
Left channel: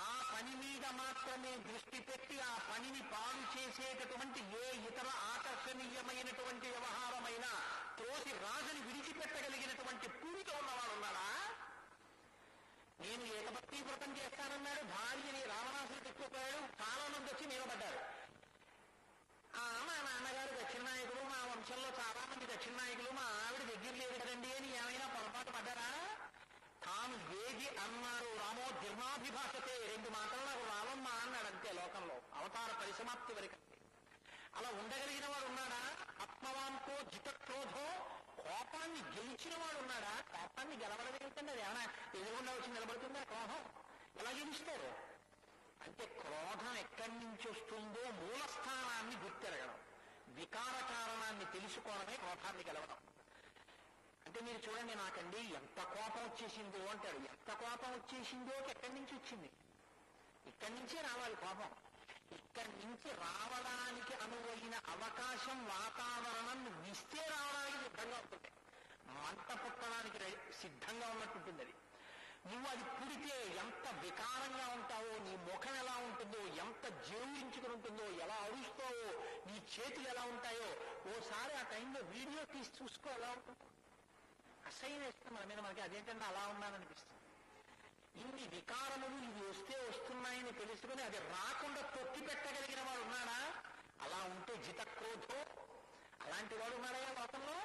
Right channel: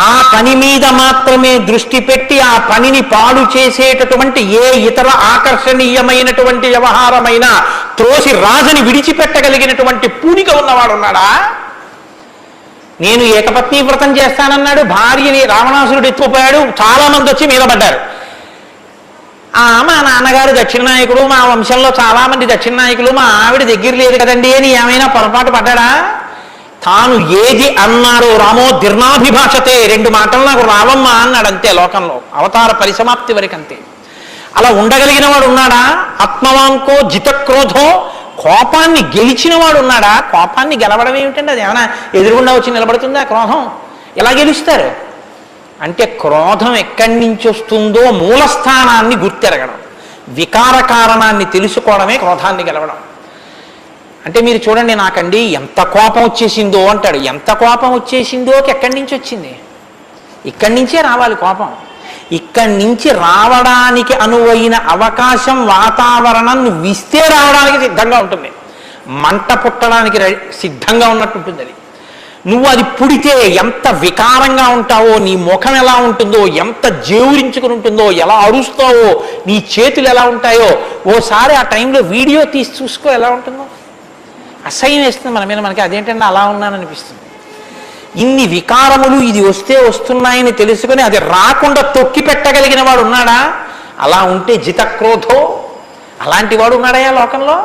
ఆ పని మీద మాత్రమే దృష్టి పెట్టి ఆ పనిని పాడు చేసేటటువంటి ఏ ఇతర ఆకర్షణీయమైనటువంటి వ్యవహారమైనా త్రోసి రాజని విడిచిపెట్టగలిగినటువంటి పూనిక ఉన్నవాడు ఉన్నాడా? నేను ఏకపత్ని వ్రతం చేస్తానన్నాడు, భార్యని రావణాసురుడు ఎత్తుకుపోయాడు, చాలా మంది వచ్చి మీద పడ్డారు. మా నాన్నగారు దక్షిణ నాయకుడు, మా వంశంలో చాలా మంది దక్షిణ నాయకులు, మా ఆవిడ దగ్గర లేదు కదండి అని ఏమైనా పొరపాటు పడ్డాడా? తాను ఏది అన్నారో రామో దీర్ణాభిభాషతే, 2 మాటలు నాకు రావమ్మా అన్నాడు అంతే. లోకంలో అవతార పరిసమాప్తి వరకు అంతే. అలా ఉండగలిగిన వాడు ఉన్నాడా? ఆత్మవాంకో జితక్రోధో, కోపాన్ని గెలిచిన వాడు ఉన్నాడా? కోపాన్ని గెలవడం ఏమిటండి? అది ఏమైనా ఎదురుగుండా వచ్చి నిలబడుతుందా క్రోధం? ఎలా గెలుస్తారు? అంటే క్రోధం ఎక్కడి నుంచి వస్తుందో మూలస్థానాన్ని గుర్తెరగడం, వికార కారణాన్ని తెలుసుకోవడమే క్రోధాన్ని గెలవడం. అంటే మీరు చూడండి, నాకండి ఎంత కోపం వచ్చేసిందో అంటాడు. ఎంత కోపం వచ్చేసిందోకి ఎక్కడి నుంచి వచ్చింది? ఇక్కడి నుంచే రావాలి కోపం. ఇక్కడి నుంచి రావడానికి అనువైన అవకాశం, వాతావరణం నువ్వు ఇస్తే రావడానికి సిద్ధంగా ఉంటుంది. మంట పుట్టడానికి సిద్ధంగా ఉన్నట్టు ఉంటుంది అది. నువ్వు అది పుడితే ఎంత వికారంగా ఉంటావో, నీ ముఖం ఎలా ఉంటుందో, ఎంత జేవురించుకుని ఉంటుందో, ఎలా అరుస్తావో, నీ చేతులు ఎలా ఉంటాయో, ఓసారి ఆ టైంలో వీడియో తీసి చూసుకో ఎలా ఉంటుందో. అసహ్యం వేస్తుంది మన మీద. మనకి అదేంటంటే అలా ఉన్నాననిపిస్తుంది. ఇన్ని వికారములు ఇది వస్తే వస్తున్నాయని తెలుసుకొని అది రాకుండా తొక్కి పెట్టగలిగిన వాడు ఉన్నాడా? అలా ఉంటే జితక్రోధో, అలాంటి వాడు ఉన్నాడయా లోకంలో?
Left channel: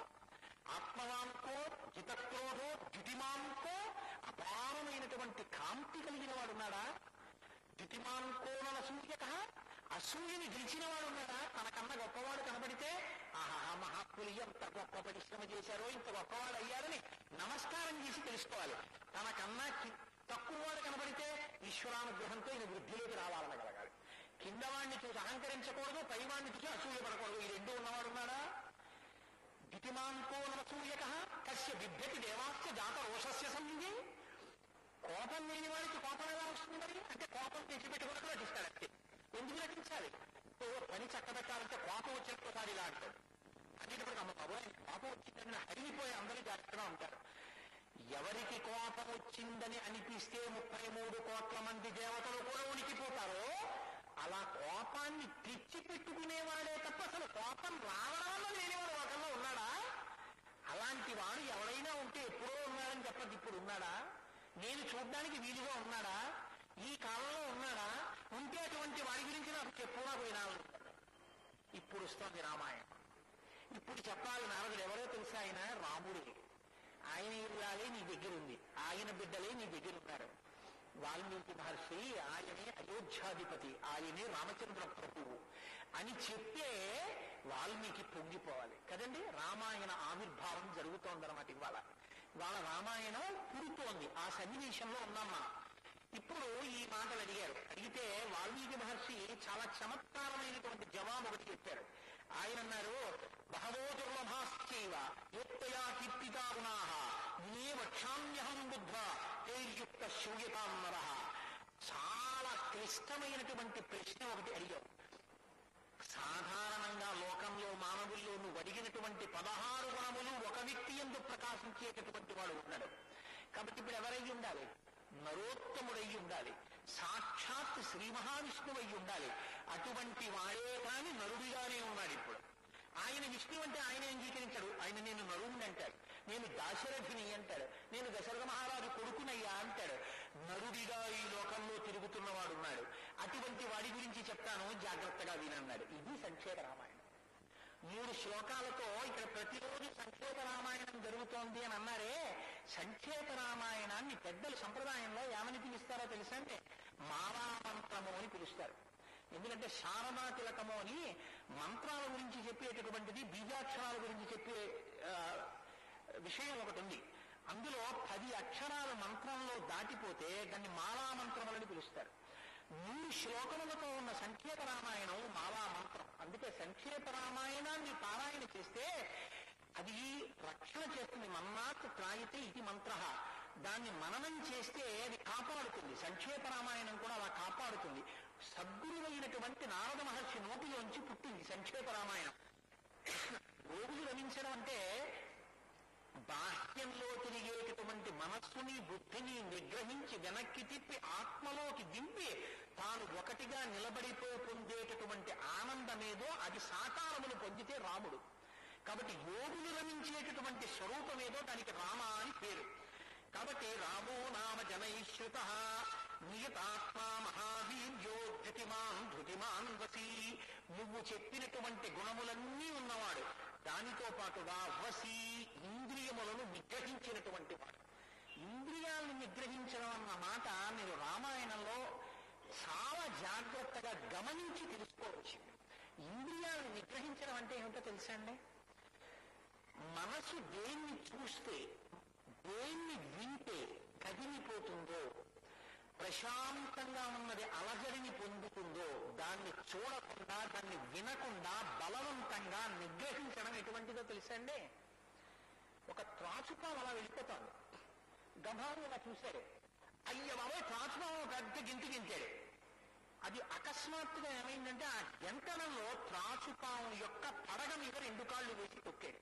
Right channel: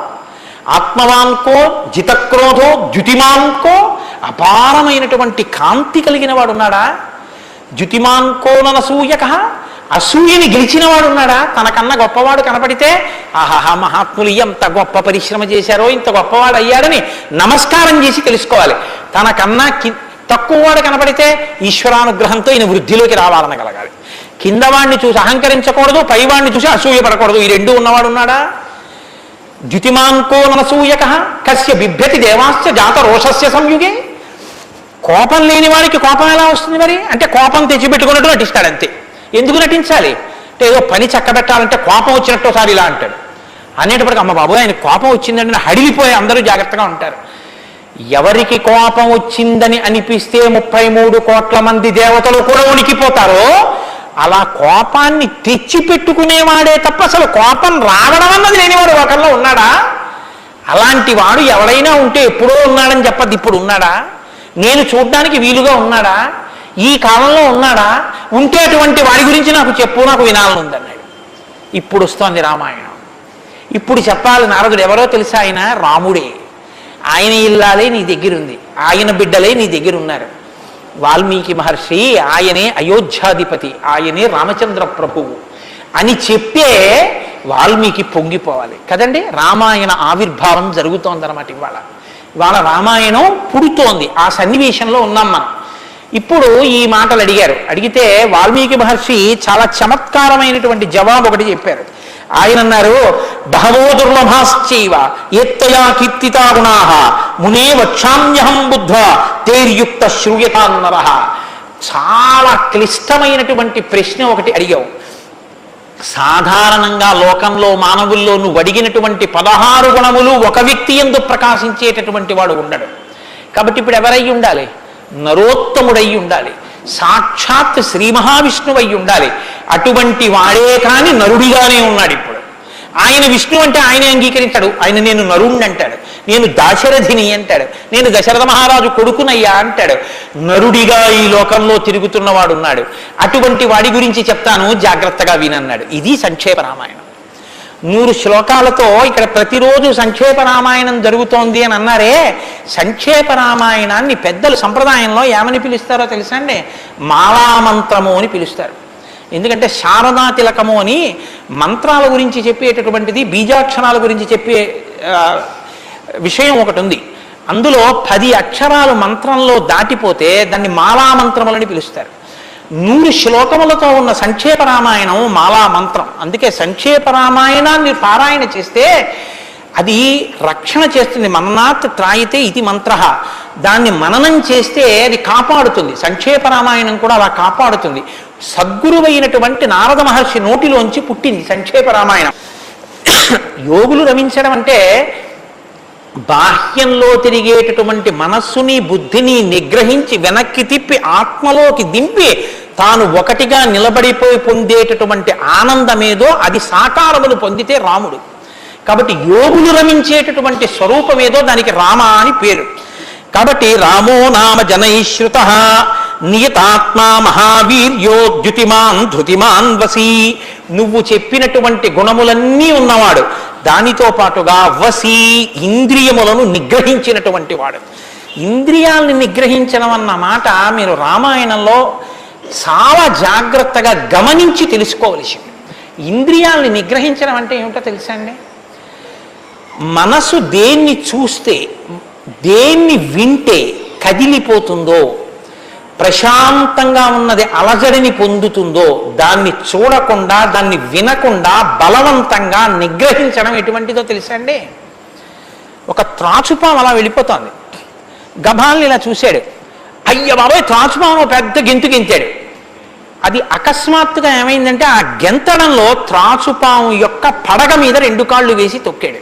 ఆత్మవాన్కో జితక్రోధో ద్యుతిమాన్కో, అపారమైనటువంటి కాంతి కలిగిన వాడు ఉన్నాడా? ద్యుతిమాన్కో ననసూయక, అసూయని గెలిచిన వాడు ఉన్నాడా? తనకన్నా గొప్పవాడు కనపడితే ఆహాహా మహాత్ములు ఎంత గొప్ప పరిశ్రమ చేశారో, ఇంత గొప్పవాడు అయ్యాడని నమస్కారం చేసి తెలుసుకోవాలి. తనకన్నా తక్కువవాడు కనపడితే ఈశ్వరానుగ్రహంతో ఈయన వృద్ధిలోకి రావాలనగలగాలి. కిందవాడిని చూసి అహంకరించకూడదు, పైవాడిని చూసి అసూయపడకూడదు. ఈ రెండు ఉన్నవాడు ఉన్నాడా? ద్యుతిమాన్కో ననసూయక కస్య బిభ్యతి దేవాశ్చ జాత రోషస్య సంయుగే. కోపం లేని వాడికి కోపం ఎలా వస్తుంది మరి? అంటే కోపం తెచ్చిపెట్టుకున్నట్టు నటిస్తాడు అంతే. ఎందుకు నటించాలి అంటే, ఏదో పని చక్కబెట్టాలంటే కోపం వచ్చినట్టు ఒకసారి ఇలా అంటాడు. అనేటప్పటికి అమ్మ బాబు ఆయన కోపం వచ్చిందంటే హడిలిపోయి అందరూ జాగ్రత్తగా ఉంటారు. ఎవరికి కోపం వచ్చిందని అనిపిస్తే 33 కోట్ల మంది దేవతలు కూడా ఉనికిపోతారో, అలా కోపాన్ని తెచ్చిపెట్టుకునేవాడే తప్ప అసలు కోపం రావడం అన్నది లేనివాడు ఒకరిలో ఉన్నాడా? అలాంటి వాడు ఎవడైనా ఉంటే ఎప్పుడో ఉన్నాడని చెప్పద్దు, ఇప్పుడు ఉన్నాడా? నేను చూడ్డానికి వీలుగా ఉన్నాడా? ఈ కాలంలో ఉన్నాడా? ఉంటే అటువంటి వాడి గురించి నాకు చెప్పు, నాకు వినాలని ఉందన్నాడు. ఇప్పుడు వస్తోంది రామాయణం. ఇప్పుడు చెప్పాలి నారదుడు ఎవరో తెలుసా? ఆయన రాముడే. ఆయన ఇల్లాలే నీ దగ్గర ఉంది, ఆయన బిడ్డలే నీ దగ్గర ఉన్నారు. వాల్మీకి మహర్షి ఆయనే అయోధ్యాధిపతి, ఆయనే రామచంద్ర ప్రభువు అని చెప్పే వాల్మీకి పొంగిపోవాలి కదండి. రామాయణ ఆవిర్భావం జరుగుతోందన్నమాట. ఇవాళ రామాయణం పుడుతోంది. ఆ సన్నివేశంలో ఉన్నాం మనం. ఇప్పుడు ఈ మాటలు అడిగితే వాల్మీకి మహర్షి చాలా చమత్కారమైనటువంటి జవాబు ఒకటి చెప్పారు. ఆయన అన్నారు, బహవో దుర్లభాశ్చైవ ఎత్తయా కీర్తితా గుణాః మునే వక్షామ్యహం బుద్ధ్వా తేర్యుక్త శ్రూయతాన్నరః. చాలా క్లిష్టమైనటువంటి ప్రశ్న ఒకటి అడిగావు. సాధారణంగా లోకంలో మానవుల్లో నువ్వు అడిగినటువంటి 16 గుణములు ఒక వ్యక్తి యందు ప్రకాశించేటటువంటి వాడు ఉండడు. కాబట్టి ఇప్పుడు ఎవరై ఉండాలి? నరోత్తముడై ఉండాలి, సాక్షాత్ శ్రీ మహావిష్ణువు అయి ఉండాలి. అటువంటి వాడే కాని నరుడిగానే ఉన్నాడు ఇప్పుడు. ఆయన విష్ణు అంటే ఆయనే అంగీకరించాడు. ఆయన నేను నరుణ్ణి అంటాడు, నేను దాశరథిని అంటాడు, నేను దశరథ మహారాజు కొడుకునయ్యా అంటాడు. నరుడిగా ఈ లోకంలో తిరుగుతున్నవాడు ఉన్నాడు. అటువంటి వాడి గురించి చెప్తాను, జాగ్రత్తగా వినన్నాడు. ఇది సంక్షేప రామాయణం. 100 శ్లోకాలతో ఇక్కడ ప్రతిరోజు సంక్షేప రామాయణం జరుగుతోంది అని అన్నారే. సంక్షేప రామాయణాన్ని పెద్దలు సంప్రదాయంలో ఏమని పిలుస్తారో తెలుసా అండి? మాలామంత్రము అని పిలుస్తారు. ఎందుకంటే శారదా తిలకము అని మంత్రాల గురించి చెప్పేటటువంటిది, బీజాక్షరాల గురించి చెప్పే విషయం ఒకటి ఉంది. అందులో 10 అక్షరాలు మంత్రంలో దాటిపోతే దాన్ని మాలామంత్రములని పిలుస్తారు. 100 శ్లోకములతో ఉన్న సంక్షేప రామాయణం మాలా మంత్రం. అందుకే సంక్షేప రామాయణాన్ని పారాయణ చేస్తే అది రక్షణ చేస్తుంది. మననాత్ త్రాయితే ఇది మంత్ర. దాన్ని మననం చేస్తే అది కాపాడుతుంది. సంక్షేప రామాయణం కూడా అలా కాపాడుతుంది. సద్గురువైనటువంటి నారద మహర్షి నోటిలోంచి పుట్టింది సంక్షేప రామాయణం. యోగులు రమించడం అంటే బాహ్యంలో తిరిగేటటువంటి మనస్సుని బుద్ధిని నిగ్రహించి వెనక్కి తిప్పి ఆత్మలోకి దింపి తాను ఒకటిగా నిలబడిపోయి పొందేటటువంటి ఆనందమేదో అది సాకారమును పొందితే రాముడు. కాబట్టి యోగులు రమించేటటువంటి స్వరూపమేదో దానికి రామ అని పేరు. కాబట్టి రామో నామ జనైశ్రుత నియతాత్మా మహావీర్యో ద్యుతిమాన్ ధృతిమాన్ వసి. నువ్వు చెప్పినటువంటి గుణములన్నీ ఉన్నవాడు, దానితో పాటుగా వసి ఇంద్రియములను నిగ్రహించినటువంటి వాడు. ఇంద్రియాలని నిగ్రహించడం అన్న మాట మీరు రామాయణంలో చాలా జాగ్రత్తగా గమనించి తెలుసుకోవలసింది. ఇంద్రియాలని నిగ్రహించడం అంటే ఏమిటో తెలుసా అండి? మనసు దేన్ని చూస్తే, దేన్ని వింటే కదిలిపోతుందో, ప్రశాంతంగా ఉన్నది అలజడిని పొందుతుందో దాన్ని చూడకుండా, దాన్ని వినకుండా బలవంతంగా నిగ్రహించడం ఎటువంటిదో తెలుసా అండి? ఒక త్రాచుపాము అలా వెళ్ళిపోతోంది. గభాల్ని ఇలా చూశాడు, అయ్య బాబాయ్ త్రాచుపాము పెద్ద గెంతు గెంతాడు. అది అకస్మాత్తుగా ఏమైందంటే ఆ గెంతడంలో త్రాచుపాము యొక్క పడగ మీద 2 కాళ్ళు వేసి తొక్కాడు.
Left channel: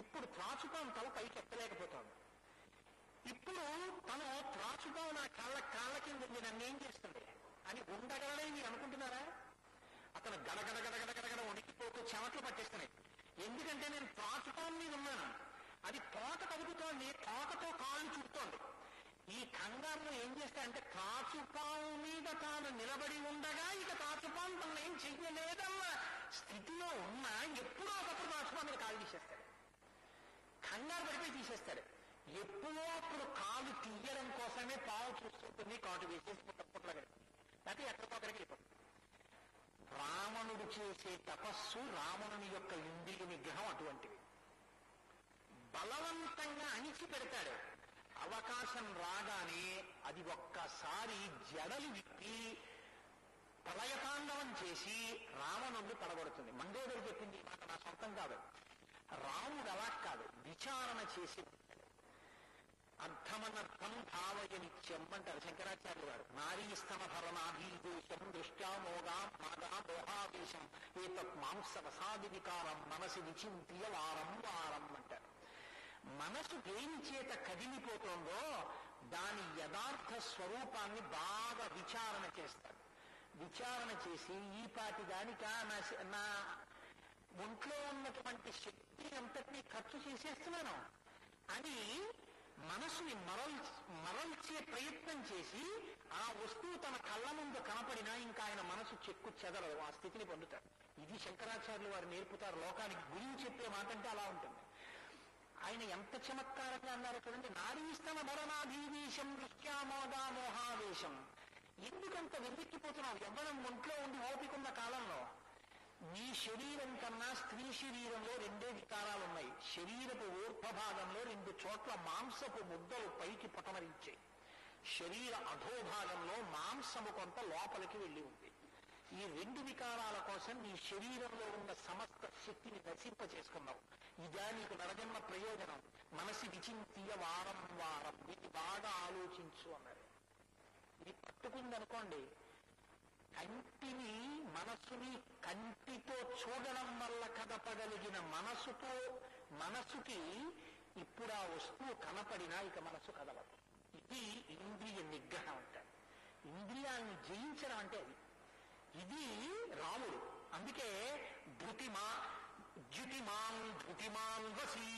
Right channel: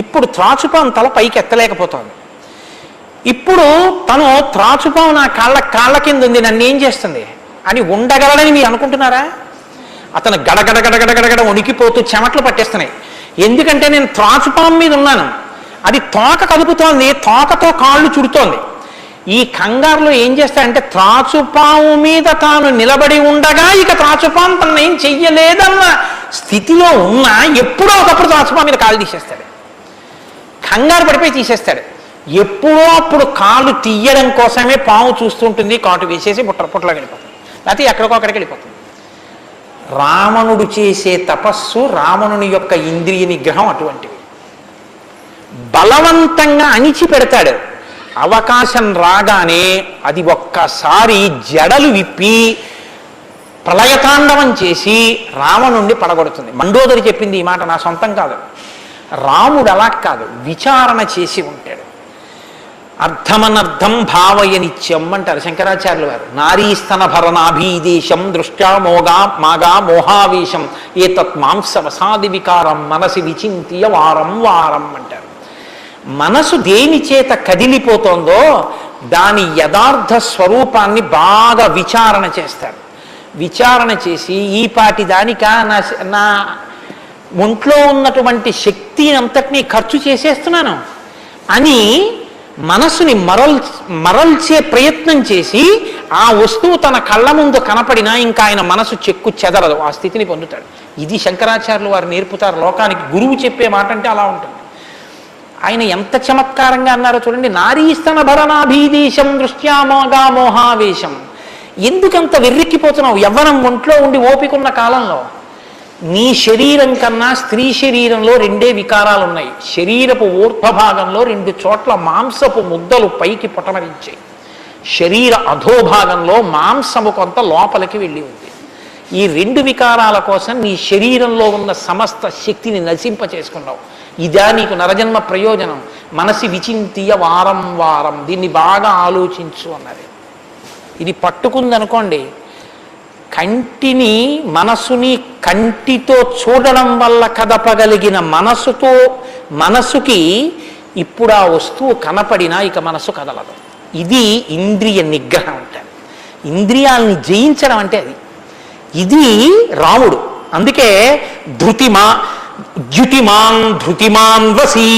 ఇప్పుడు త్రాచుపాము తల పైకి ఎత్తలేకపోతోంది. ఇప్పుడు తను త్రాచుపాము నా కాళ్ళ కింద ఉంది, నన్ను ఏం చేస్తుంది అని ఉండగలడని మీరు అనుకుంటున్నారా? అతను గడగడగడగడగడ వణికిపోతూ చెమట్లు పట్టేస్తున్నాయి. ఎందుకంటే నేను త్రాచుపాము మీద ఉన్నాను, అది తోక కదుపుతోంది, తోకతో కాళ్ళు చుడుతోంది. ఈ కంగారులో ఏం చేస్తాడంటే త్రాచుపాము మీద తాను నిలబడి ఉండగా ఇక త్రాచుపాము తను ఏం చెయ్యలేదన్న స్థితిలో ఉన్నా ఎప్పుడో ఒకప్పుడు త్రాచుపాము మీద కాళ్ళు తీసేస్తాడు. కంగారు పడిపోయి తీసేస్తాడు. ఎప్పుడో అప్పుడు కాళ్ళు తీయడం కోసమే పాము చూస్తుంటుంది, కాటు వేసేసి పుట్లకి వెళ్ళిపోతుంది, లేకపోతే ఎక్కడికో అక్కడికి వెళ్ళిపోతుంది. రావణుడు చేసే తపస్సు, రావణుని యొక్క ఇంద్రియ నిగ్రహం అటువంటివి. బలవంతంగా అణిచిపెడతాడు. అవకాశం రాగానే అది ఒక్కసారి జడలు విప్పి ప్రళయతాండవం చేసి రావణుణ్ణి పడగొడుతుంది. మండోదరి చెప్పింది ఈ మాట, నా సొంతం కాదు. రాముడు అలా కాదు, విచారణ చేసి ఉంటాడు. అర్థమనర్థం భావయనిత్యం అంటారు శంకరాచార్యులు వారు. నారీస్తన భరణాభీదేశం దృష్ట్యా మాగా మోహావేశం ఏతత్ మాంసవసాది వికారం మనసి విచింత్య వారం వారం అంటారు. మనసు దేని చేత కదిలిపోతోందో దాని యథార్థ స్వరూపాన్ని బాగా విచారణ చేస్తారు. విచారణ చేసి ఈ పాటి దానిక నా ఒంట్లో ఉన్నటువంటి శక్తి అంతటినీ ఖర్చు చేసేస్తున్నాను అని మనసుని మరల్చే ప్రయత్నం చేసి ఆ వస్తువు తన కళ్ళ ముందు కనపడినా ఇంకా ఆయన మనసు చెక్కు చెదరదు, ఆ స్థితిని పొందుతాడు. ఇది శంకరాచార్యులు వారు నేర్పుతారు లోకానికి. గురువు చెప్పే మాట అంటే అలా ఉంటుంది. ఆయన ఎంత చమత్కారంగా అన్నారో చూడండి. నారీస్తన భరణాభీదేశం దృష్ట్యామోగా మోహావేశం. ఎందుకంత వెర్రెక్కిపోతున్నావు? యవ్వనం ఒంట్లో ఉండి ఓపికన్న కాలంలో నీ శరీరం కన్నా స్త్రీ శరీరంలో 2 వికారాలు ఉన్నాయి. శరీరపు ఊర్ధ్వభాగంలో 2 చోట్ల మాంసపు ముద్దలు పైకి పొటమరించాయి. శరీర అధోభాగంలో మాంసము కొంత లోపలికి వెళ్ళి ఉంది. ఈ 2 వికారాల కోసం నీ శరీరంలో ఉన్న సమస్త శక్తిని నశింపచేసుకున్నావు. ఇదా నీకు నరజన్మ ప్రయోజనం? మనసి విచింతియ వారం వారం, దీన్ని బాగా ఆలోచించు అన్నారు. ఇది పట్టుకుందనుకోండి, కంటిని మనసుని కంటితో చూడడం వల్ల కదపగలిగిన మనసుకి ఇప్పుడు ఆ వస్తువు కనపడినా ఇక మనసు కదలదు. ఇది ఇంద్రియ నిగ్రహం అంటారు. ఇంద్రియాలని జయించడం అంటే అది. ఇది రాముడు. అందుకే ధృతిమాన్ వసి,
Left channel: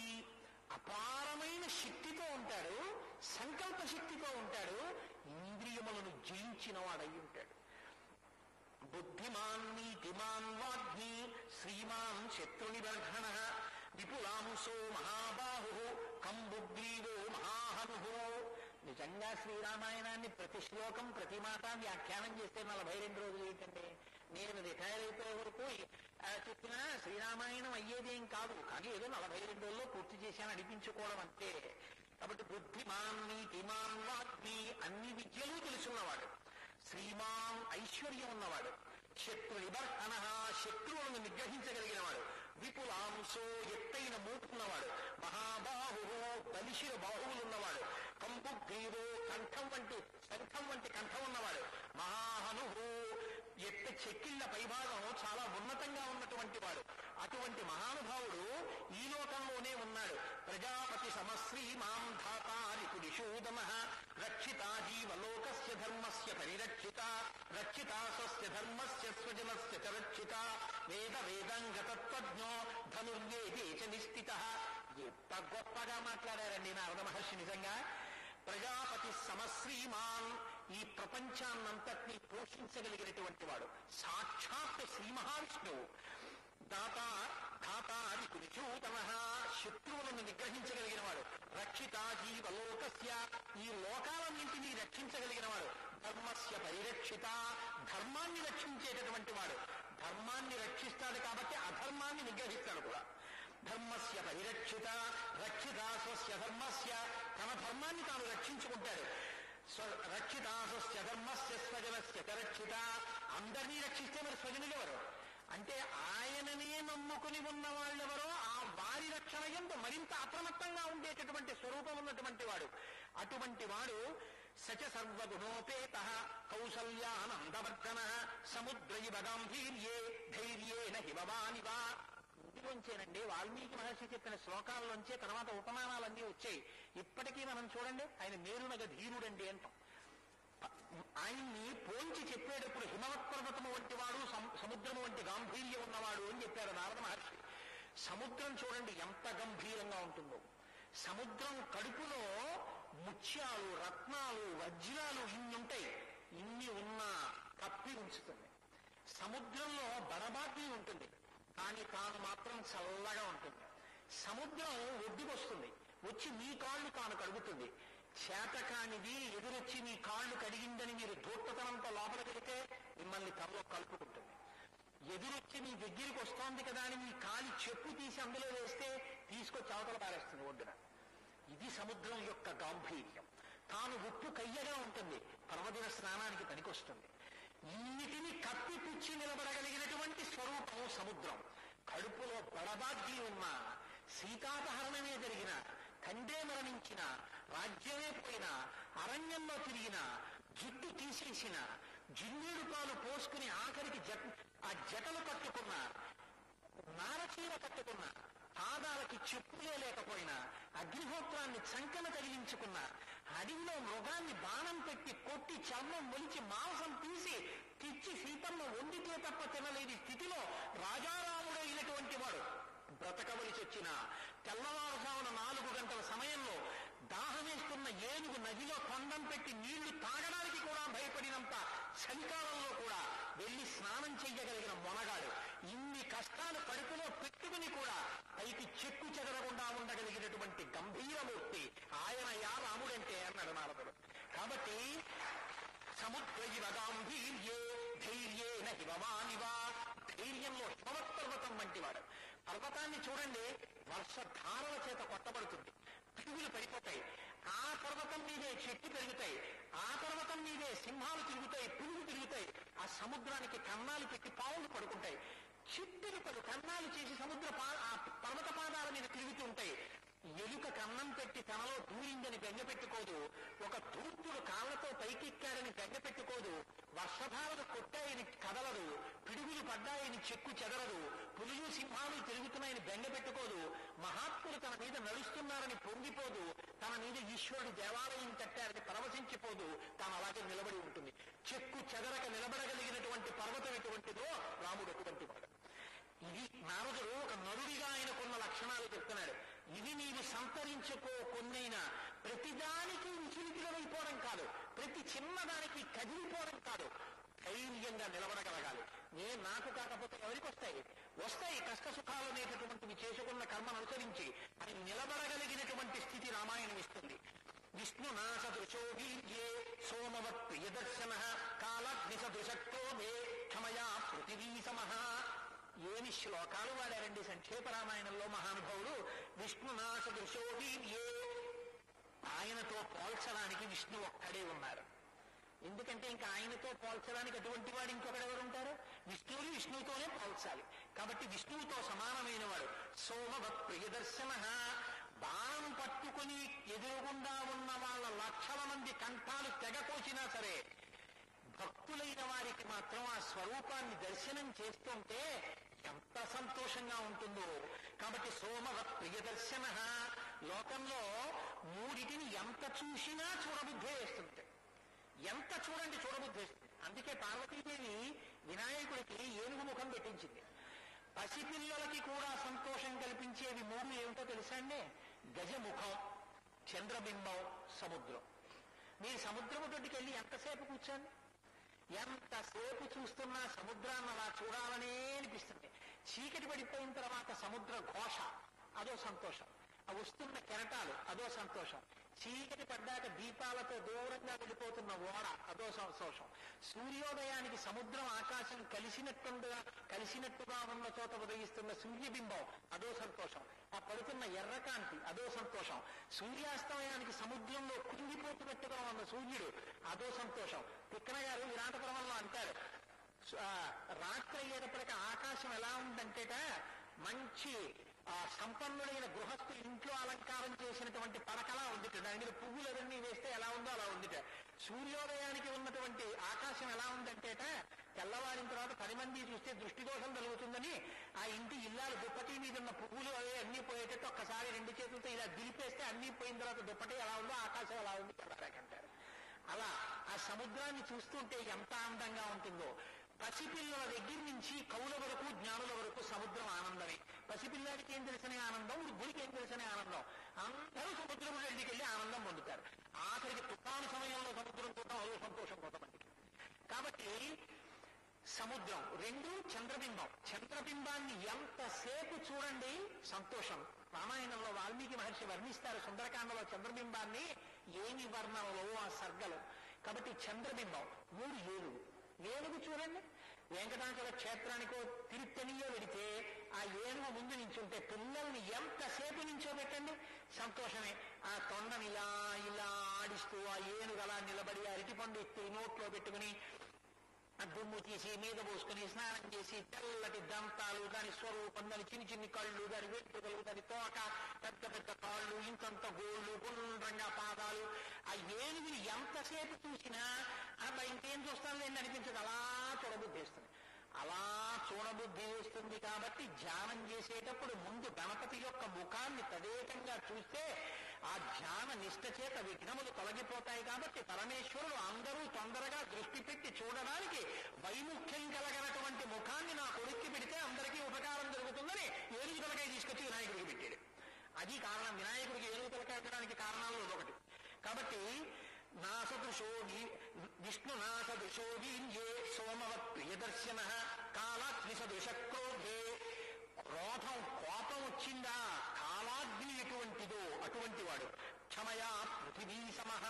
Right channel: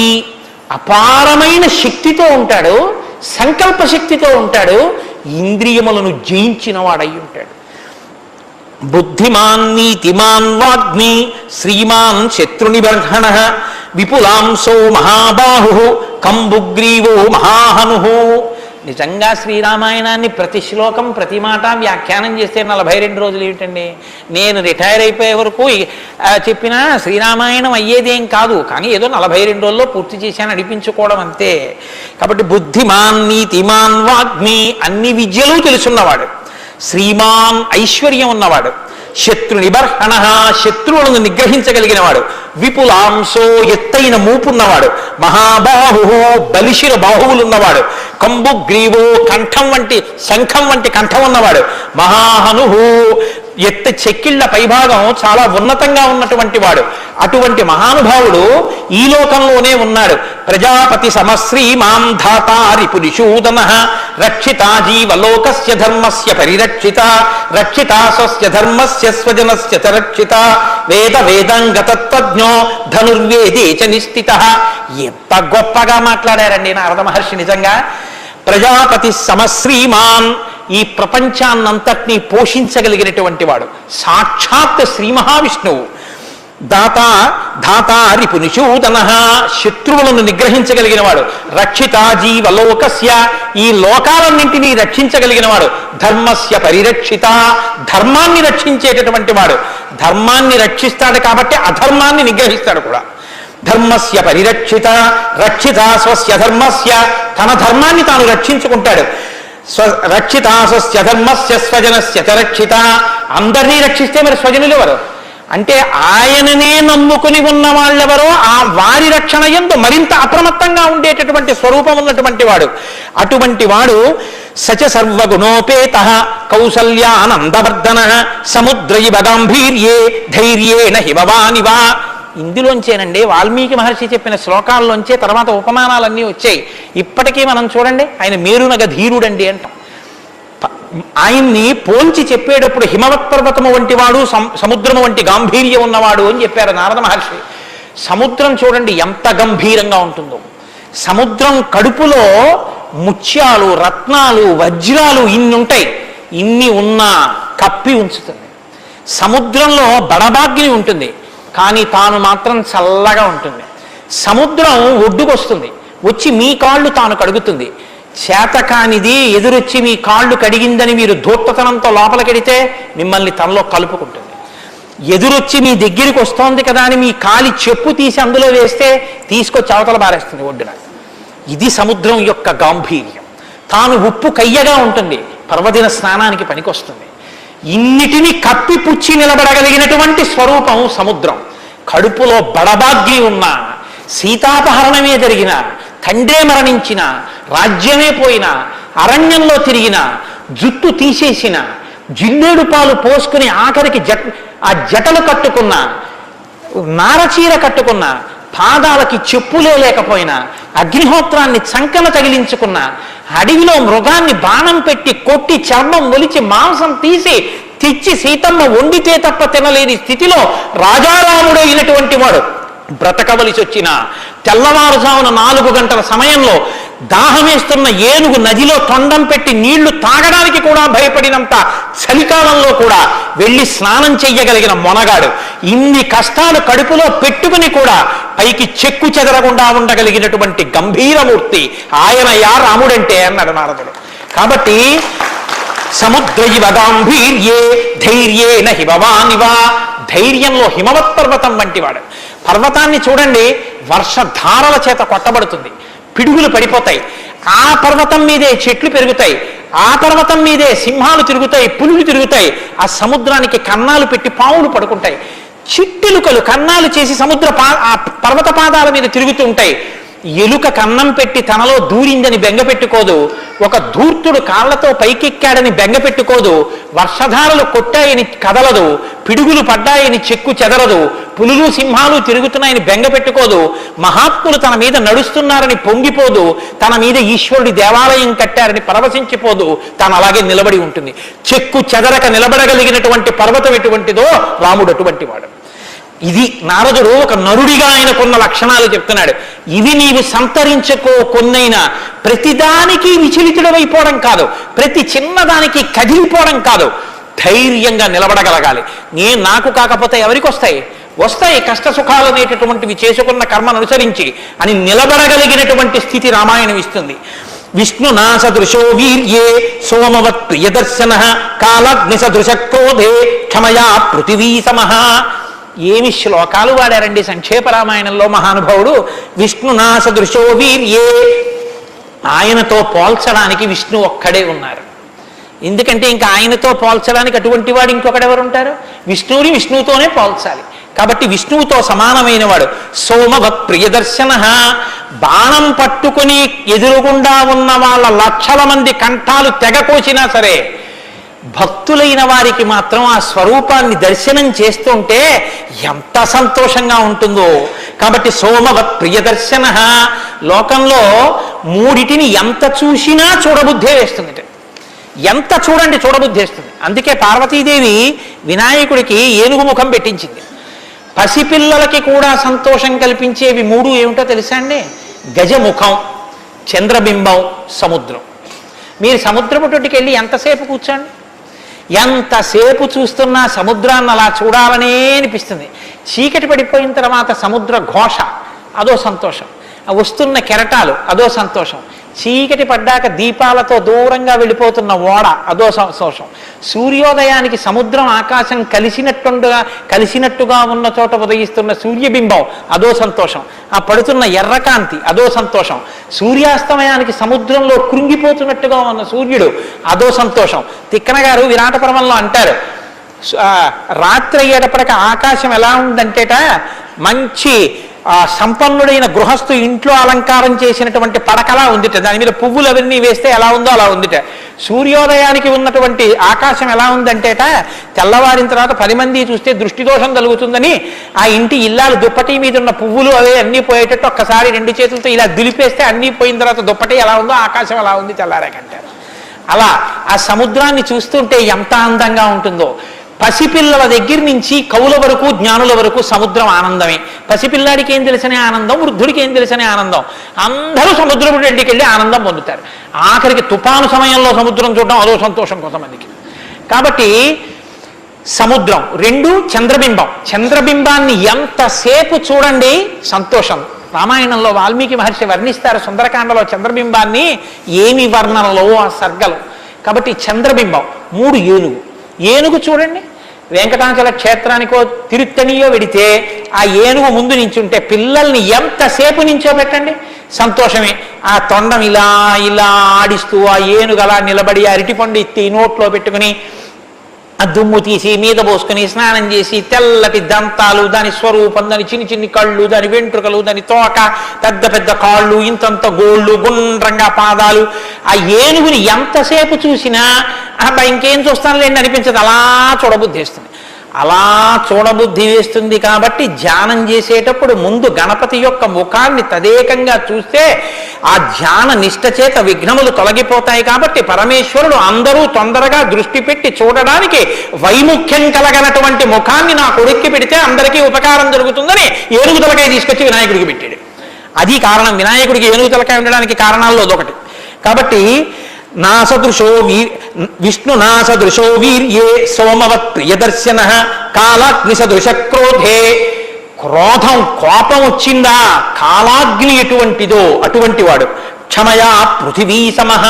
అపారమైన శక్తితో ఉంటాడు, సంకల్ప శక్తితో ఉంటాడు, ఇంద్రియములను జయించిన వాడై ఉంటాడు. బుద్ధిమాన్ నీతిమాన్ వాగ్మి శ్రీమాన్ శత్రునిబర్హణ విపులాంసో మహాబాహు కంబుగ్రీవో మహాహను. నిజంగా శ్రీరామాయణాన్ని ప్రతి శ్లోకం ప్రతి మాట వ్యాఖ్యానం చేస్తే 42 రోజులు ఏమిటండి? నేను రిటైర్ అయిపోయే వరకు చెప్పినా శ్రీరామాయణం అయ్యేదేం కాదు, కానీ ఏదో 42 రోజుల్లో పూర్తి చేశాను అనిపించుకోవడం అంతే. కాబట్టి బుద్ధిమాన్ నీతిమాన్ వాగ్మి, అన్ని విద్యలు తెలుసున్నవాడు, శ్రీమాన్ ఐశ్వర్యం ఉన్నవాడు, శత్రు నిబర్హణ శత్రువులను నిగ్రహించగలిగిన వాడు, విపులాంశో ఎత్తైన మూపున్నవాడు, మహాబాహు బలిశిర బాహువులున్నవాడు, కంబుగ్రీవో కంఠం వంటి శంఖం వంటి కంఠం ఉన్నవాడు, మహాహను చెక్కిళ్ల పైభాగం చాలా ఉన్నతంగా ఉన్నటువంటి వాడు. అటువంటి మహానుభావుడు ఈ లోకంలోనే ఉన్నాడు. ప్రజాపతి సమశ్రీమాం ధాతారి పురిషూదన రక్షితా జీవలోకస్య ధర్మస్య పరిరక్షిత రక్షితా స్వస్య ధర్మస్య స్వజనస్య చ రక్షిత వేద వేదంగతత్వజ్ఞో ధనుర్వేదే చ నిష్ఠిత. ఎంత గొప్పగా మాట్లాడారండి నారద మహర్షి. నిజంగా ప్రజాపతి సమశ్రీమాన్, ఈ ప్రపంచాన్నంతటినీ పోషించగలిగినటువంటి వాడు, సాక్షాత్ శ్రీ మహావిష్ణువు. ధాతారి పునిషూదన శత్రువులను నిగ్రహించగలిగిన వాడు, రక్షిత జీవలోకస్య ఈ లోకాలన్నింటినీ రక్షించగలిగిన వాడు, ధర్మస్య పరిరక్షిత ధర్మాన్ని రక్షించేటటువంటి వాడు. ధర్మాన్ని రక్షిస్తాడు కాబట్టి అధర్మాన్ని నిగ్రహిస్తాడు కూడా. ధర్మస్య పరిరక్షిత రక్షిత స్వస్య ధర్మస్య, తన ధర్మాన్ని తాను రక్షించుకుంటాడు. రక్షితాసస్య ధర్మస్య స్వజనస్య చ రక్షిత. అందరినీ రక్షిస్తే మరి స్వజనులు ఎవరు అంటే ఆయననే నమ్ముకుని ఉన్న వాళ్ళెవరో ఆ వారి రక్షణ యందు మరింత అప్రమత్తంగా ఉండేటటువంటి స్వరూపం ఉన్నటువంటి వాడు. అటువంటి వాడు సచ సర్వగుణోపేత కౌసల్యానందవర్ధన సముద్రైవ గాంభీర్యే ధైర్యేణ హిమవానివా. ఇందులోంచేనండి వాల్మీకి మహర్షి చెప్పిన శ్లోకాల్లోంచే తర్వాత ఉపమానాలన్నీ వచ్చాయి. ఇప్పటికీ మనం చూడండి ఆయన మేరునగ ధీరుడండి అంటాం. ఆయన్ని పోల్చి చెప్పేటప్పుడు హిమవత్ పర్వతము వంటి వాడు సముద్రము వంటి గాంభీర్యం ఉన్నవాడు అని చెప్పారు నారద మహర్షి. సముద్రం చూడండి ఎంత గంభీరంగా ఉంటుందో. సముద్రం కడుపులో ముత్యాలు రత్నాలు వజ్రాలు ఇన్ని ఉంటాయి. ఇన్ని ఉన్నా కప్పి ఉంచుతుంది. సముద్రంలో బడబాగ్ని ఉంటుంది కానీ తాను మాత్రం చల్లగా ఉంటుంది. సముద్రం ఒడ్డుకొస్తుంది, వచ్చి మీ కాళ్ళు తాను కడుగుతుంది. చేతకానిది ఎదురొచ్చి మీ కాళ్ళు కడిగిందని మీరు ధూర్తతనంతో లోపలికెడితే మిమ్మల్ని తనలో కలుపుకుంటుంది. ఎదురొచ్చి మీ దగ్గరికి వస్తోంది కదా అని మీ కాలి చెప్పు తీసి అందులో వేస్తే తీసుకొచ్చి అవతల బారేస్తుంది ఒడ్డున. ఇది సముద్రం యొక్క గాంభీర్యం. తాను ఉప్పు కయ్యగా ఉంటుంది, పర్వదిన స్నానానికి పనికొస్తుంది. ఇన్నిటిని కప్పిపుచ్చి నిలబడగలిగినటువంటి స్వరూపం సముద్రం. కడుపులో బడబాగ్ని ఉన్న, సీతాపహరణమే జరిగిన, తండ్రే మరణించిన, రాజ్యమే పోయిన, అరణ్యంలో తిరిగిన, జుట్టు తీసేసిన, జిల్లేడు పాలు పోసుకుని ఆఖరికి ఆ జటలు కట్టుకున్న, నారచీర కట్టుకున్న, పాదాలకి చెప్పులే లేకపోయినా, అగ్నిహోత్రాన్ని చంకన తగిలించుకున్న, అడవిలో మృగాన్ని బాణం పెట్టి కొట్టి చర్మం ఒలిచి మాంసం తీసి తెచ్చి సీతమ్మ వండితే తప్ప తినలేని స్థితిలో రాజారాముడైనటువంటి వాడు బ్రతకవలసి వచ్చిన తెల్లవారుజామున 4 గంటల సమయంలో దాహమేస్తున్న ఏనుగు నదిలో తొండం పెట్టి నీళ్లు తాగడానికి కూడా భయపడినంత చలికాలంలో కూడా వెళ్ళి స్నానం చెయ్యగలిగిన మొనగాడు. ఇన్ని కష్టాలు కడుపులో పెట్టుకుని కూడా పైకి చెక్కు చెదరకుండా ఉండగలిగినటువంటి గంభీరమూర్తి ఆయనయా రాముడంటే అన్నాడు నారదుడు. కాబట్టి సముద్రైవ గాంభీర్యే ధైర్యేణ హిమవానివా. ధైర్యంలో హిమవత్ పర్వతం వంటివాడు. పర్వతాన్ని చూడండి, వర్షధారల చేత కొట్టబడుతుంది, పిడుగులు పడిపోతాయి. ఆ పర్వతం మీదే చెట్లు పెరుగుతాయి, ఆ పర్వతం మీదే సింహాలు తిరుగుతాయి, పులులు తిరుగుతాయి. ఆ సముద్రానికి కన్నాలు పెట్టి పావులు పడుకుంటాయి. చిట్టెలుకలు కన్నాలు చేసి ఆ పర్వత పాదాల మీద తిరుగుతూ ఉంటాయి. ఎలుక కన్నం పెట్టి తనలో దూరిందని బెంగపెట్టుకోదు. ఒక ధూర్తుడు కాళ్లతో పైకెక్కాడని బెంగపెట్టుకోదు. వర్షధారలు కొట్టాయని కదలదు, పిడుగులు పడ్డాయని చెక్కు చెదరదు, పులులు సింహాలు తిరుగుతున్నాయని బెంగపెట్టుకోదు. మహాత్ములు తన మీద నడుస్తున్నారని పొంగిపోదు, తన మీద ఈశ్వరుడి దేవాలయం కట్టారని పరవశించిపోదు. తాను అలాగే నిలబడి ఉంటుంది. చెక్కు చెదరక నిలబడగలిగినటువంటి పర్వతం ఎటువంటిదో రాముడు అటువంటి వాడు. ఇది నారదుడు ఒక నరుడిగా ఆయనకున్న లక్షణాలు చెప్తున్నాడు. ఇవి నీవు సంతరించుకో కొన్నైనా ప్రతిదానికి విచలితుడమైపోవడం కాదు, ప్రతి చిన్నదానికి కదిలిపోవడం కాదు, ధైర్యంగా నిలబడగలగాలి. నాకు కాకపోతే ఎవరికి వస్తాయి? వస్తాయి కష్ట సుఖాలు అనేటటువంటివి చేసుకున్న కర్మను అనుసరించి అని నిలబడగలిగినటువంటి స్థితి రామాయణం ఇస్తుంది. విష్ణునా సదృశో వీర్యే సోమవత్ ప్రియదర్శన కాలగ్ని సదృశ క్రోధే క్షమయా పృథివీ సమః. ఏమి శ్లోకాలు వాడారండి సంక్షేప రామాయణంలో మహానుభావుడు. విష్ణునా సదృశో వీర్యే, ఆయనతో పోల్చడానికి విష్ణు ఒక్కడే ఉన్నారు. ఎందుకంటే ఇంకా ఆయనతో పోల్చడానికి అటువంటి వాడు ఇంకొకడెవరు ఉంటారు? విష్ణువుని విష్ణువుతోనే పోల్చాలి. కాబట్టి విష్ణువుతో సమానమైన వాడు. సోమవత్ ప్రియదర్శన, బాణం పట్టుకుని ఎదురుగుండా ఉన్న వాళ్ళ లక్షల మంది కంఠాలు తెగకోసినా సరే భక్తులైన వారికి మాత్రం ఆ స్వరూపాన్ని దర్శనం చేస్తుంటే ఎంత సంతోషంగా ఉంటుందో. కాబట్టి సోమవత్ ప్రియదర్శన. లోకంలో మూడిటిని ఎంత చూసినా చూడబుద్ధే వేస్తుంది. ఎంత చూడండి చూడబుద్ధి వేస్తుంది. అందుకే పార్వతీదేవి వినాయకుడికి ఏనుగు ముఖం పెట్టించింది. పసిపిల్లలకి కూడా సంతోషం కల్పించేవి 3 ఏమిటో తెలుసా అండి? గజముఖం, చంద్రబింబం, సముద్రం. మీరు సముద్రపు తొట్టుకి వెళ్ళి ఎంతసేపు కూర్చోండి, ఎంతసేపు చూస్తున్నా సముద్రాన్ని అలా చూడాలనే అనిపిస్తుంది. చీకటి పడిపోయిన తర్వాత సముద్ర ఘోష అదో సంతోషం, వస్తున్న కెరటాలు అదో సంతోషం. చీకటి పడ్డాక దీపాలతో దూరంగా వెళ్ళిపోతున్న ఓడ అదో సంతోషం. సూర్యోదయానికి సముద్రం ఆకాశం కలిసినట్టుగా ఉన్న చోట ఉదయిస్తున్న సూర్యబింబం అదో సంతోషం. ఆ పడుతున్న ఎర్రకాంతి అదో సంతోషం. సూర్యాస్తమయానికి సముద్రంలో కృంగిపోతున్నట్టుగా ఉన్న సూర్యుడు అదో సంతోషం. తిక్కన గారు విరాట పర్వంలో అంటారు, రాత్రి అయ్యేటప్పటికి ఆకాశం ఎలా ఉందంటేట మంచి సంపన్నుడైన గృహస్థు ఇంట్లో అలంకారం చేసినటువంటి పడకలా ఉందిట, దాని మీద పువ్వులు అవన్నీ వేస్తే ఎలా ఉందో అలా ఉందిట. సూర్యోదయానికి ఉన్నటువంటి ఆకాశం ఎలా ఉందంటేట తెల్లవారిన తర్వాత 10 మంది చూస్తే దృష్టి దోషం కలుగుతుందని ఆ ఇంటి ఇల్లాలు దుప్పటి మీద ఉన్న పువ్వులు అవే అన్నీ పోయేటట్టు ఒక్కసారి 2 చేతులతో ఇలా దులిపేస్తే అన్నీ పోయిన తర్వాత దుప్పటి ఎలా ఉందో ఆకాశం ఎలా ఉంది తెల్లారాకంటారు. అలా ఆ సముద్రాన్ని చూస్తుంటే ఎంత అందంగా ఉంటుందో. పసిపిల్లల దగ్గర నుంచి కవుల వరకు జ్ఞానుల వరకు సముద్రం ఆనందమే. పసిపిల్లాడికి ఏం తెలిసనే ఆనందం, వృద్ధుడికి ఏం తెలిసనే ఆనందం. అందరూ సముద్రం ఇంటికి వెళ్ళి ఆనందం పొందుతారు. ఆఖరికి తుఫాను సమయంలో సముద్రం చూడడం అదో సంతోషం కొంతమందికి. కాబట్టి సముద్రం 2 చంద్రబింబం. చంద్రబింబాన్ని ఎంతసేపు చూడండి సంతోషం. రామాయణంలో వాల్మీకి మహర్షి వర్ణిస్తారు సుందరకాండలో చంద్రబింబాన్ని, ఏమి వర్ణనలో ఆ సర్గలు. కాబట్టి చంద్రబింబం. 3 ఏనుగు చూడండి, వెంకటాచల క్షేత్రానికో తిరుత్తణియో వెడితే ఆ ఏనుగు ముందు నించుంటే పిల్లల్ని ఎంతసేపు నించోబెట్టండి సంతోషమే. ఆ తొండం ఇలా ఇలా ఆడిస్తూ ఆ ఏనుగు అలా నిలబడి అరటిపండు ఎత్తి నోట్లో పెట్టుకుని ఆ దుమ్ము తీసి మీద పోసుకుని స్నానం చేసి తెల్లటి దంతాలు, దాని స్వరూపం, దాని చిన్ని కళ్ళు, దాని వెంట్రుకలు, దాని తోక, పెద్ద పెద్ద కాళ్ళు, ఇంతంత గోళ్ళు, గుండ్రంగా పాదాలు. ఆ ఏనుగుని ఎంతసేపు చూసినా అబ్బా ఇంకేం చూస్తానులేండి అనిపించదు, అలా చూడబుద్ధి వేస్తుంది. అలా చూడబుద్ధి వేస్తుంది కాబట్టి ధ్యానం చేసేటప్పుడు ముందు గణపతి యొక్క ముఖాన్ని తదేకంగా చూస్తే ఆ ధ్యాన నిష్ట చేత విఘ్నములు తొలగిపోతాయి. కాబట్టి పరమేశ్వరుడు అందరూ తొందరగా దృష్టి పెట్టి చూడడానికి వైముఖ్యం కలగనటువంటి ముఖాన్ని నా కొడుక్కి పెడితే అందరికీ ఉపకారం జరుగుతుందని ఏనుగు తలకాయ తీసుకొచ్చి వినాయకుడికి పెట్టాడు. అది కారణం. వినాయకుడికి ఏనుగు తలకాయ ఉండడానికి కారణాల్లో అదొకటి. కాబట్టి విష్ణు నాసదృశో వీర్యే సోమవత్ ప్రియదర్శన కాలాగ్నిసదృశ క్రోధే. క్రోధం కోపం వచ్చిందా కాలాగ్ని ఎటువంటిదో అటువంటి వాడు. క్షమయా పృథివీ సమః.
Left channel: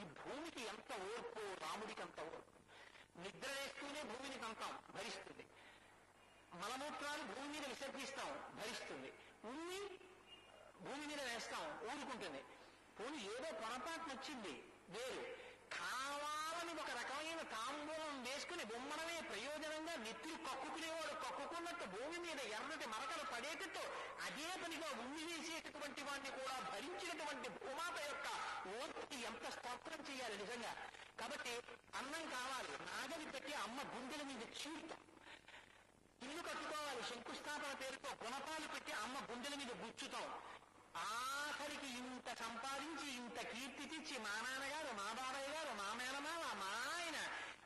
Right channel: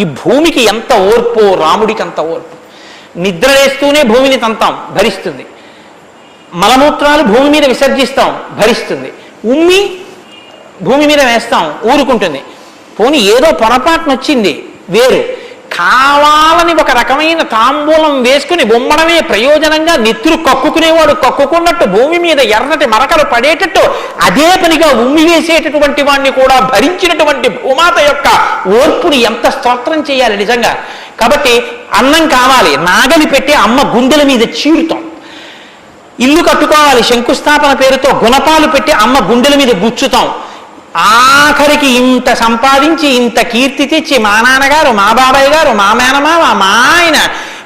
ఈ భూమికి ఎంత ఓర్పో రాముడికి అంత ఓర్పు. నిద్రలేస్తూనే భూమిని తంతాం, భరిస్తుంది. మలమూత్రాలు భూమి మీద విసర్జిస్తాం, భరిస్తుంది. ఉమ్మి భూమి మీద వేస్తాం, ఊరుకుంటుంది. పోనీ ఏదో పొరపాటున వచ్చింది వేరు. కావాలని ఒక రకమైన తాంబూలం వేసుకుని బొమ్మడమే ప్రయోజనంగా నెత్తురు కక్కుకునేవాడు కక్కుకున్నట్టు భూమి మీద ఎర్రటి మరకలు పడేటట్టు అదే పనిగా ఉమ్మి వేసేటటువంటి వాడిని కూడా భరించినటువంటి భూమాత యొక్క ఓర్పుని ఎంత స్తోత్రం చేయాలి నిజంగా. కాబట్టి అన్నం కావాలి, నాగలి పెట్టి అమ్మ గుండెల మీద చీరుతాం. ఇల్లు కట్టుకోవాలి, శంకుస్థాపన పేరుతో గుణపాలు పెట్టి అమ్మ గుండెల మీద గుచ్చుతాం. ఆఖరికి ఇంత సంపాదించి ఇంత కీర్తి తెచ్చి మా నాన్నగారు, మా బాబాయ్ గారు, మా మేనమామ, మా ఆయన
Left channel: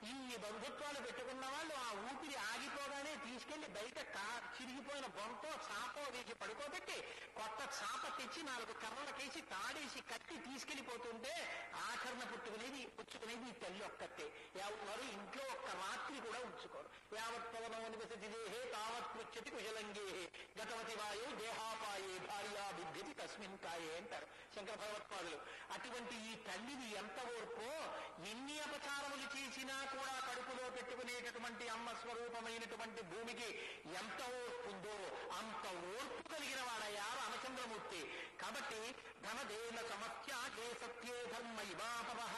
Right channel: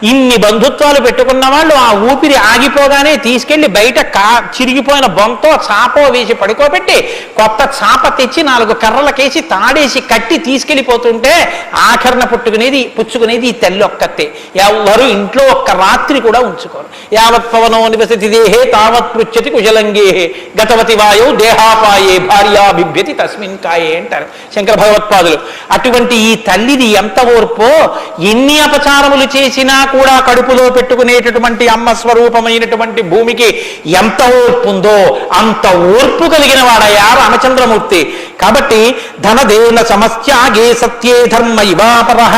ఇన్ని బంధుత్వాలు పెట్టుకున్న వాళ్ళు ఆ ఊపిరి ఆగిపోగానే తీసుకెళ్లి బయట చిరిగిపోయిన బొంతో చాపో వేసి పడుకోబెట్టి కొత్త చాప తెచ్చి 4 కర్రలకేసి తాడేసి కట్టి తీసుకెళ్ళిపోతుంటే ఆఖరణ పుచ్చుకునేది ఈ తల్లి ఒక్కతే. ఎవరు ఇంట్లో ఒక్క రాత్రి కూడా ఉంచుకోరు. యావత్ పవనో నివసతి దేహే తావత్ పృచ్చతి కుశలంగేహే గతవతి వాయో దేహాపాయే భార్యా బిభ్యతి తస్మిన్ కాయే అంటారు శంకర భగవత్పాదులు. అటువంటి ఈ తల్లిది ఎంత ఓర్పో. ఎన్ని అపచారములు చేసినా కూడా కడుపులో పెట్టుకునేటటువంటి అమ్మ స్వరూపమైనటువంటి భూమికి ఎంత ఓర్పు ఉందో అంత ఓర్పు కలిగిన వాడయ్యా రామచంద్రమూర్తి. కాబట్టి ధనదేన సమస్యాగే సత్యే ధర్మ ఇవాపరః.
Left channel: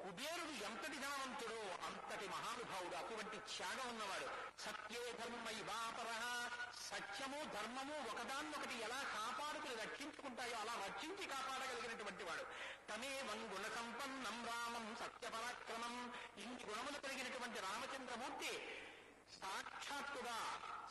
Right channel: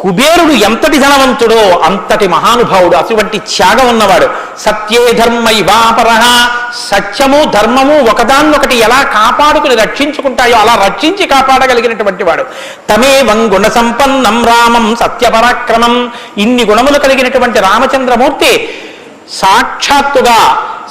కుబేరుడు ఎంతటి ధనవంతుడో అంతటి మహానుభావుడు, అటువంటి త్యాగం ఉన్నవాడు. సత్యే ధర్మ ఇవాపరః. సత్యము ధర్మము ఒకదాన్నొకటి ఎలా కాపాడుకుని రక్షించుకుంటాయో అలా రక్షించి కాపాడగలిగినటువంటి వాడు. తమేవం గుణ సంపన్నం రామం సత్యపరాక్రమం. ఇన్ని గుణములు కలిగినటువంటి రామచంద్రమూర్తి సాక్షాత్తుగా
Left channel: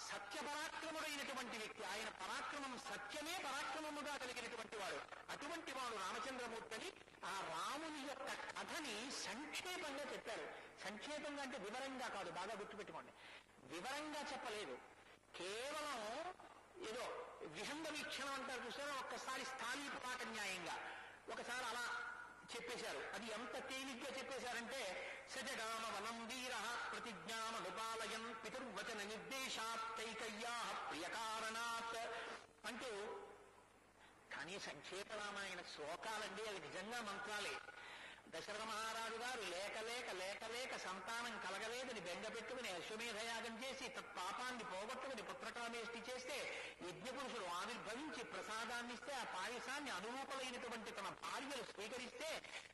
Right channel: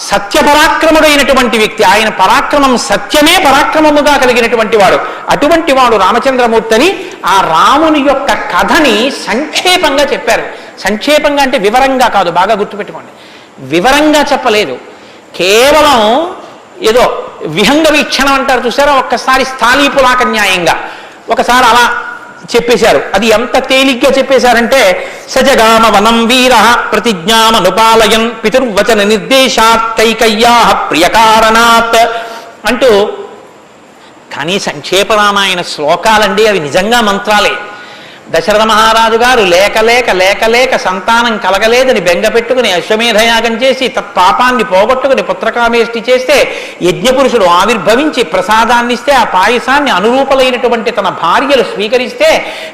సత్యపరాక్రముడైనటువంటి వ్యక్తి. ఆయన పరాక్రమం సత్యమే పరాక్రమముగా కలిగినటువంటి వాడు. అటువంటి వాడు రామచంద్రమూర్తిని ఆ రాముని యొక్క కథని సంక్షేపంగా చెప్పారు. సంక్షేపంగా అంటే వివరంగా కాదు, బాగా గుర్తుపెట్టుకోండి. వివరంగా చెప్పలేదు, కేవలం ఏదో విహంగ వీక్షణం అంటారు చూసారా, ఒక్కసారి స్థాళీపులాక న్యాయంగా ఒకసారి అలా చెప్పేశారు. అది ఎంత తేలిగ్గా చెప్పేశారంటే సజగామ వనం వీర ప్రతిజ్ఞామనుపాలయన్ పితుర్వచన నిర్దేశాత్ కైకయ్యా ప్రియకారణాత్ అంటూ కానీ సంక్షేప రామాయణ శ్లోకాలండి అవి నిజంగా మంత్రాలే. దశరథ మహారాజు గారు లేక లేక లేక లేక సంతానం కలగలేదని బెంగ పెట్టుకుని అశ్వమేధయాగం చేసి తత్పాపాన్ని పోగొట్టుకుని పుత్రకామేష్టి చేస్తే యజ్ఞపురుషుడు ఆవిర్భవించి ప్రసాదాన్ని ఇస్తే ఆ పాయసాన్ని అనురూపలైనటువంటి తన భార్యలు స్వీకరిస్తే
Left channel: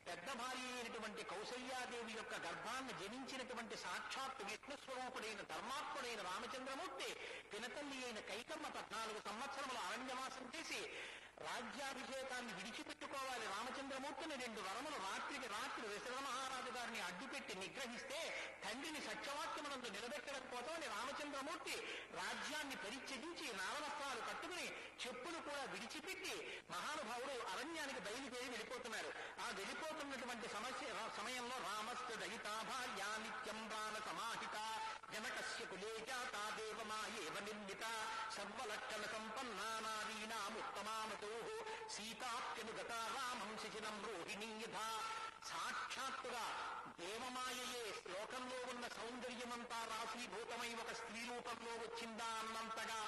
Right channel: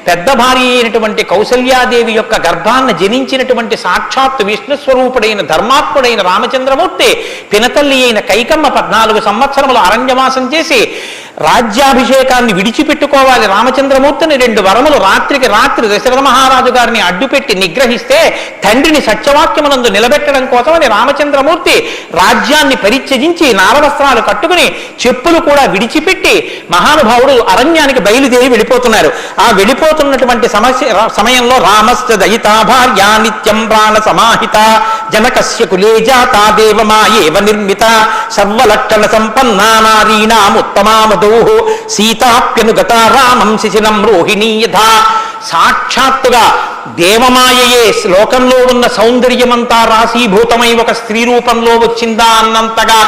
పెద్ద భార్య అయినటువంటి కౌసల్యాదేవి యొక్క గర్భాన్ని జనించినటువంటి సాక్షాత్ విష్ణుస్వరూపుడైన ధర్మాత్ముడైన రామచంద్రమూర్తి పినతల్లి అయిన కైకమ్మ 14 సంవత్సరములు అరణ్యవాసం చేసి రాజ్యాభిషేకాన్ని విడిచిపెట్టుకోవాలి రామచంద్రమూర్తిని 2 వరములు రాత్రికి రాత్రి దశరథ మహారాజు గారిని అడ్డుపెట్టి నిగ్రహిస్తే తండ్రిని సత్యవాక్యమునందు నిలబెట్టడం కోసమని రామచంద్రమూర్తి రాజ్యాన్ని పరిత్యజించి నారవస్త్రాలు కట్టుకుని చెప్పులు కూడా విడిచిపెట్టి మహానుభావుడు అరణ్యానికి బయలుదేరి వెళ్ళిపోతున్నారు. ఆ వెళ్ళిపోతున్నటువంటి సమయంలో రామశ్చ దయితా భార్య నిత్యం ప్రాణ సమాహిత జనకస్య కులే జాతా దేవమాయేవ నిర్మిత సర్వలక్షణ సంపన్నా నారీణాముత్తమామదౌః సీతాప్యనుగత రామం శిశినం రోహిణీ యథా. సాక్షాత్తుగా దేవమాయయే లోకంలో ఉన్న సౌందర్యమంతా రాశీభూతమై ఒక స్త్రీ రూపంలో వచ్చిందా అన్నంతగా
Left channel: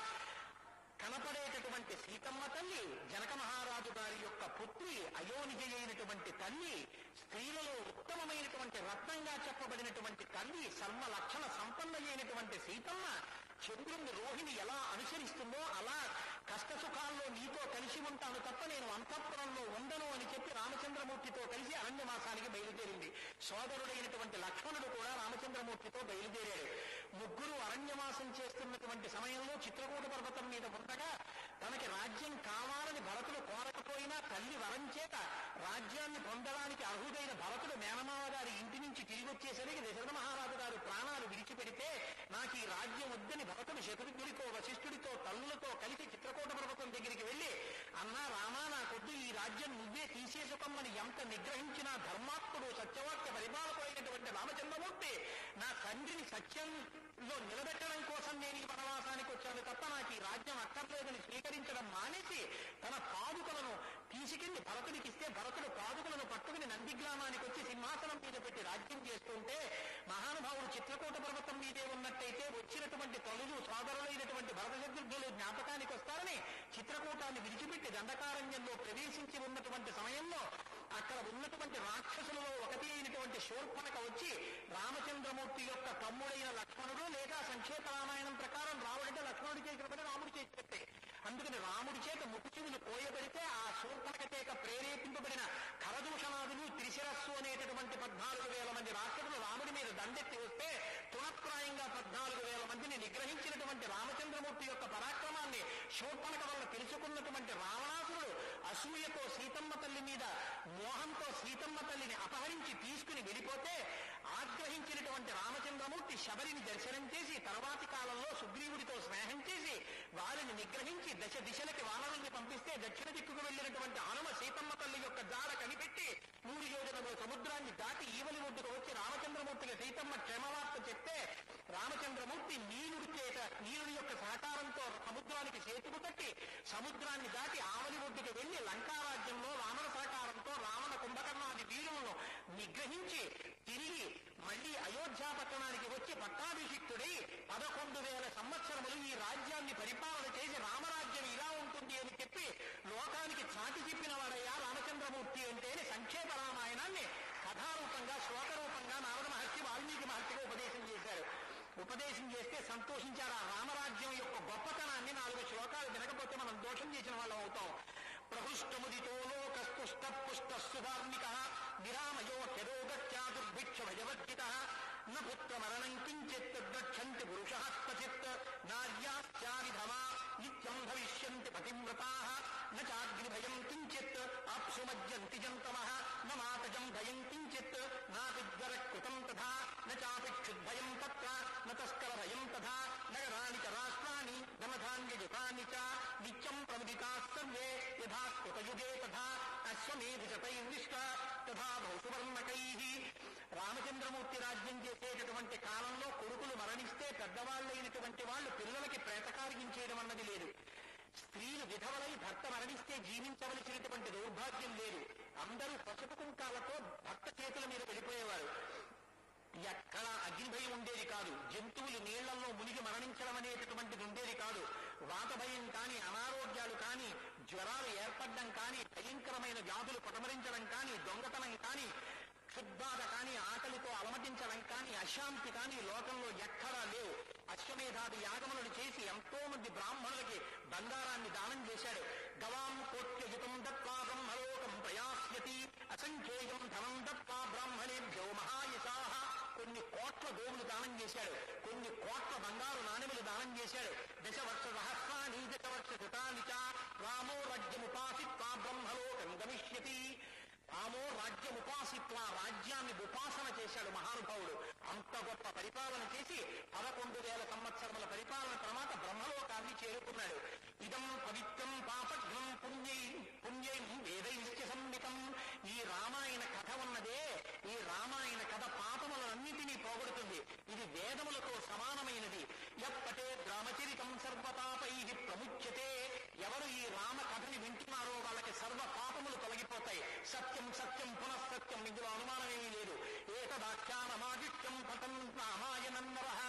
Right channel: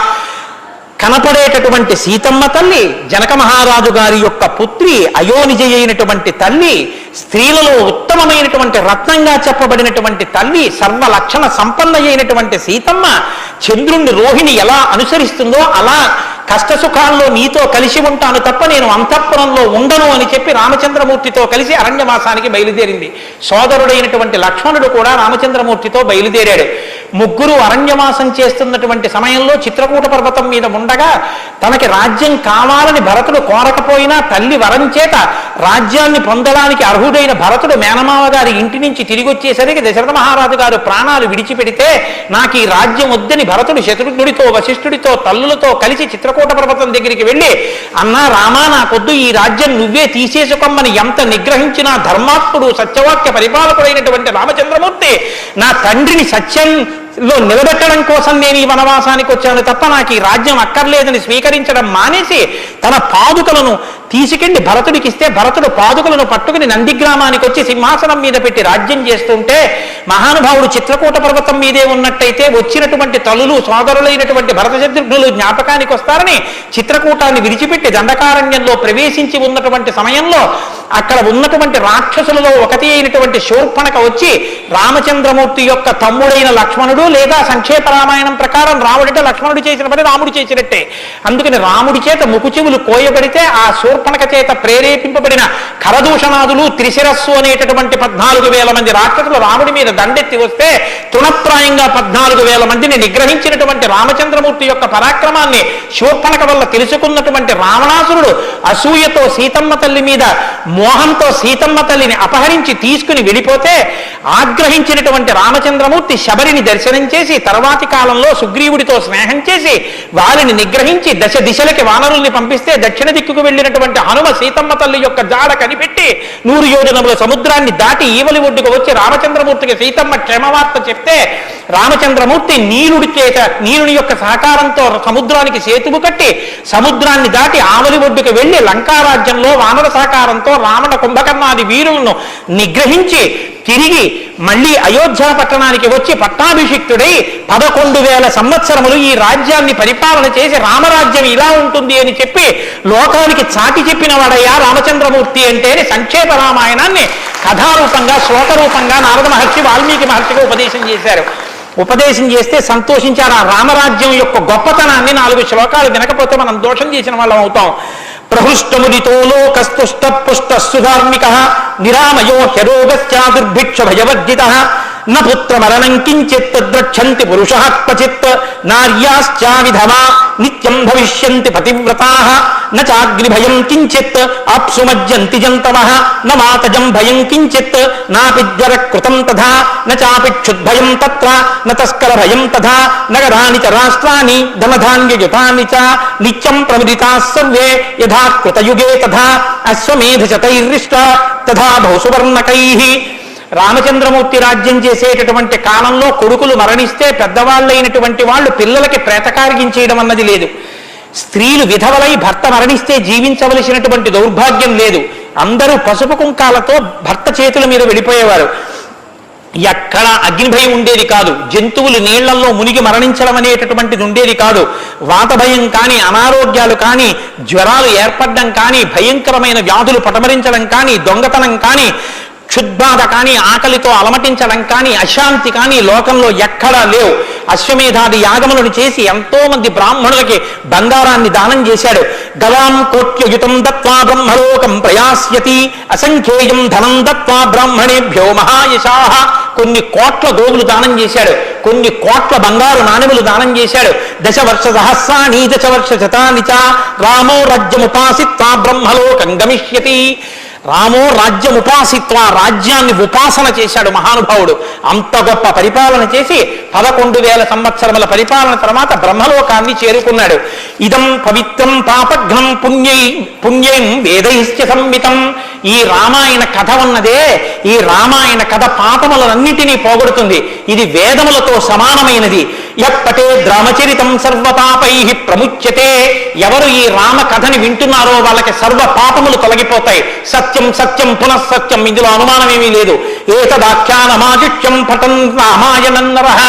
కనపడేటటువంటి సీతమ్మ తల్లి, జనక మహారాజు గారి యొక్క పుత్రి, అయోనిజ అయినటువంటి తల్లి, స్త్రీలలో ఉత్తమమైనటువంటి రత్నంగా చెప్పబడినటువంటి తల్లి, సర్వలక్షణ సంపన్న అయినటువంటి సీతమ్మ చంద్రుణ్ణి రోహిణి ఎలా అనుసరిస్తుందో అలా కష్టసుఖాల్లో నీతో కలిసి ఉంటాను తప్ప నేను అంతఃపురంలో ఉండను అని చెప్పి రామచంద్రమూర్తితో కలిసి అరణ్యవాసానికి బయలుదేరింది. సోదరుడైనటువంటి లక్ష్మణుడు కూడా రామచంద్రమూర్తితో బయలుదేరాడు. ముగ్గురు అరణ్యవాసం చేస్తున్నటువంటి సమయంలో చిత్రకూట పర్వతం మీద ఉండగా తనకి రాజ్యం కావాలని భరతుడు కోరకపోయినా తల్లి వరం చేత రాజ్యాన్ని పొందడానికి అర్హుడైన భరతుడు మేనమావ గారి ఇంటి నుంచి తిరిగి వచ్చేసరికి దశరథ మహారాజు గారు ప్రాణాలు విడిచిపెడితే నాకు ఈ రాజ్యం వద్దని భరతుడు శత్రుఘ్నుడితో వశిష్ఠుడితో తల్లులతో కలిసి చిత్రకూట పర్వతం దగ్గరికి వెళ్ళి అన్నా రామా నాకొద్దు ఈ రాజ్యం నువ్వే తీసేసుకోమని ఎంత నిగ్రహించినా ధర్మాత్ముడు సత్యవాక్య పరిపాలకుడైనటువంటి రామచంద్రమూర్తి నా తండ్రిని సత్యంలో నిలబెట్టడం కోసం నేను ఈ వనవాసానికి వచ్చాను తప్ప నాకు ఈ రాజ్యం అక్కర్లేదని స్వీకరించడం మానేసి తన పాదుకలను తీసుకెళ్లి భరతుడికి ఇస్తే భరతుడు పాదుకలను పట్టుకుని నందిగ్రామానికి వచ్చి సింహాసనం మీద పెట్టి రాజ్యం చేస్తుంటే మహానుభావుడు చిత్రకూట పర్వతం మీదే ఉన్నట్టయితే వచ్చినటువంటి తల్లులు సోదరులైనటువంటి భరత శత్రుఘ్నులు జ్ఞాపకానికి వస్తారని చిత్రకూటాన్ని విడిచిపెట్టి దండకారణ్యంలో ప్రవేశించి ఉన్నటువంటి సమయంలో అక్కడ ఉన్నటువంటి రాక్షసులలో ఒకటి అయినటువంటి శూర్పణఖ వచ్చి రామచంద్రమూర్తి యొక్క తమ్ముడైన లక్ష్మణుడు లేదా సంక్షేప రామాయణం ప్రకారం రాముడిటే లక్ష్మణుడు చేసిన పని రాముడు చేసినట్టే. అందుకని రాముడి చేత ముకుచెవులు కోయబడితే ఆ శూర్పణఖ చేత ప్రేరేపింపబడిన కరదూషణాదులు త్రిశిరస్సు అనేటటువంటి 14,000 మంది రాక్షసులు రాముడి మీద దండెత్తి వస్తే తృణప్రాయంగా 14,000 మందిని నిగ్రహించినటువంటి రామచంద్రమూర్తి యొక్క పరాక్రమాన్ని శూర్పణఖ వల్ల తెలుసుకున్నటువంటి రావణాసురుడు అసూయతో సీతమ్మ తల్లి మీద మోహంతో సీతమ్మ తల్లిని అపహరించి తీసుకుని వెళ్ళిపోతే ఆగ్రహించినటువంటి రామచంద్రమూర్తి శబరిని దర్శనం చేసి తర్వాతి కాలంలో సుగ్రీవుడితో స్నేహం చేసి వారిని నిగ్రహించి దశ దిశలకి వానరుల్ని పంపిస్తే దక్షిణ దిక్కుకు వెళ్ళినటువంటి హనుమ సీతమ్మ తల్లి యొక్క జాడ కనిపెట్టి 100 యోజనముల సముద్రాన్ని దాటి ఈవలి ఒడ్డుకు వచ్చి రామచంద్రమూర్తికి సీతమ్మ క్షేమవార్త చెప్తే రామచంద్రమూర్తి నీలుని యొక్క సహకారంతో సముద్రానికి సేతువు కట్టి సముద్రాన్ని దాటి ఆవలి ఒడ్డుకు వెళ్లి లంకారాజ్యంలో వానర సహకారంతో రావణ కుంభకర్ణాది వీరులను నిగ్రహించి తిరిగి మళ్ళీ అయోధ్య పట్టణానికి వచ్చి పట్టాభిషిక్తుడై 11,000 సంవత్సరములు ఈ రాజ్యాన్ని పరిపాలన చేసి రామరాజ్యం ఇలా ఉంటుంది అని చెప్పి లోకానికి చాటి చెప్పిన వాడయ్యా రామచంద్రమూర్తి అంటే సంక్షేప రామాయణాన్ని కథారూపంగా శ్లోకరూపంగా నారద మహర్షి వాల్మీకి మహర్షిగా ఉపదేశం చేశారు. ఉపదేశం చేస్తే సంతోషించారు. ఆ రామరాజ్యం యొక్క గొప్పతనాన్ని 4 శ్లోకాలు వినకపోతే మనం దోషం చేసిన వాళ్ళం అవుతాం. ప్రహృష్టముదితో లోకస్తుష్ట పుష్ట సుధార్మిక నిరామయో హ్యరోగస్య దుర్భిక్ష భయవర్జిత న పుత్రమరణం కించిత్ ద్రక్షంతి పురుషః క్వచిత్ నార్యాశ్చ విధవా నిత్యం భవిష్యంతి పతివ్రతాః న చాగ్నిభయం కించిత్ ఆప్సుమజ్జంతి జంతవః న మాతజం భయం కించిత్ నాపిజ్వర కృతం తథా న చాపిక్షుద్భయం తత్ర న తస్కర భయం తథా నగరాని చ రాష్ట్రాని ధనధాన్యయుతాని చ నిత్యం ప్రముదితాః సర్వే యథా కృతయుగే తథా అశ్వమేధశతైర్రిష్ట తథా బహుసువర్ణకైః. రామచంద్రమూర్తి రాజ్యం చేసేటటువంటి కాలంలో కొడుకులు మరణిస్తే పెద్దవాళ్ళైనటువంటి వాళ్ళు పిల్లలకి ప్రేతకార్యం అన్నది లేదు. స్త్రీలు విధవలై భర్త మరణిస్తే జీవించవలసినటువంటి దౌర్భాగ్యం లేదు. అందరూ పసుపు కుంకాలతో భర్త చేతుల మీద వెళ్ళిపోయేవారు. ఎక్కడ అగ్నిభయం ఉండేది కాదు, జంతువులు నీళ్లలో మునిగి మరణించడం అనేటటువంటిది ఉండేది కాదు, వాత భయం కానీ, అనారోగ్యాలు కానీ, జ్వరాలు ఏర్పడడం కానీ, భయంకరమైన వ్యాధులు పటమరించడం కానీ, దొంగతనం కానీ, క్షుద్బాధ కానీ, ఆకలితో అలమటించడం కానీ, అశాంతి కానీ లోకంలో ఎక్కడా లేవు. అశ్వమేధాది యాగములను చేసి ఎంతో మంది బ్రాహ్మణులకి బంగారాన్ని దానం చేశాడు. గవాం కోట్యయుతం దత్వా బ్రహ్మలోకం ప్రయాస్యతి అసంఖ్యేయం ధనం దత్వా బ్రాహ్మణేభ్యో మహాయశాః. కొన్ని కోట్ల గోవులు దానం చేశాడు, కొన్ని కోట్ల బంగారు నాణెములు దానం చేశాడు. దశవర్ష సహస్రాణి దశవర్ష శతాని చ రామో రాజ్యముపాసిత్వా బ్రహ్మలోకం గమిష్యతి. రామో రాజ్యముపాసిత్వ, రాజ్యాన్ని ఉపాసన చేశాడు మహానుభావుడు. అంత గొప్ప పరిపాలన చేసి 11,000 సంవత్సరముల పరిపాలన తర్వాత బ్రహ్మలోకాన్ని చేరుకున్నాడు. ఇదం పవిత్రం పాపఘ్నం పుణ్యం వేదైశ్చ సంహితం. ఈ రామాయణ కథ ఉన్నదే, ఈ రామాయణ కథ పాపములన్నిటినీ పోగొడుతుంది. ఇది వేదములతో సమానమైనది. యప్పటే రామచరితం సర్వపాపై ప్రముచ్యతే. ఎవరు ఈ రామ కథని వింటున్నారో వాళ్ళకి సర్వ పాపములు తొలగిపోతాయి. సత్యం సత్యం పునఃసత్యం, ఇందులో అనుమానం ఏమీ లేదు. ఏతదాఖ్యానమాజిత్యం పఠన్ రామాయణం నరః.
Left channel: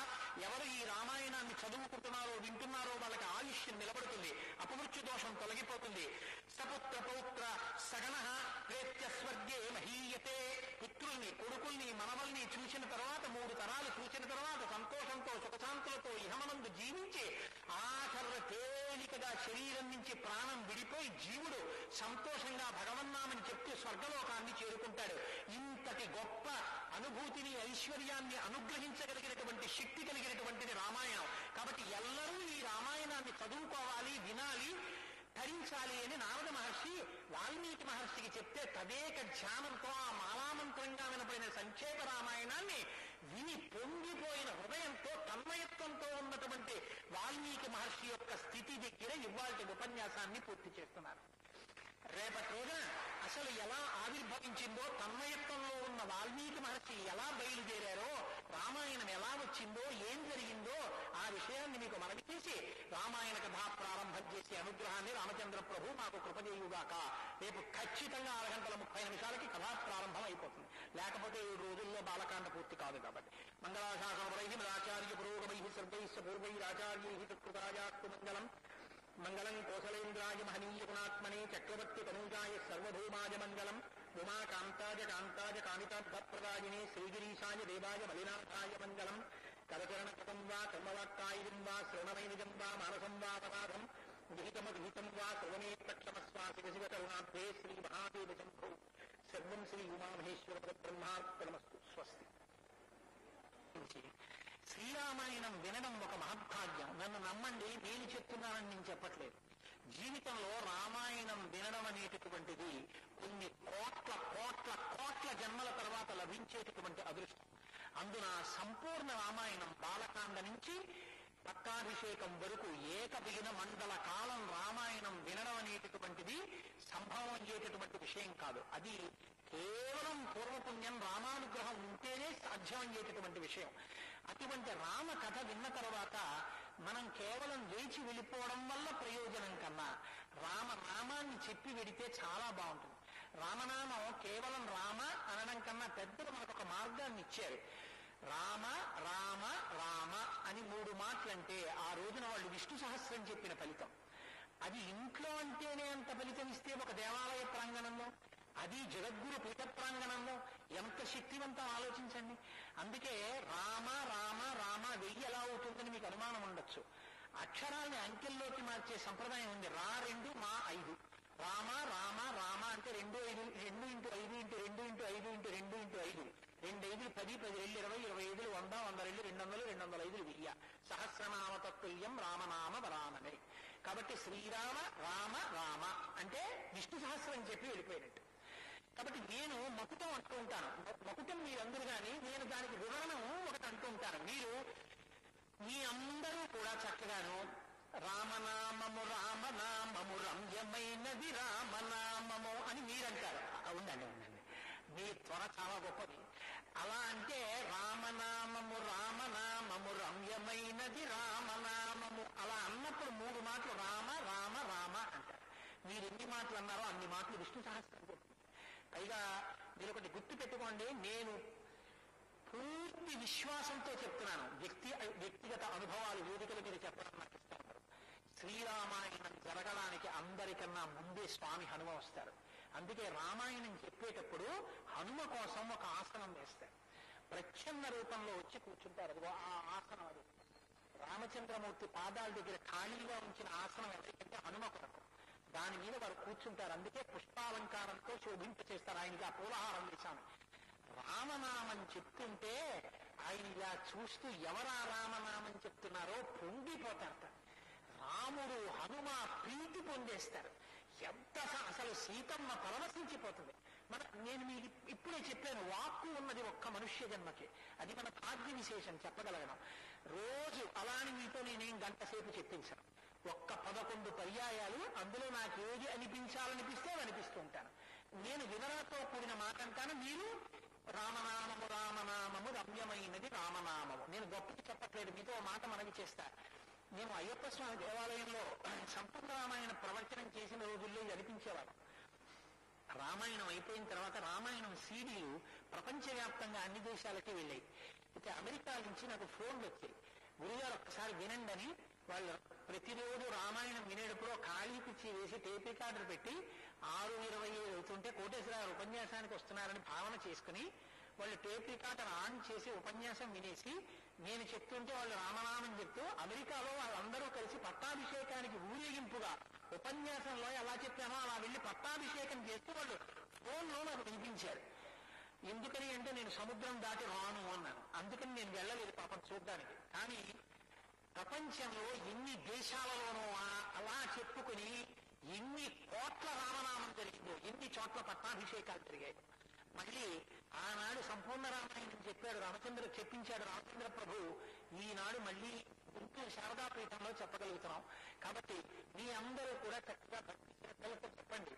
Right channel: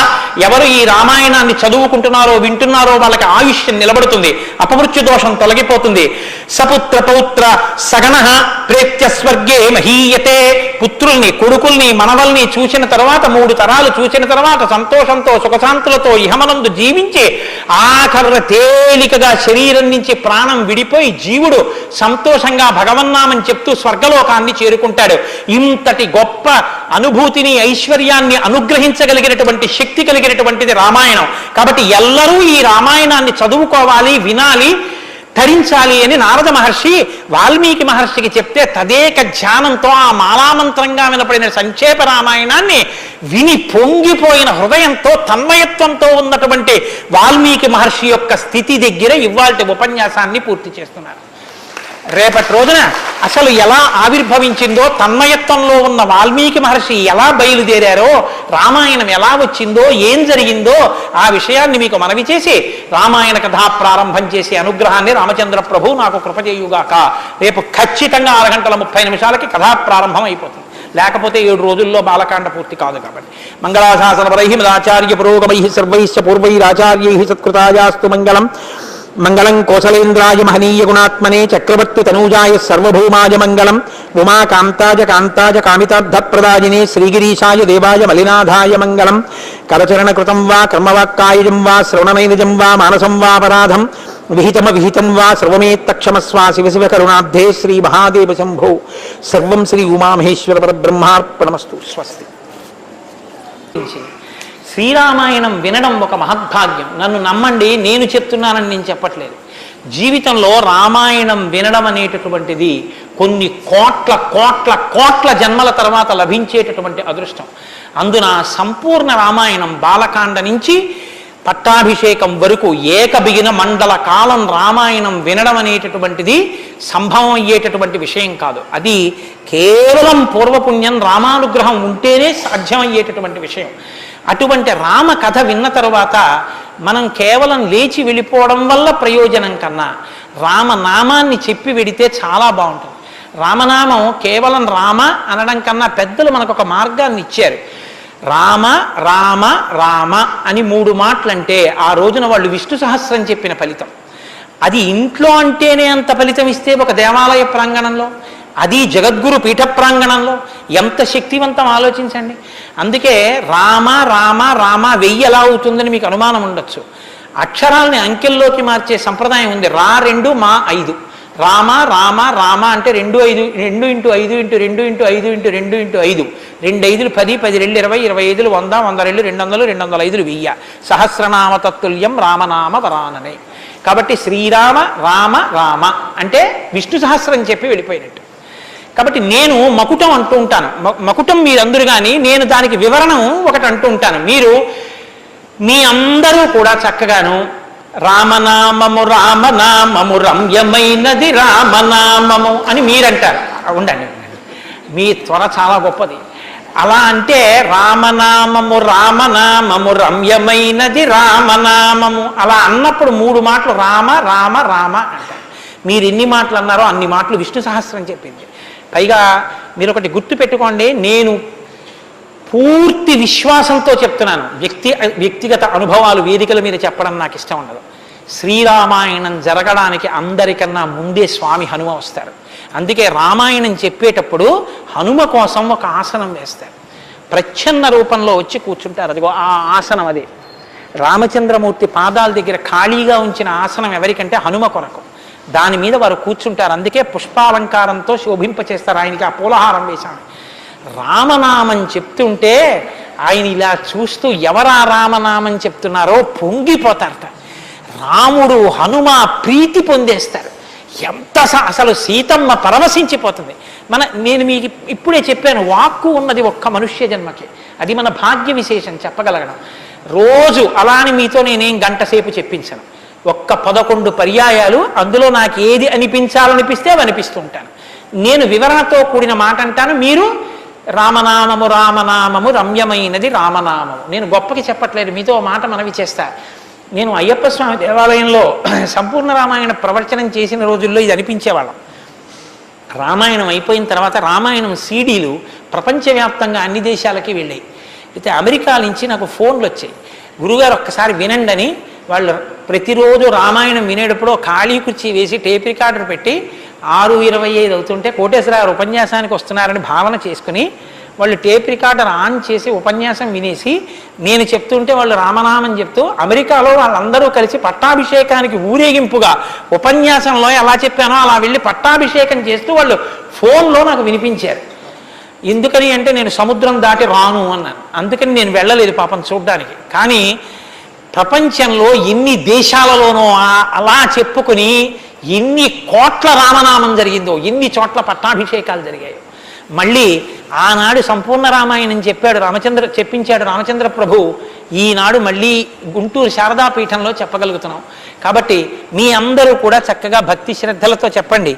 ఎవరు ఈ రామాయణాన్ని చదువుకుంటున్నారో వింటున్నారో వాళ్ళకి ఆయుష్యం నిలబడుతుంది, అపమృత్యు దోషం తొలగిపోతుంది. సపుత్ర పౌత్ర సగణః ప్రేత్య స్వర్గే మహీయతే. పుత్రుల్ని, కొడుకుల్ని, మనవల్ని చూసిన తర్వాత 3 తరాలు చూసిన తర్వాత సంతోషంతో సుఖశాంతులతో ఇహమనందు జీవించి ఆఖర తేలికగా శరీరం నుంచి ప్రాణం విడిపోయి జీవుడు సంతోషంగా భగవన్నామని చెప్తూ స్వర్గలోకాన్ని చేరుకుంటాడు. ఇంతటి గొప్ప అనుభూతిని, ఐశ్వర్యాన్ని అనుగ్రహించగలిగినటువంటి శక్తి కలిగినటువంటిది రామాయణం. కాబట్టి ఎల్లరూ ఈ రామాయణాన్ని చదువుకోవాలి, వినాలి, ధరించాలి అని నారద మహర్షి వాల్మీకి మహర్షికి చెప్తే తదేక ధ్యానంతో ఆ మాలామంత్రంగా వినపడిన సంక్షేప రామాయణాన్ని విని పొంగిపోయిన హృదయంతో తన్మయత్వంతో ఉన్నటువంటి వాల్మీకి మహర్షి యొక్క స్థితి దగ్గర ఇవాల్టి ఉపన్యాసాన్ని పూర్తి చేస్తున్నారు. రేపటి రోజున అసలు ఎలా ఆవిర్భవించిందో, తన్మయత్వంలో ఉన్న వాల్మీకి మహర్షి ఎలా బయలుదేరారో, రామాయణం ఎలా వచ్చిందో, ఏం జరిగిందో ఆ విషయాన్ని మీకు మనవి చేసి రామాయణ కథా ప్రారంభం చేసే అనుగ్రహాన్ని రామచంద్ర ప్రభు నాకు కృప చేయుగాక. రేపు ఖచ్చితంగా 6:30 కథా ప్రారంభం అయిపోతుంది. లేకపోతే 7 రోజుల్లో బాలకాండ పూర్తి కాదు. కాబట్టి మంగళాశాసనపరై మదాచార్య పురోగమై సర్వైశ్చ పూర్వైరాచార్యై సత్కృతాయాస్తు మంగళం. మంగళం కోసలేంద్రాయ మహనీయ గుణాత్మనే చక్రవర్తి తనూజాయ సర్వభౌమాయ మంగళం. ఉమాకాంతాయ కాంతాయ కామితార్థప్రదాయినే శ్రీగిరీశాయ దేవాయ మలినాథాయ మంగళం. కరచరణకృతం వా కర్మవాక్కాయజం వా శ్రవణనైనజం వా మానసం వాపరాధం విహితం వా సర్వమేత్తక్షమస్వా శివ శివ కరుణాబ్ధే శ్రీ మహాదేవ శంభో. సర్వం శ్రీ ఉమామహేశ్వర పరబ్రహ్మార్పణమస్తు. స్వస్తి. శ్రీరామాయణం వినడం ఒక మహద్భాగ్యం. నన్ను నమ్మండి, నేను చెప్తున్నానని నేను చెప్పట్లేదు. జీవితంలో రామాయణం వినడం అనేటటువంటిది కొన్ని కోట్ల కోట్ల కోట్ల జన్మల తర్వాత లభించేటటువంటి అదృష్టం. అందున సంపూర్ణ రామాయణం బాలకాండ నుంచి పట్టాభిషేకం వరకు ఏకబిగిన మండల కాలం రామాయణం వినడం అనేటటువంటిది సంభవం అయ్యేటటువంటి విషయం కాదు. అది కేవలం పూర్వపుణ్యం, రామానుగ్రహం ఉంటేనే సాధ్యమయ్యేటటువంటి విషయం. అటువంటి రామ కథ విన్న తరువాత మనం కేవలం లేచి వెళ్ళిపోవడం వల్ల ప్రయోజనం కన్నా రామనామాన్ని చెప్పి వెడితే చాలా బాగుంటుంది. రామనామం కేవలం రామ అనడం కన్నా పెద్దలు మనకు ఒక మార్గాన్ని ఇచ్చారు. రామ రామ రామ అని 3 మాటలంటే ఆ రోజున వాళ్ళు విష్ణు సహస్రం చెప్పిన ఫలితం. అది ఇంట్లో అంటేనే అంత ఫలితం ఇస్తే ఒక దేవాలయ ప్రాంగణంలో, అది జగద్గురు పీఠ ప్రాంగణంలో ఎంత శక్తివంతం ఆలోచించండి. అందుకే రామ రామ రామ 1000 ఎలా అవుతుందని మీకు అనుమానం ఉండొచ్చు. అక్షరాలని అంకెల్లోకి మార్చే సంప్రదాయం ఉంది. 2 మా 5. రామ రామ రామ అంటే 2 5 2 × 5 × 2 × 5 × 2 × 5 2 5 10 10 2 20 20 100 100 2 200 205 1000 సహస్రనామ తత్తుల్యం రామనామ వరాననే. కాబట్టి శ్రీరామ రామ రామ అంటే విష్ణు సహస్రం చెప్పి వెళ్ళిపోయినట్టు. కాబట్టి నేను మకుటం అంటూ ఉంటాను. మకుటం మీరందరూ కానీ నేను దానికి వివరణం ఒకటి అంటూ ఉంటాను. మీరు మీ అందరూ కూడా చక్కగాను రామనామము రామనామము రమ్యమైనది రామనామము అని మీరంటారు. ఉండండి, మీ త్వర చాలా గొప్పది. అలా అంటే రామనామము రామనామము రమ్యమైనది రామనామము అలా అన్నప్పుడు 3 మాటలు రామ రామ రామ అంటారు. మీరు ఎన్ని మాటలు అన్నారో అన్ని మాటలు విష్ణు సహస్రం చెప్పింది. పైగా మీరు ఒకటి గుర్తు పెట్టుకోండి, నేను పూర్తి విశ్వాసంతో చెప్తున్నాను. వ్యక్తిగత అనుభవాలు వేదికల మీద చెప్పడం నాకు ఇష్టం ఉండదు. శ్రీరామాయణం జరగడానికి అందరికన్నా ముందే స్వామి హనుమ వస్తారు. అందుకే రామాయణం చెప్పేటప్పుడు హనుమ కోసం ఒక ఆసనం వేస్తారు. ప్రచ్ఛన్న రూపంలో వచ్చి కూర్చుంటారు. అదిగో ఆ ఆసనం అదే. రామచంద్రమూర్తి పాదాల దగ్గర ఖాళీగా ఉంచిన ఆసనం ఎవరికంటే హనుమ కొరకు. దాని మీద వారు కూర్చుంటారు. అందుకే పుష్పాలంకారంతో శోభింపచేస్తారు. ఆయనకి ఆ పూలహారం వేశాను. రామనామం చెప్తుంటే ఆయన ఇలా చూస్తూ ఎవరా రామనామం చెప్తున్నారో పొంగిపోతారట. రాముడు హనుమ ప్రీతి పొందేస్తారు. ఎంత అసలు సీతమ్మ పరవశించిపోతుంది. నేను మీకు ఇప్పుడే చెప్పాను, వాక్కు ఉన్నది ఒక్క మనుష్య జన్మకి. అది మన భాగ్య విశేషం చెప్పగలగడం. రోజు అలాని మీతో నేనేం గంట సేపు చెప్పించను. ఒక్క 11 పర్యాయాలు అందులో నాకు ఏది అనిపించాలనిపిస్తే అవి అనిపిస్తూ ఉంటాను. నేను వివరణతో కూడిన మాట అంటాను, మీరు రామనామము రామనామము రమ్యమైనది రామనామము. నేను గొప్పకి చెప్పట్లేదు, మీతో మాట మనవి చేస్తా. నేను అయ్యప్ప స్వామి దేవాలయంలో సంపూర్ణ రామాయణ ప్రవచనం చేసిన రోజుల్లో ఇది అనిపించేవాళ్ళం. రామాయణం అయిపోయిన తర్వాత రామాయణం సీడీలు ప్రపంచవ్యాప్తంగా అన్ని దేశాలకి వెళ్ళాయి. అయితే అమెరికా నుంచి నాకు ఫోన్లు వచ్చాయి, గురుగారు ఒక్కసారి వినండి అని. వాళ్ళు ప్రతిరోజు రామాయణం వినేటప్పుడు ఖాళీ కుర్చీ వేసి టేప్ రికార్డర్ పెట్టి 6:25 అవుతుంటే కోటేశ్వరరావు ఉపన్యాసానికి వస్తున్నారని భావన చేసుకుని వాళ్ళు టేప్ రికార్డర్ ఆన్ చేసి ఉపన్యాసం వినేసి నేను చెప్తుంటే వాళ్ళు రామనామం చెప్తూ అమెరికాలో వాళ్ళందరూ కలిసి పట్టాభిషేకానికి ఊరేగింపుగా ఉపన్యాసంలో ఎలా చెప్పానో అలా వెళ్ళి పట్టాభిషేకం చేస్తూ వాళ్ళు ఫోన్లో నాకు వినిపించారు. ఎందుకని అంటే నేను సముద్రం దాటి రాను అన్నాను. అందుకని నేను వెళ్ళలేదు పాపం చూడ్డానికి. కానీ ప్రపంచంలో ఎన్ని దేశాలలోనో అలా చెప్పుకుని ఎన్ని కోట్ల రామనామం జరిగిందో, ఎన్ని చోట్ల పట్టాభిషేకాలు జరిగాయో. మళ్ళీ ఆనాడు సంపూర్ణ రామాయణం చెప్పించాడు రామచంద్ర ప్రభు. ఈనాడు మళ్ళీ గుంటూరు శారదాపీఠంలో చెప్పగలుగుతున్నాం. కాబట్టి మీ అందరూ కూడా చక్కగా భక్తి శ్రద్ధలతో చెప్పండి.